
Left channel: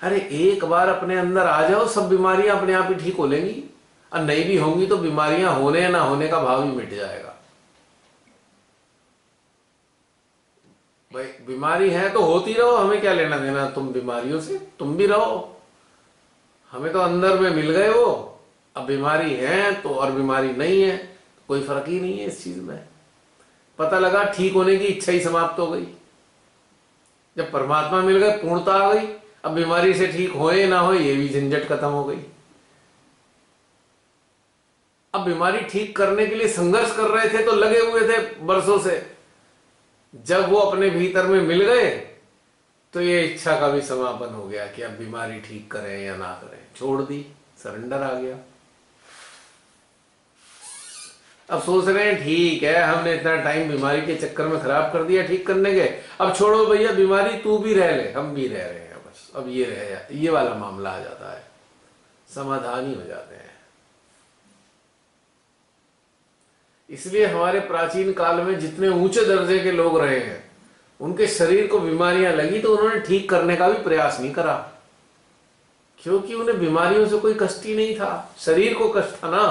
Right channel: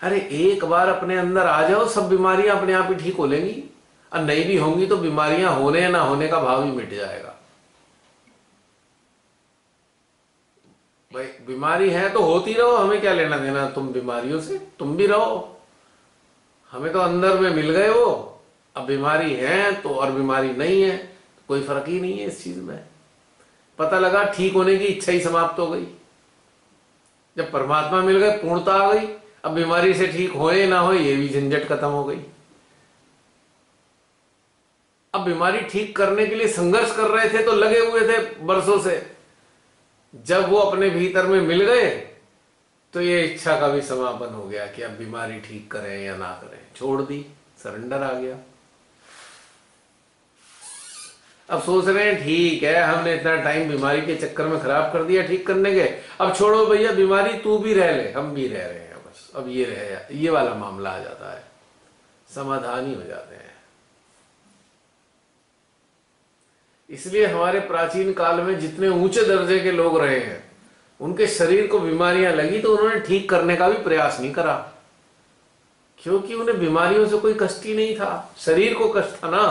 अरे एक बार अपने अंदर आ जाओ, सब बीमारियां अपने आप ही ठीक हो लेंगी, और नहीं भी होंगी तो बीमारियां होने या ना होने का भाव ही मिट जाएगा। भाई बीमारी है तो होती रहो, हमें क्या लेना देना तुम बीमारियों से, तुम भी रहो, हमें तो अंदर में मिल गए वो। अब बीमारी है तो और बीमारी नहीं है, कोई फर्क ही नहीं है इस चीज में। पता लगा ठीक होने की इच्छा ही समाप्त हो गई। जब परमात्मा मिल गए पूर्णता आ गई, अब बीमारी से ठीक होए ना होए ये भी झंझट खत्म हो गई। अब बीमारी ठीक करने के लिए संघर्ष कर रहे थे तो लगे हुए थे बरसों से, जब वो अपने भीतर में मिल गए तो ये इच्छा का भी समापन हो गया कि अब बीमारी ठीक करें या ना करें, छोड़ दी, सरेंडर आ गया। अब सोच रहे हैं ठीक है हमने इतना टाइम बीमारी के चक्कर में खराब कर दिया ठीक करने के, अब छोड़ो भैया बीमारी, तू भी रह ले, हम भी रह रहे हैं, बस अब ये रह, ये वाला मामला आ जाता है, समाधान ही हो जाते हैं। इसलिए हमारे प्राचीन काल में जितने ऊंचे दर्जे के लोग रहे हैं उनके शरीर को बीमारियां लगी तो उन्होंने ठीक करने का भी प्रयास नहीं करा, क्योंकि उन्हें बीमारियों से कोई कष्ट ही नहीं था, शरीर को कष्ट था ना।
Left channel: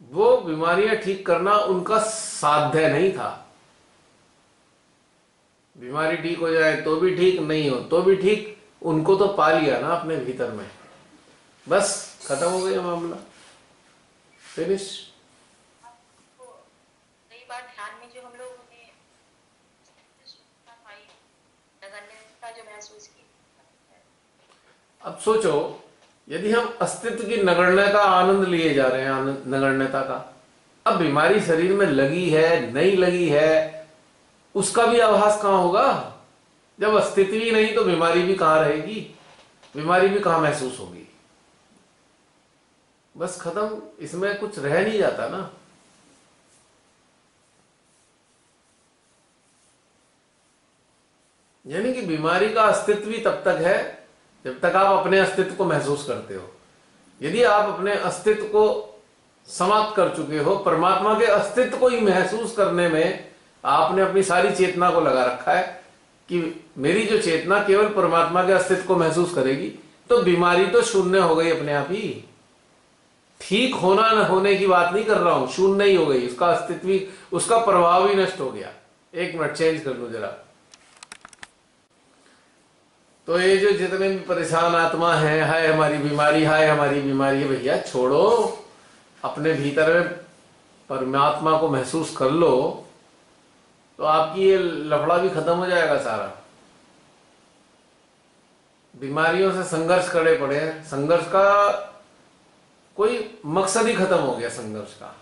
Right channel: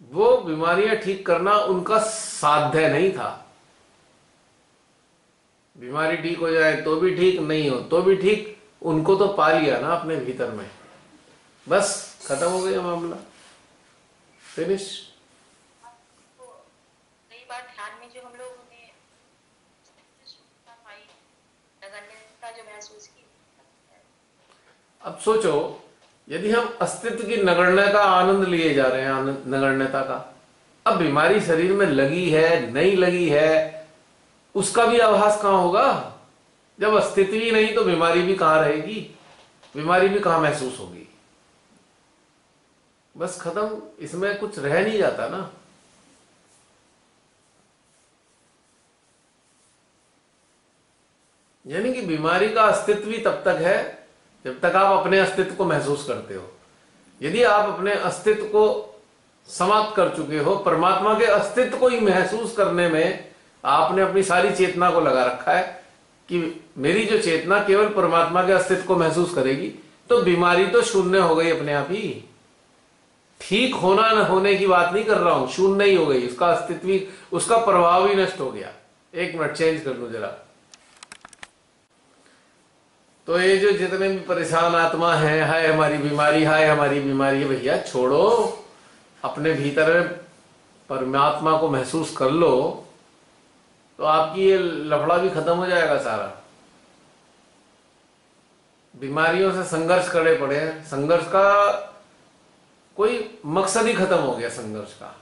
वो बीमारियां ठीक करना उनका साध्य नहीं था। बीमारी ठीक हो जाए तो भी ठीक, नहीं हो तो भी ठीक, उनको तो पा लिया ना अपने भीतर में, बस खत्म हो गया मामला, फिनिश। कई बार ध्यान में जो हम लोगों ने नगण्यता जो महसूस की, अब सोचो यदि हम अस्तित्व की नगण्य का आनंद लिए जा रहे हैं, नगण्यता का, अब बीमारी शरीर में लगी है नहीं लगी है उसका भी आभास कहां होगा? जब अस्तित्व ही नहीं तो बीमारी भी कहां रहेगी, बीमारी भी कहां महसूस होगी? बस खत्म, इसमें कुछ रह नहीं जाता ना। यानी कि बीमारी का अस्तित्व ही तब तक है जब तक आप अपने अस्तित्व को महसूस करते हो। यदि आप अपने अस्तित्व को समाप्त कर चुके हो, परमात्मा के अस्तित्व को ही महसूस करने में आपने अपनी सारी चेतना को लगा रखा है कि मेरी जो चेतना केवल परमात्मा के अस्तित्व को महसूस करेगी, तो बीमारी तो शून्य हो गई अपने आप ही। ठीक होना न होने की बात नहीं कर रहा हूं, शून्य ही हो गई, उसका अस्तित्व ही, उसका प्रभाव ही नष्ट हो गया। एक मिनट चेंज कर लूं जरा। तो ये जो जितने भी परेशान आत्मा है, हाय हमारी बीमारी, हाय हमारी बीमारी, भैया छोड़ो, अपने भीतर में परमात्मा को महसूस कर लो तो आपकी ये लफड़ा भी खत्म हो जाएगा सारा। बीमारियों से संघर्ष करने पड़े हैं, संघर्ष का कोई मकसद ही खत्म हो गया संघर्ष का,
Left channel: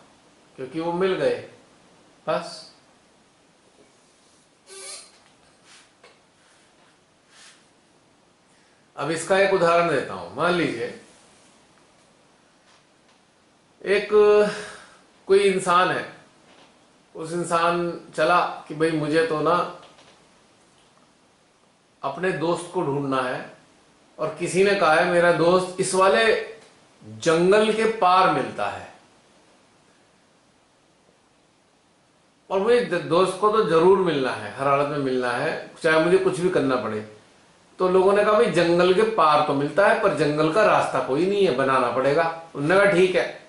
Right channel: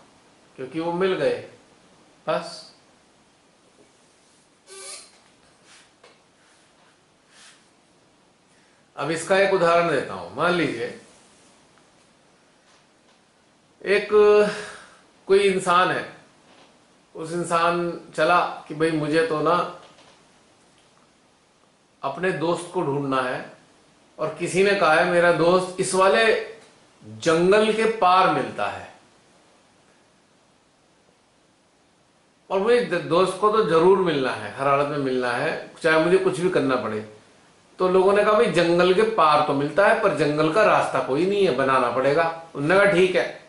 क्योंकि वो मिल गए बस। अब इसका एक उदाहरण देता हूं। मान लीजिए एक कोई इंसान है, उस इंसान चला कि भाई मुझे तो ना अपने दोस्त को ढूंढना है, और किसी ने कहा है मेरा दोस्त इस वाले जंगल के पार मिलता है, और मुझे दोस्त को तो जरूर मिलना है, हर हालत में मिलना है, चाहे मुझे कुछ भी करना पड़े। तो लोगों ने कहा भाई जंगल के पार तो मिलता है पर जंगल का रास्ता कोई नहीं है, बनाना पड़ेगा। उन्होंने कहा ठीक है,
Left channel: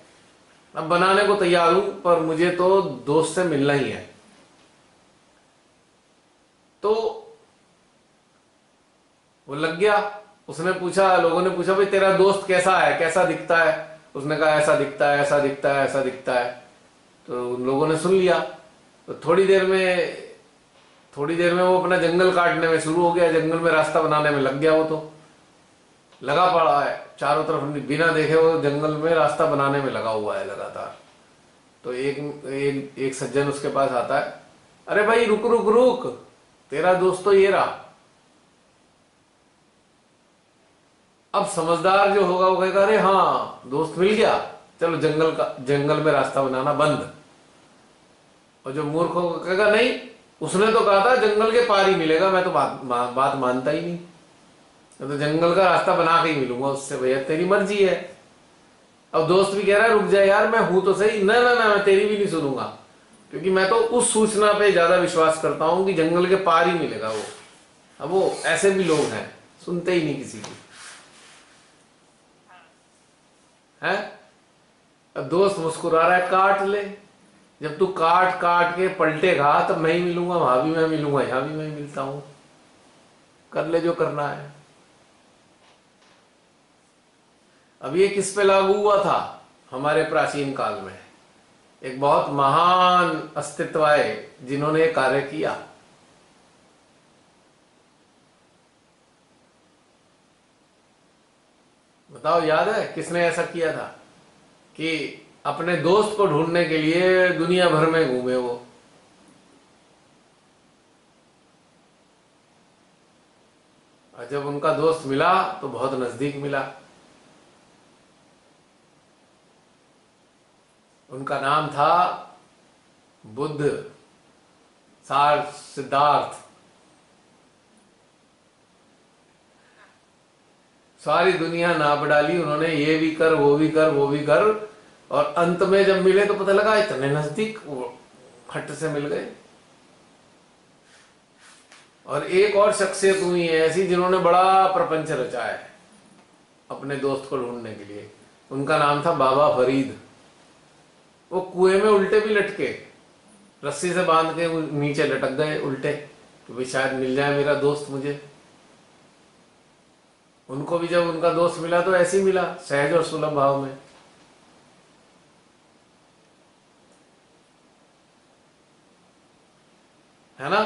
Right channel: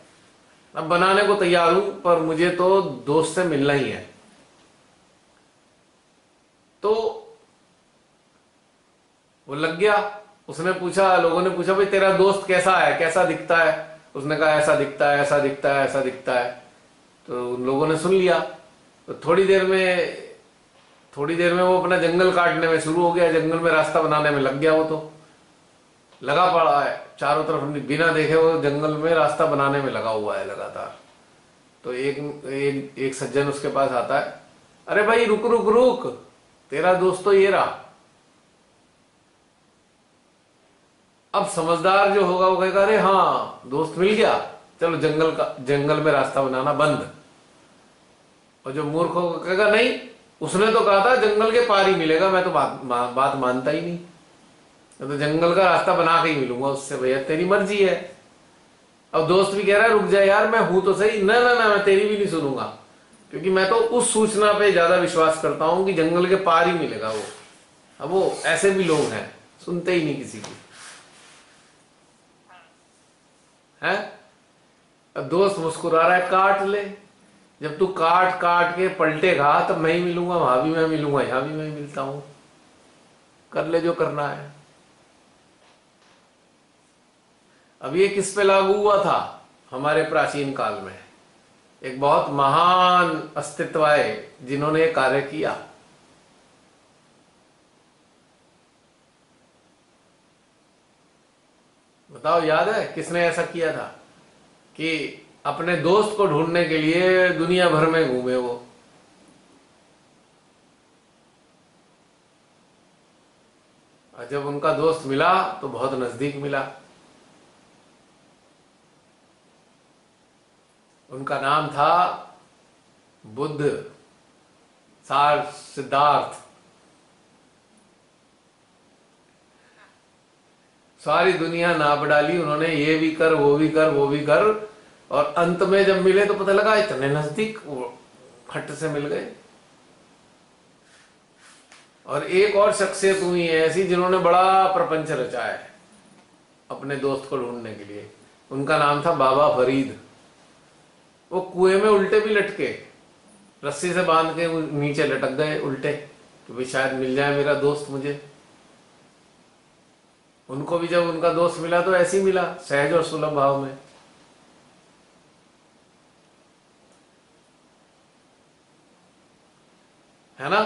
अब बनाने को तैयार हूं, पर मुझे तो दोस्त से मिलना ही है। तो वो लग गया, उसने पूछा, लोगों ने पूछा भाई तेरा दोस्त कैसा है, कैसा दिखता है? उसने कहा ऐसा दिखता है, ऐसा दिखता है, ऐसा दिखता है। तो उन लोगों ने सुन लिया। तो थोड़ी देर में वो अपना जंगल काटने में शुरू हो गया, जंगल में रास्ता बनाने में लग गया। वो तो लगा पड़ा है चारों तरफ, बिना देखे वो जंगल में रास्ता बनाने में लगा हुआ है लगातार। तो एक सज्जन उसके पास आता है, अरे भाई रुक रुक रुक, तेरा दोस्त तो ये रहा। अब समझदार जो होगा वो कहेगा अरे हाँ दोस्त मिल गया, चलो जंगल में रास्ता बनाना बंद। और जो मूर्ख होगा कहेगा नहीं, उसने तो कहा था जंगल के पार ही मिलेगा, मैं तो बात मानता ही नहीं, मैं तो जंगल का रास्ता बना के ही मिलूंगा उससे। भैया तेरी मर्जी है। अब दोस्त भी कह रहा है रुक जाए यार, मैं हूं तो सही। ना ना ना, मैं तेरी भी नहीं सुनूंगा, क्योंकि मैं तो उस सूचना पे ज्यादा विश्वास करता हूं कि जंगल के पार ही मिलेगा वो। अब वो ऐसे भी लोग हैं, सुनते ही नहीं किसी की, है। अब दोस्त मुस्कुरा रहा है, काट ले। जब तू काट काट के पलटेगा तब मैं ही मिलूंगा, वहां भी मैं मिलूंगा, यहां भी मैं मिलता हूं, कर ले जो करना है। अब ये किस पे लागू हुआ था? हमारे प्राचीन काल में एक बहुत महान अस्तित्व आए जिन्होंने ये कार्य किया। बताओ याद है किसने ऐसा किया था कि अपने दोस्त को ढूंढने के लिए दुनिया भर में घूमे वो? और जब उनका दोस्त मिला तो बहुत नजदीक मिला। उनका नाम था बुद्ध, सिद्धार्थ। सारी दुनिया नाप डाली उन्होंने, ये भी कर वो भी कर वो भी कर, और अंत में जब मिले तो पता लगा इतने नजदीक, फट से मिल गए। और एक और शख्सियत हुई है ऐसी जिन्होंने बड़ा प्रपंच रचा है अपने दोस्त को ढूंढने के लिए। उनका नाम था बाबा फरीद। वो कुएं में उल्टे भी लटके, रस्सी से बांध के नीचे लटक गए उल्टे कि भाई शायद मिल जाए मेरा दोस्त मुझे। उनको भी जब उनका दोस्त मिला तो ऐसे ही मिला, सहज और सुलभ भाव में। है ना?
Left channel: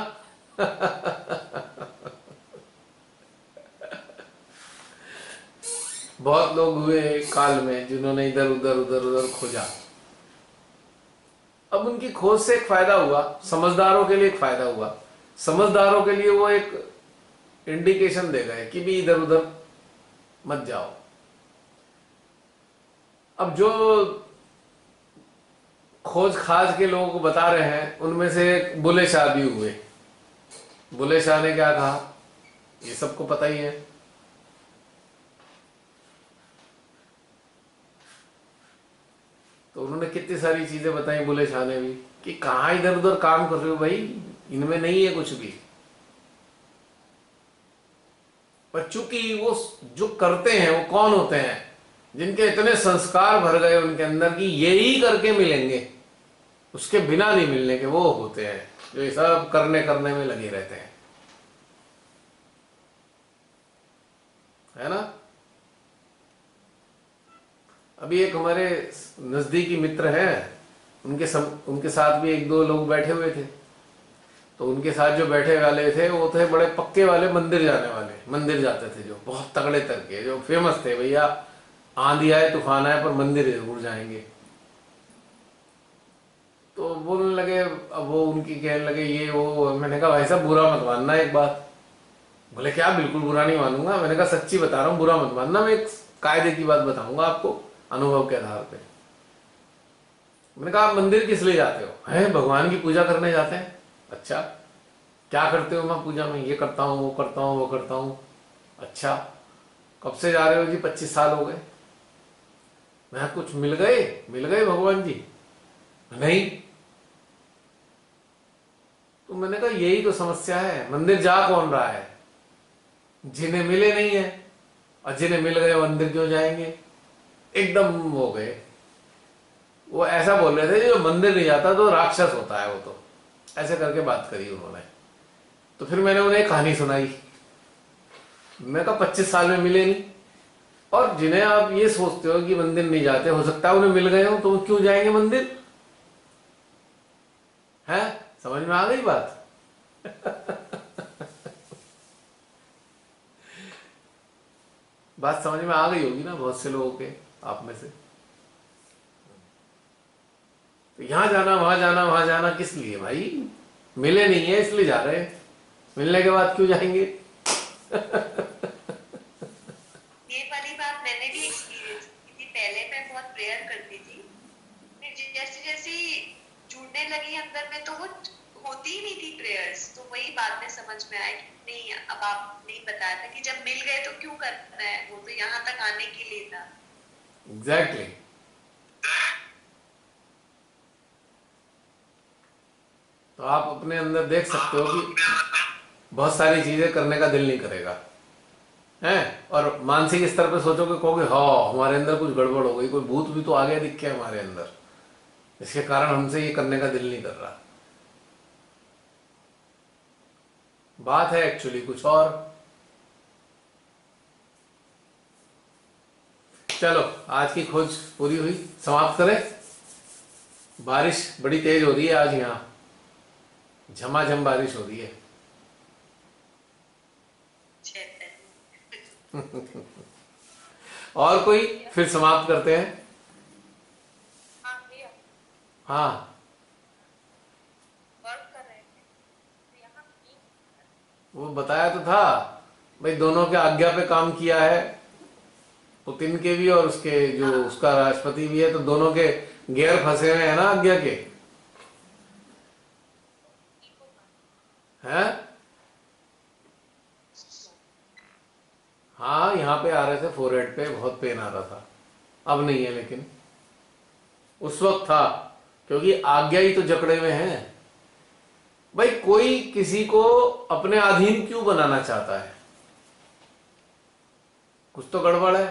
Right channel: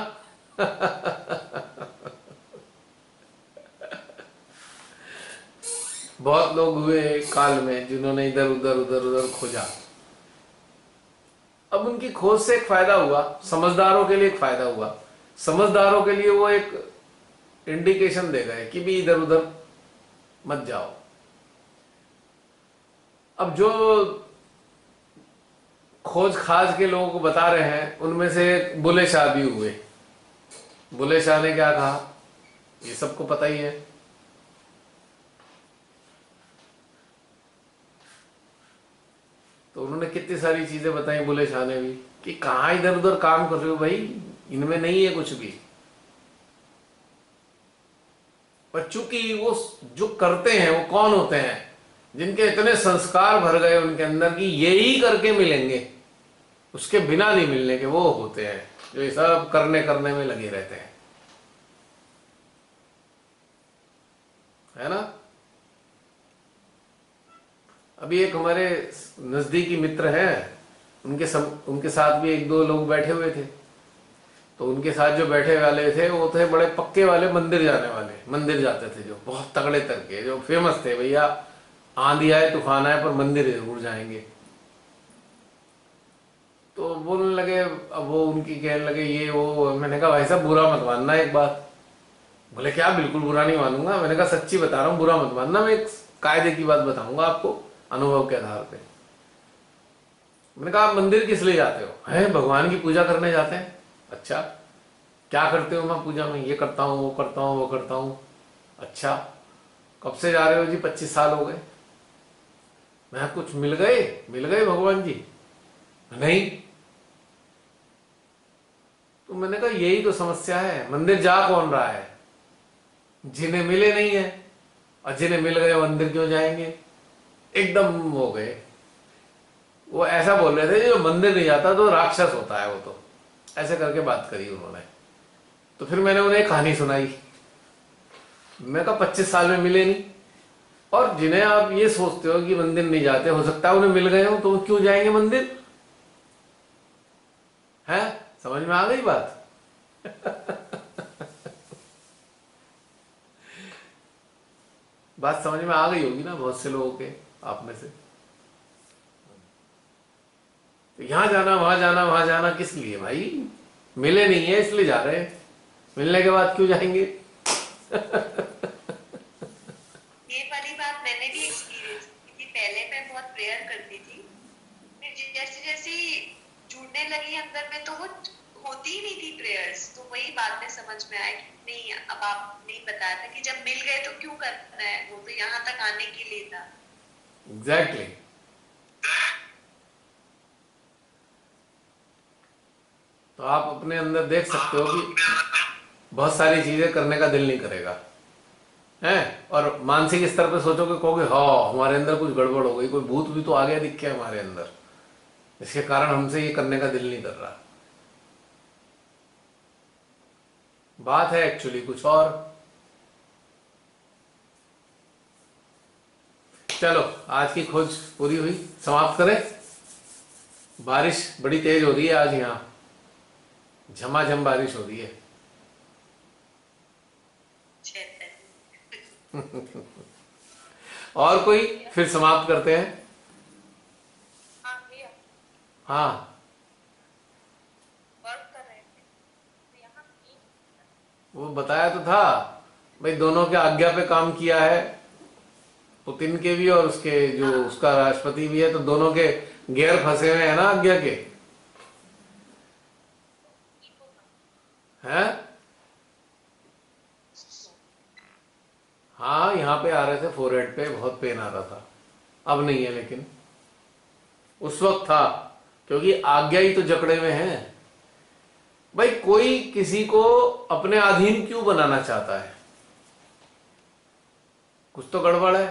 बहुत लोग हुए एक काल में जिन्होंने इधर उधर उधर उधर खोजा। अब उनकी खोज से एक फायदा हुआ, समझदारों के लिए एक फायदा हुआ। समझदारों के लिए वो एक इंडिकेशन दे गए कि भी इधर उधर मत जाओ। अब जो खोज खाज के लोगों को बता रहे हैं उनमें से एक बुले शाह भी हुए। बुले शाह ने क्या कहा ये सबको पता ही है। तो उन्होंने कितनी सारी चीजें बताई बुले शाह ने भी कि कहाँ इधर उधर काम कर रहे हो भाई, इनमें नहीं है कुछ भी। पर चूंकि वो जो करते हैं वो कौन होते हैं, जिनके इतने संस्कार भर गए उनके अंदर कि यही करके मिलेंगे, उसके बिना नहीं मिलने के, वो होते हैं जो ये सब करने करने में लगे रहते हैं, है ना। अभी एक हमारे नजदीकी मित्र हैं, उनके साथ भी एक दो लोग बैठे हुए थे। तो उनके साथ जो बैठे वाले थे वो थे बड़े पक्के वाले मंदिर जाने वाले, मंदिर जाते थे जो बहुत तगड़े तरके, जो फेमस थे भैया आंधी आए तूफान आए पर मंदिर जरूर जाएंगे। तो बोलने लगे, अब वो उनकी कहने लगे ये वो। मैंने कहा भाई साहब बुरा मत मानना एक बात। बोले क्या, बिल्कुल बुरा नहीं मानूंगा। मैंने कहा सच्ची बता रहा हूँ, बुरा मत मानना, मैं एक कायदे की बात बताऊंगा आपको अनुभव के आधार पे। मैंने कहा आप मंदिर किस लिए जाते हो? हैं भगवान की पूजा करने जाते हैं। अच्छा क्या करते हो मैं पूजा में? ये करता हूँ वो करता हूँ वो करता हूँ। अच्छा कब से जा रहे हो जी? 25 साल हो गए। मैं कुछ मिल गए भगवान जी? नहीं। तो मैंने कहा यही तो समस्या है, मंदिर जा कौन रहा है? जिन्हें मिले नहीं है, और जिन्हें मिल गए मंदिर क्यों जाएंगे? एकदम हो गए। वो ऐसा बोल रहे थे जो मंदिर नहीं जाता तो राक्षस होता है वो, तो ऐसे करके बात करी उन्होंने। तो फिर मैंने उन्हें एक कहानी सुनाई। मैं कहा 25 साल में मिले नहीं, और जिन्हें आप ये सोचते हो कि मंदिर नहीं जाते, हो सकता है उन्हें मिल गए हो, तो वो क्यों जाएंगे मंदिर? है, समझ में आ गई बात? बात समझ में आ गई होगी ना बहुत से लोगों के, आप में से। तो यहां जाना वहां जाना वहां जाना किस लिए भाई? मिले नहीं है इसलिए जा रहे हैं, मिलने के बाद क्यों जाएंगे? ये वाली बात मैंने भी एक्सपीरियंस की थी। पहले मैं बहुत प्रेयर करती थी, फिर जैसे जैसे जुड़ने लगी अंदर में तो वो होती ही नहीं थी प्रेयर्स। तो वही बाद में समझ में आया कि नहीं, अब आप नहीं बताया था कि जब मिल गए तो क्यों करना है, वो तो यहाँ तक आने के लिए था। Exactly exactly. तो आप अपने अंदर देख सकते हो कि बहुत सारी चीजें करने का दिल नहीं करेगा, है। और मानसिक स्तर पे सोचोगे, कहोगे हाँ हमारे अंदर कुछ गड़बड़ हो गई, कोई भूत भी तो आ गया दिख के हमारे अंदर, इसके कारण हमसे ये करने का दिल नहीं कर रहा। बात है एक्चुअली कुछ और। चलो आज की खोज पूरी हुई, समाप्त करें। बारिश बड़ी तेज हो रही है आज, यहाँ झमाझम बारिश हो रही है। और कोई, फिर समाप्त करते हैं। हाँ भैया, हाँ वर्क कर रहे थे तो यहाँ नहीं। वो बताया तो था भाई, दोनों के आज्ञा पे काम किया है, पुतिन के भी और उसके जो हाँ उसका राष्ट्रपति भी है, तो दोनों के गैर फंसे हुए हैं ना आज्ञा के, हैं। हाँ यहाँ पे आ रहे थे, फोरहेड पे बहुत पेन आ रहा था। अब नहीं है लेकिन उस वक्त था, क्योंकि आज्ञा ही तो जकड़े में है। भाई कोई किसी को अपने अधीन क्यों बनाना चाहता है? कुछ तो गड़बड़ है,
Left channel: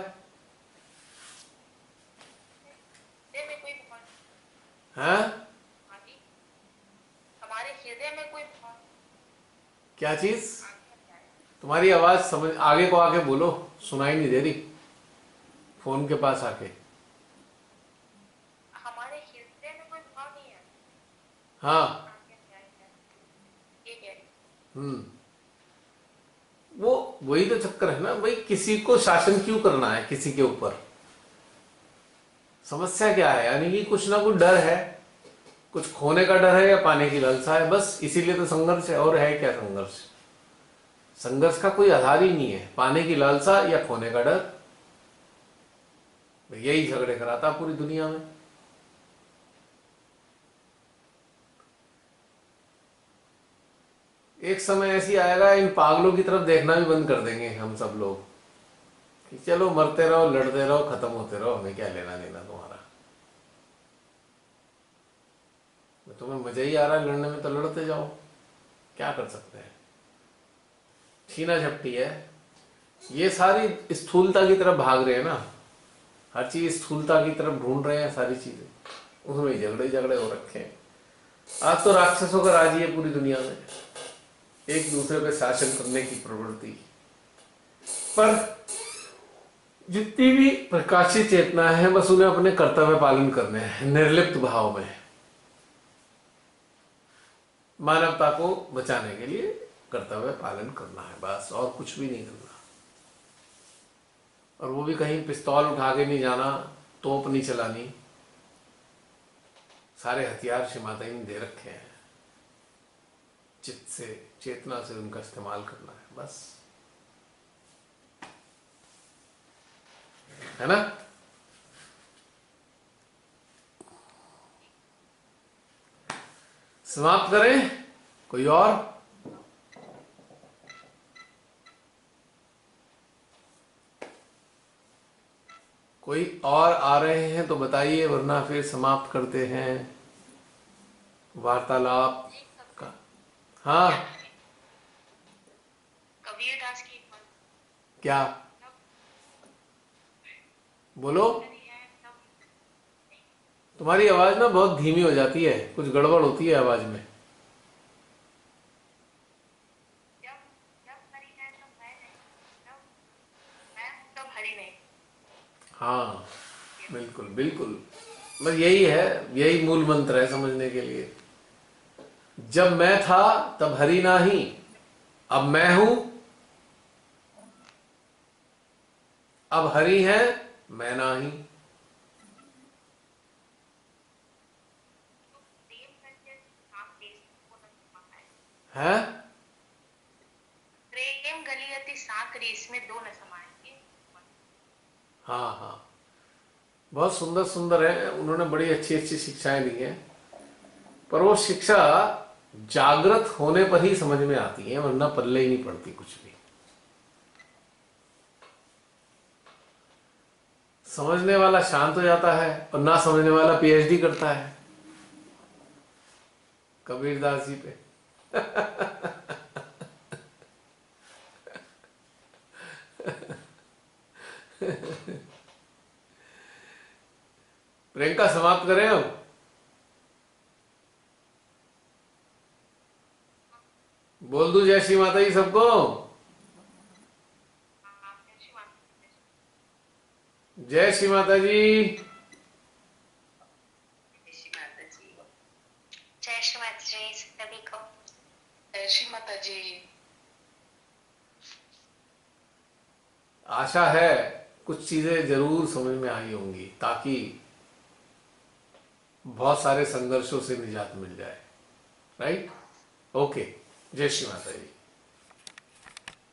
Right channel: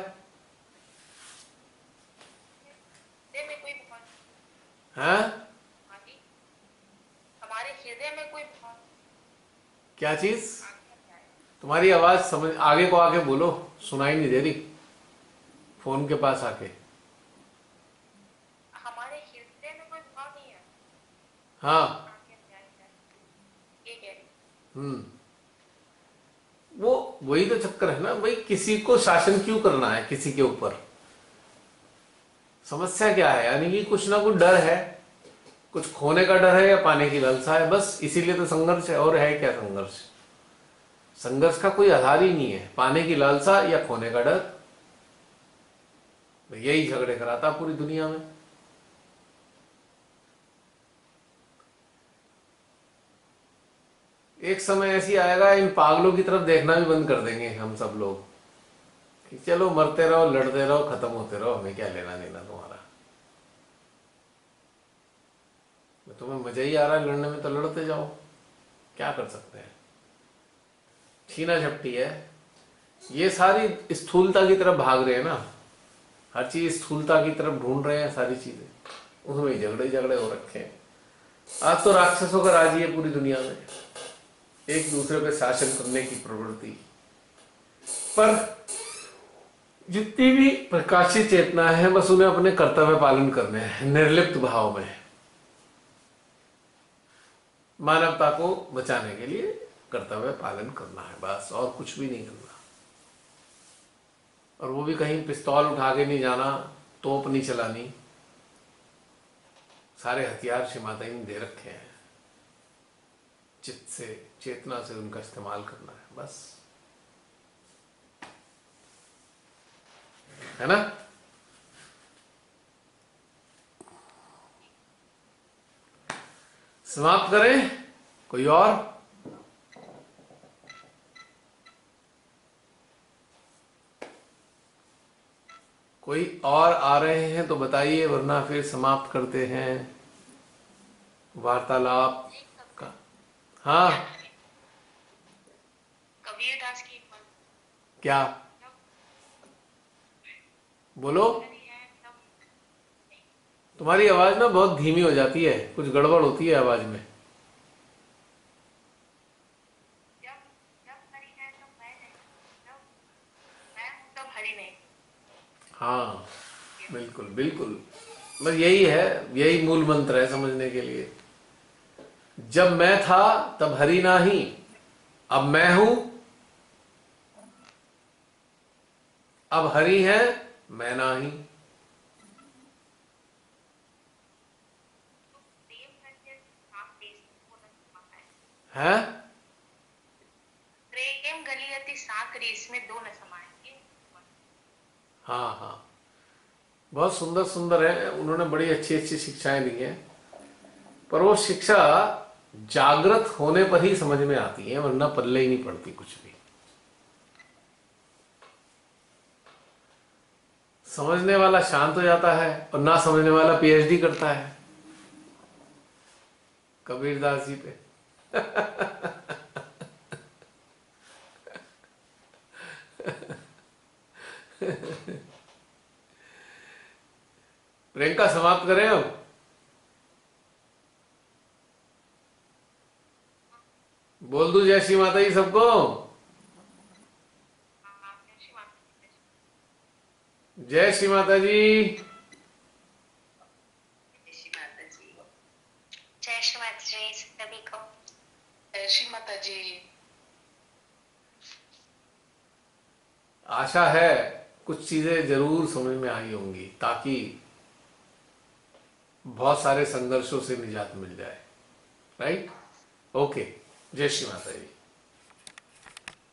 हृदय में कोई भगवान, हैं? हाँ जी, हमारे हृदय में कोई भगवान क्या चीज? आज्ञा क्या है। तुम्हारी आवाज समझ, आगे को आके बोलो, सुनाई नहीं दे रही फोन के पास आके। हमारे हृदय में कोई भाव नहीं है, हाँ। आज्ञा क्या है, ये कह रही। हम्म। वो वही तो चक्कर है ना भाई, किसी को शासन क्यों करना है किसी के ऊपर? समस्या क्या है? यानी कि कुछ ना कुछ डर है, कुछ खोने का डर है या पाने की लालसा है, बस इसीलिए तो संघर्ष है। और है क्या संघर्ष? संघर्ष का कोई आधार ही नहीं है, पाने की लालसा या खोने का डर, यही झगड़े कराता पूरी दुनिया में। एक समय ऐसी आएगा, इन पागलों की तरफ देखना भी बंद कर देंगे हम सब लोग कि चलो मरते रहो, लड़ते रहो, खत्म होते रहो, हमें क्या लेना देना तुम्हारा। तुम्हें मजा ही आ रहा है लड़ने में तो लड़ते जाओ, क्या कर सकते हैं। छीना झपटी है ये, सारी स्थूलता की तरफ भाग रहे हैं ना, हर चीज स्थूलता की तरफ ढूंढ रहे हैं, सारी चीजें उसमें ही झगड़े झगड़े हो रखे हैं। आज तो राक्षसों का राज ही है पूरी दुनिया में, एक दूसरे पे शासन करने की प्रवृत्ति। पर जितनी भी प्रकाशित चेतना है, बस उन्हें अपने कर्तव्य पालन करने हैं, निर्लिप्त भाव में मानवता को बचाने के लिए कर्तव्य पालन करना है, बस और कुछ भी नहीं करना। और वो भी कहीं पिस्तौल उठा के नहीं जाना, तोप नहीं चलानी, सारे हथियार श्री माता जी ने दे रखे हैं, चित्त से चेतना से उनका इस्तेमाल करना है, बस, है ना। समाप्त करें? कोई और? कोई और आ रहे हैं तो बताइए, वरना फिर समाप्त करते हैं वार्तालाप का। हाँ, कबीरदास की एक बात। क्या बोलो? तुम्हारी आवाज ना बहुत धीमी हो जाती है, कुछ गड़बड़ होती है आवाज में। हाँ बिल्कुल बिल्कुल, बस यही है, यही मूल मंत्र है समझने के लिए। जब मैं था तब हरि नाही, अब मैं हूं, अब हरि है मैं नाही। है प्रेम गलियति साकरी, इसमें दो न समाएंगे। हाँ हाँ, बहुत सुंदर सुंदर है, उन्होंने बड़ी अच्छी अच्छी शिक्षाएं दी हैं, पर वो शिक्षा जागृत होने पर ही समझ में आती है, वरना पल्ले ही नहीं पड़ती कुछ भी। समझने वाला शांत हो जाता है और ना समझने वाला पीएचडी करता है कबीरदास जी पे। प्रियंका समाप्त करें अब? बोल दूं जय श्री माता जी सबको? जय श्री माता जी। जय श्री माता जी। जय श्री माता जी सभी को। जय श्री माता जी। आशा है कुछ चीजें जरूर समझ में आई होंगी, ताकि बहुत सारे संघर्षों से निजात मिल जाए। राइट? ओके, जय श्री माता जी।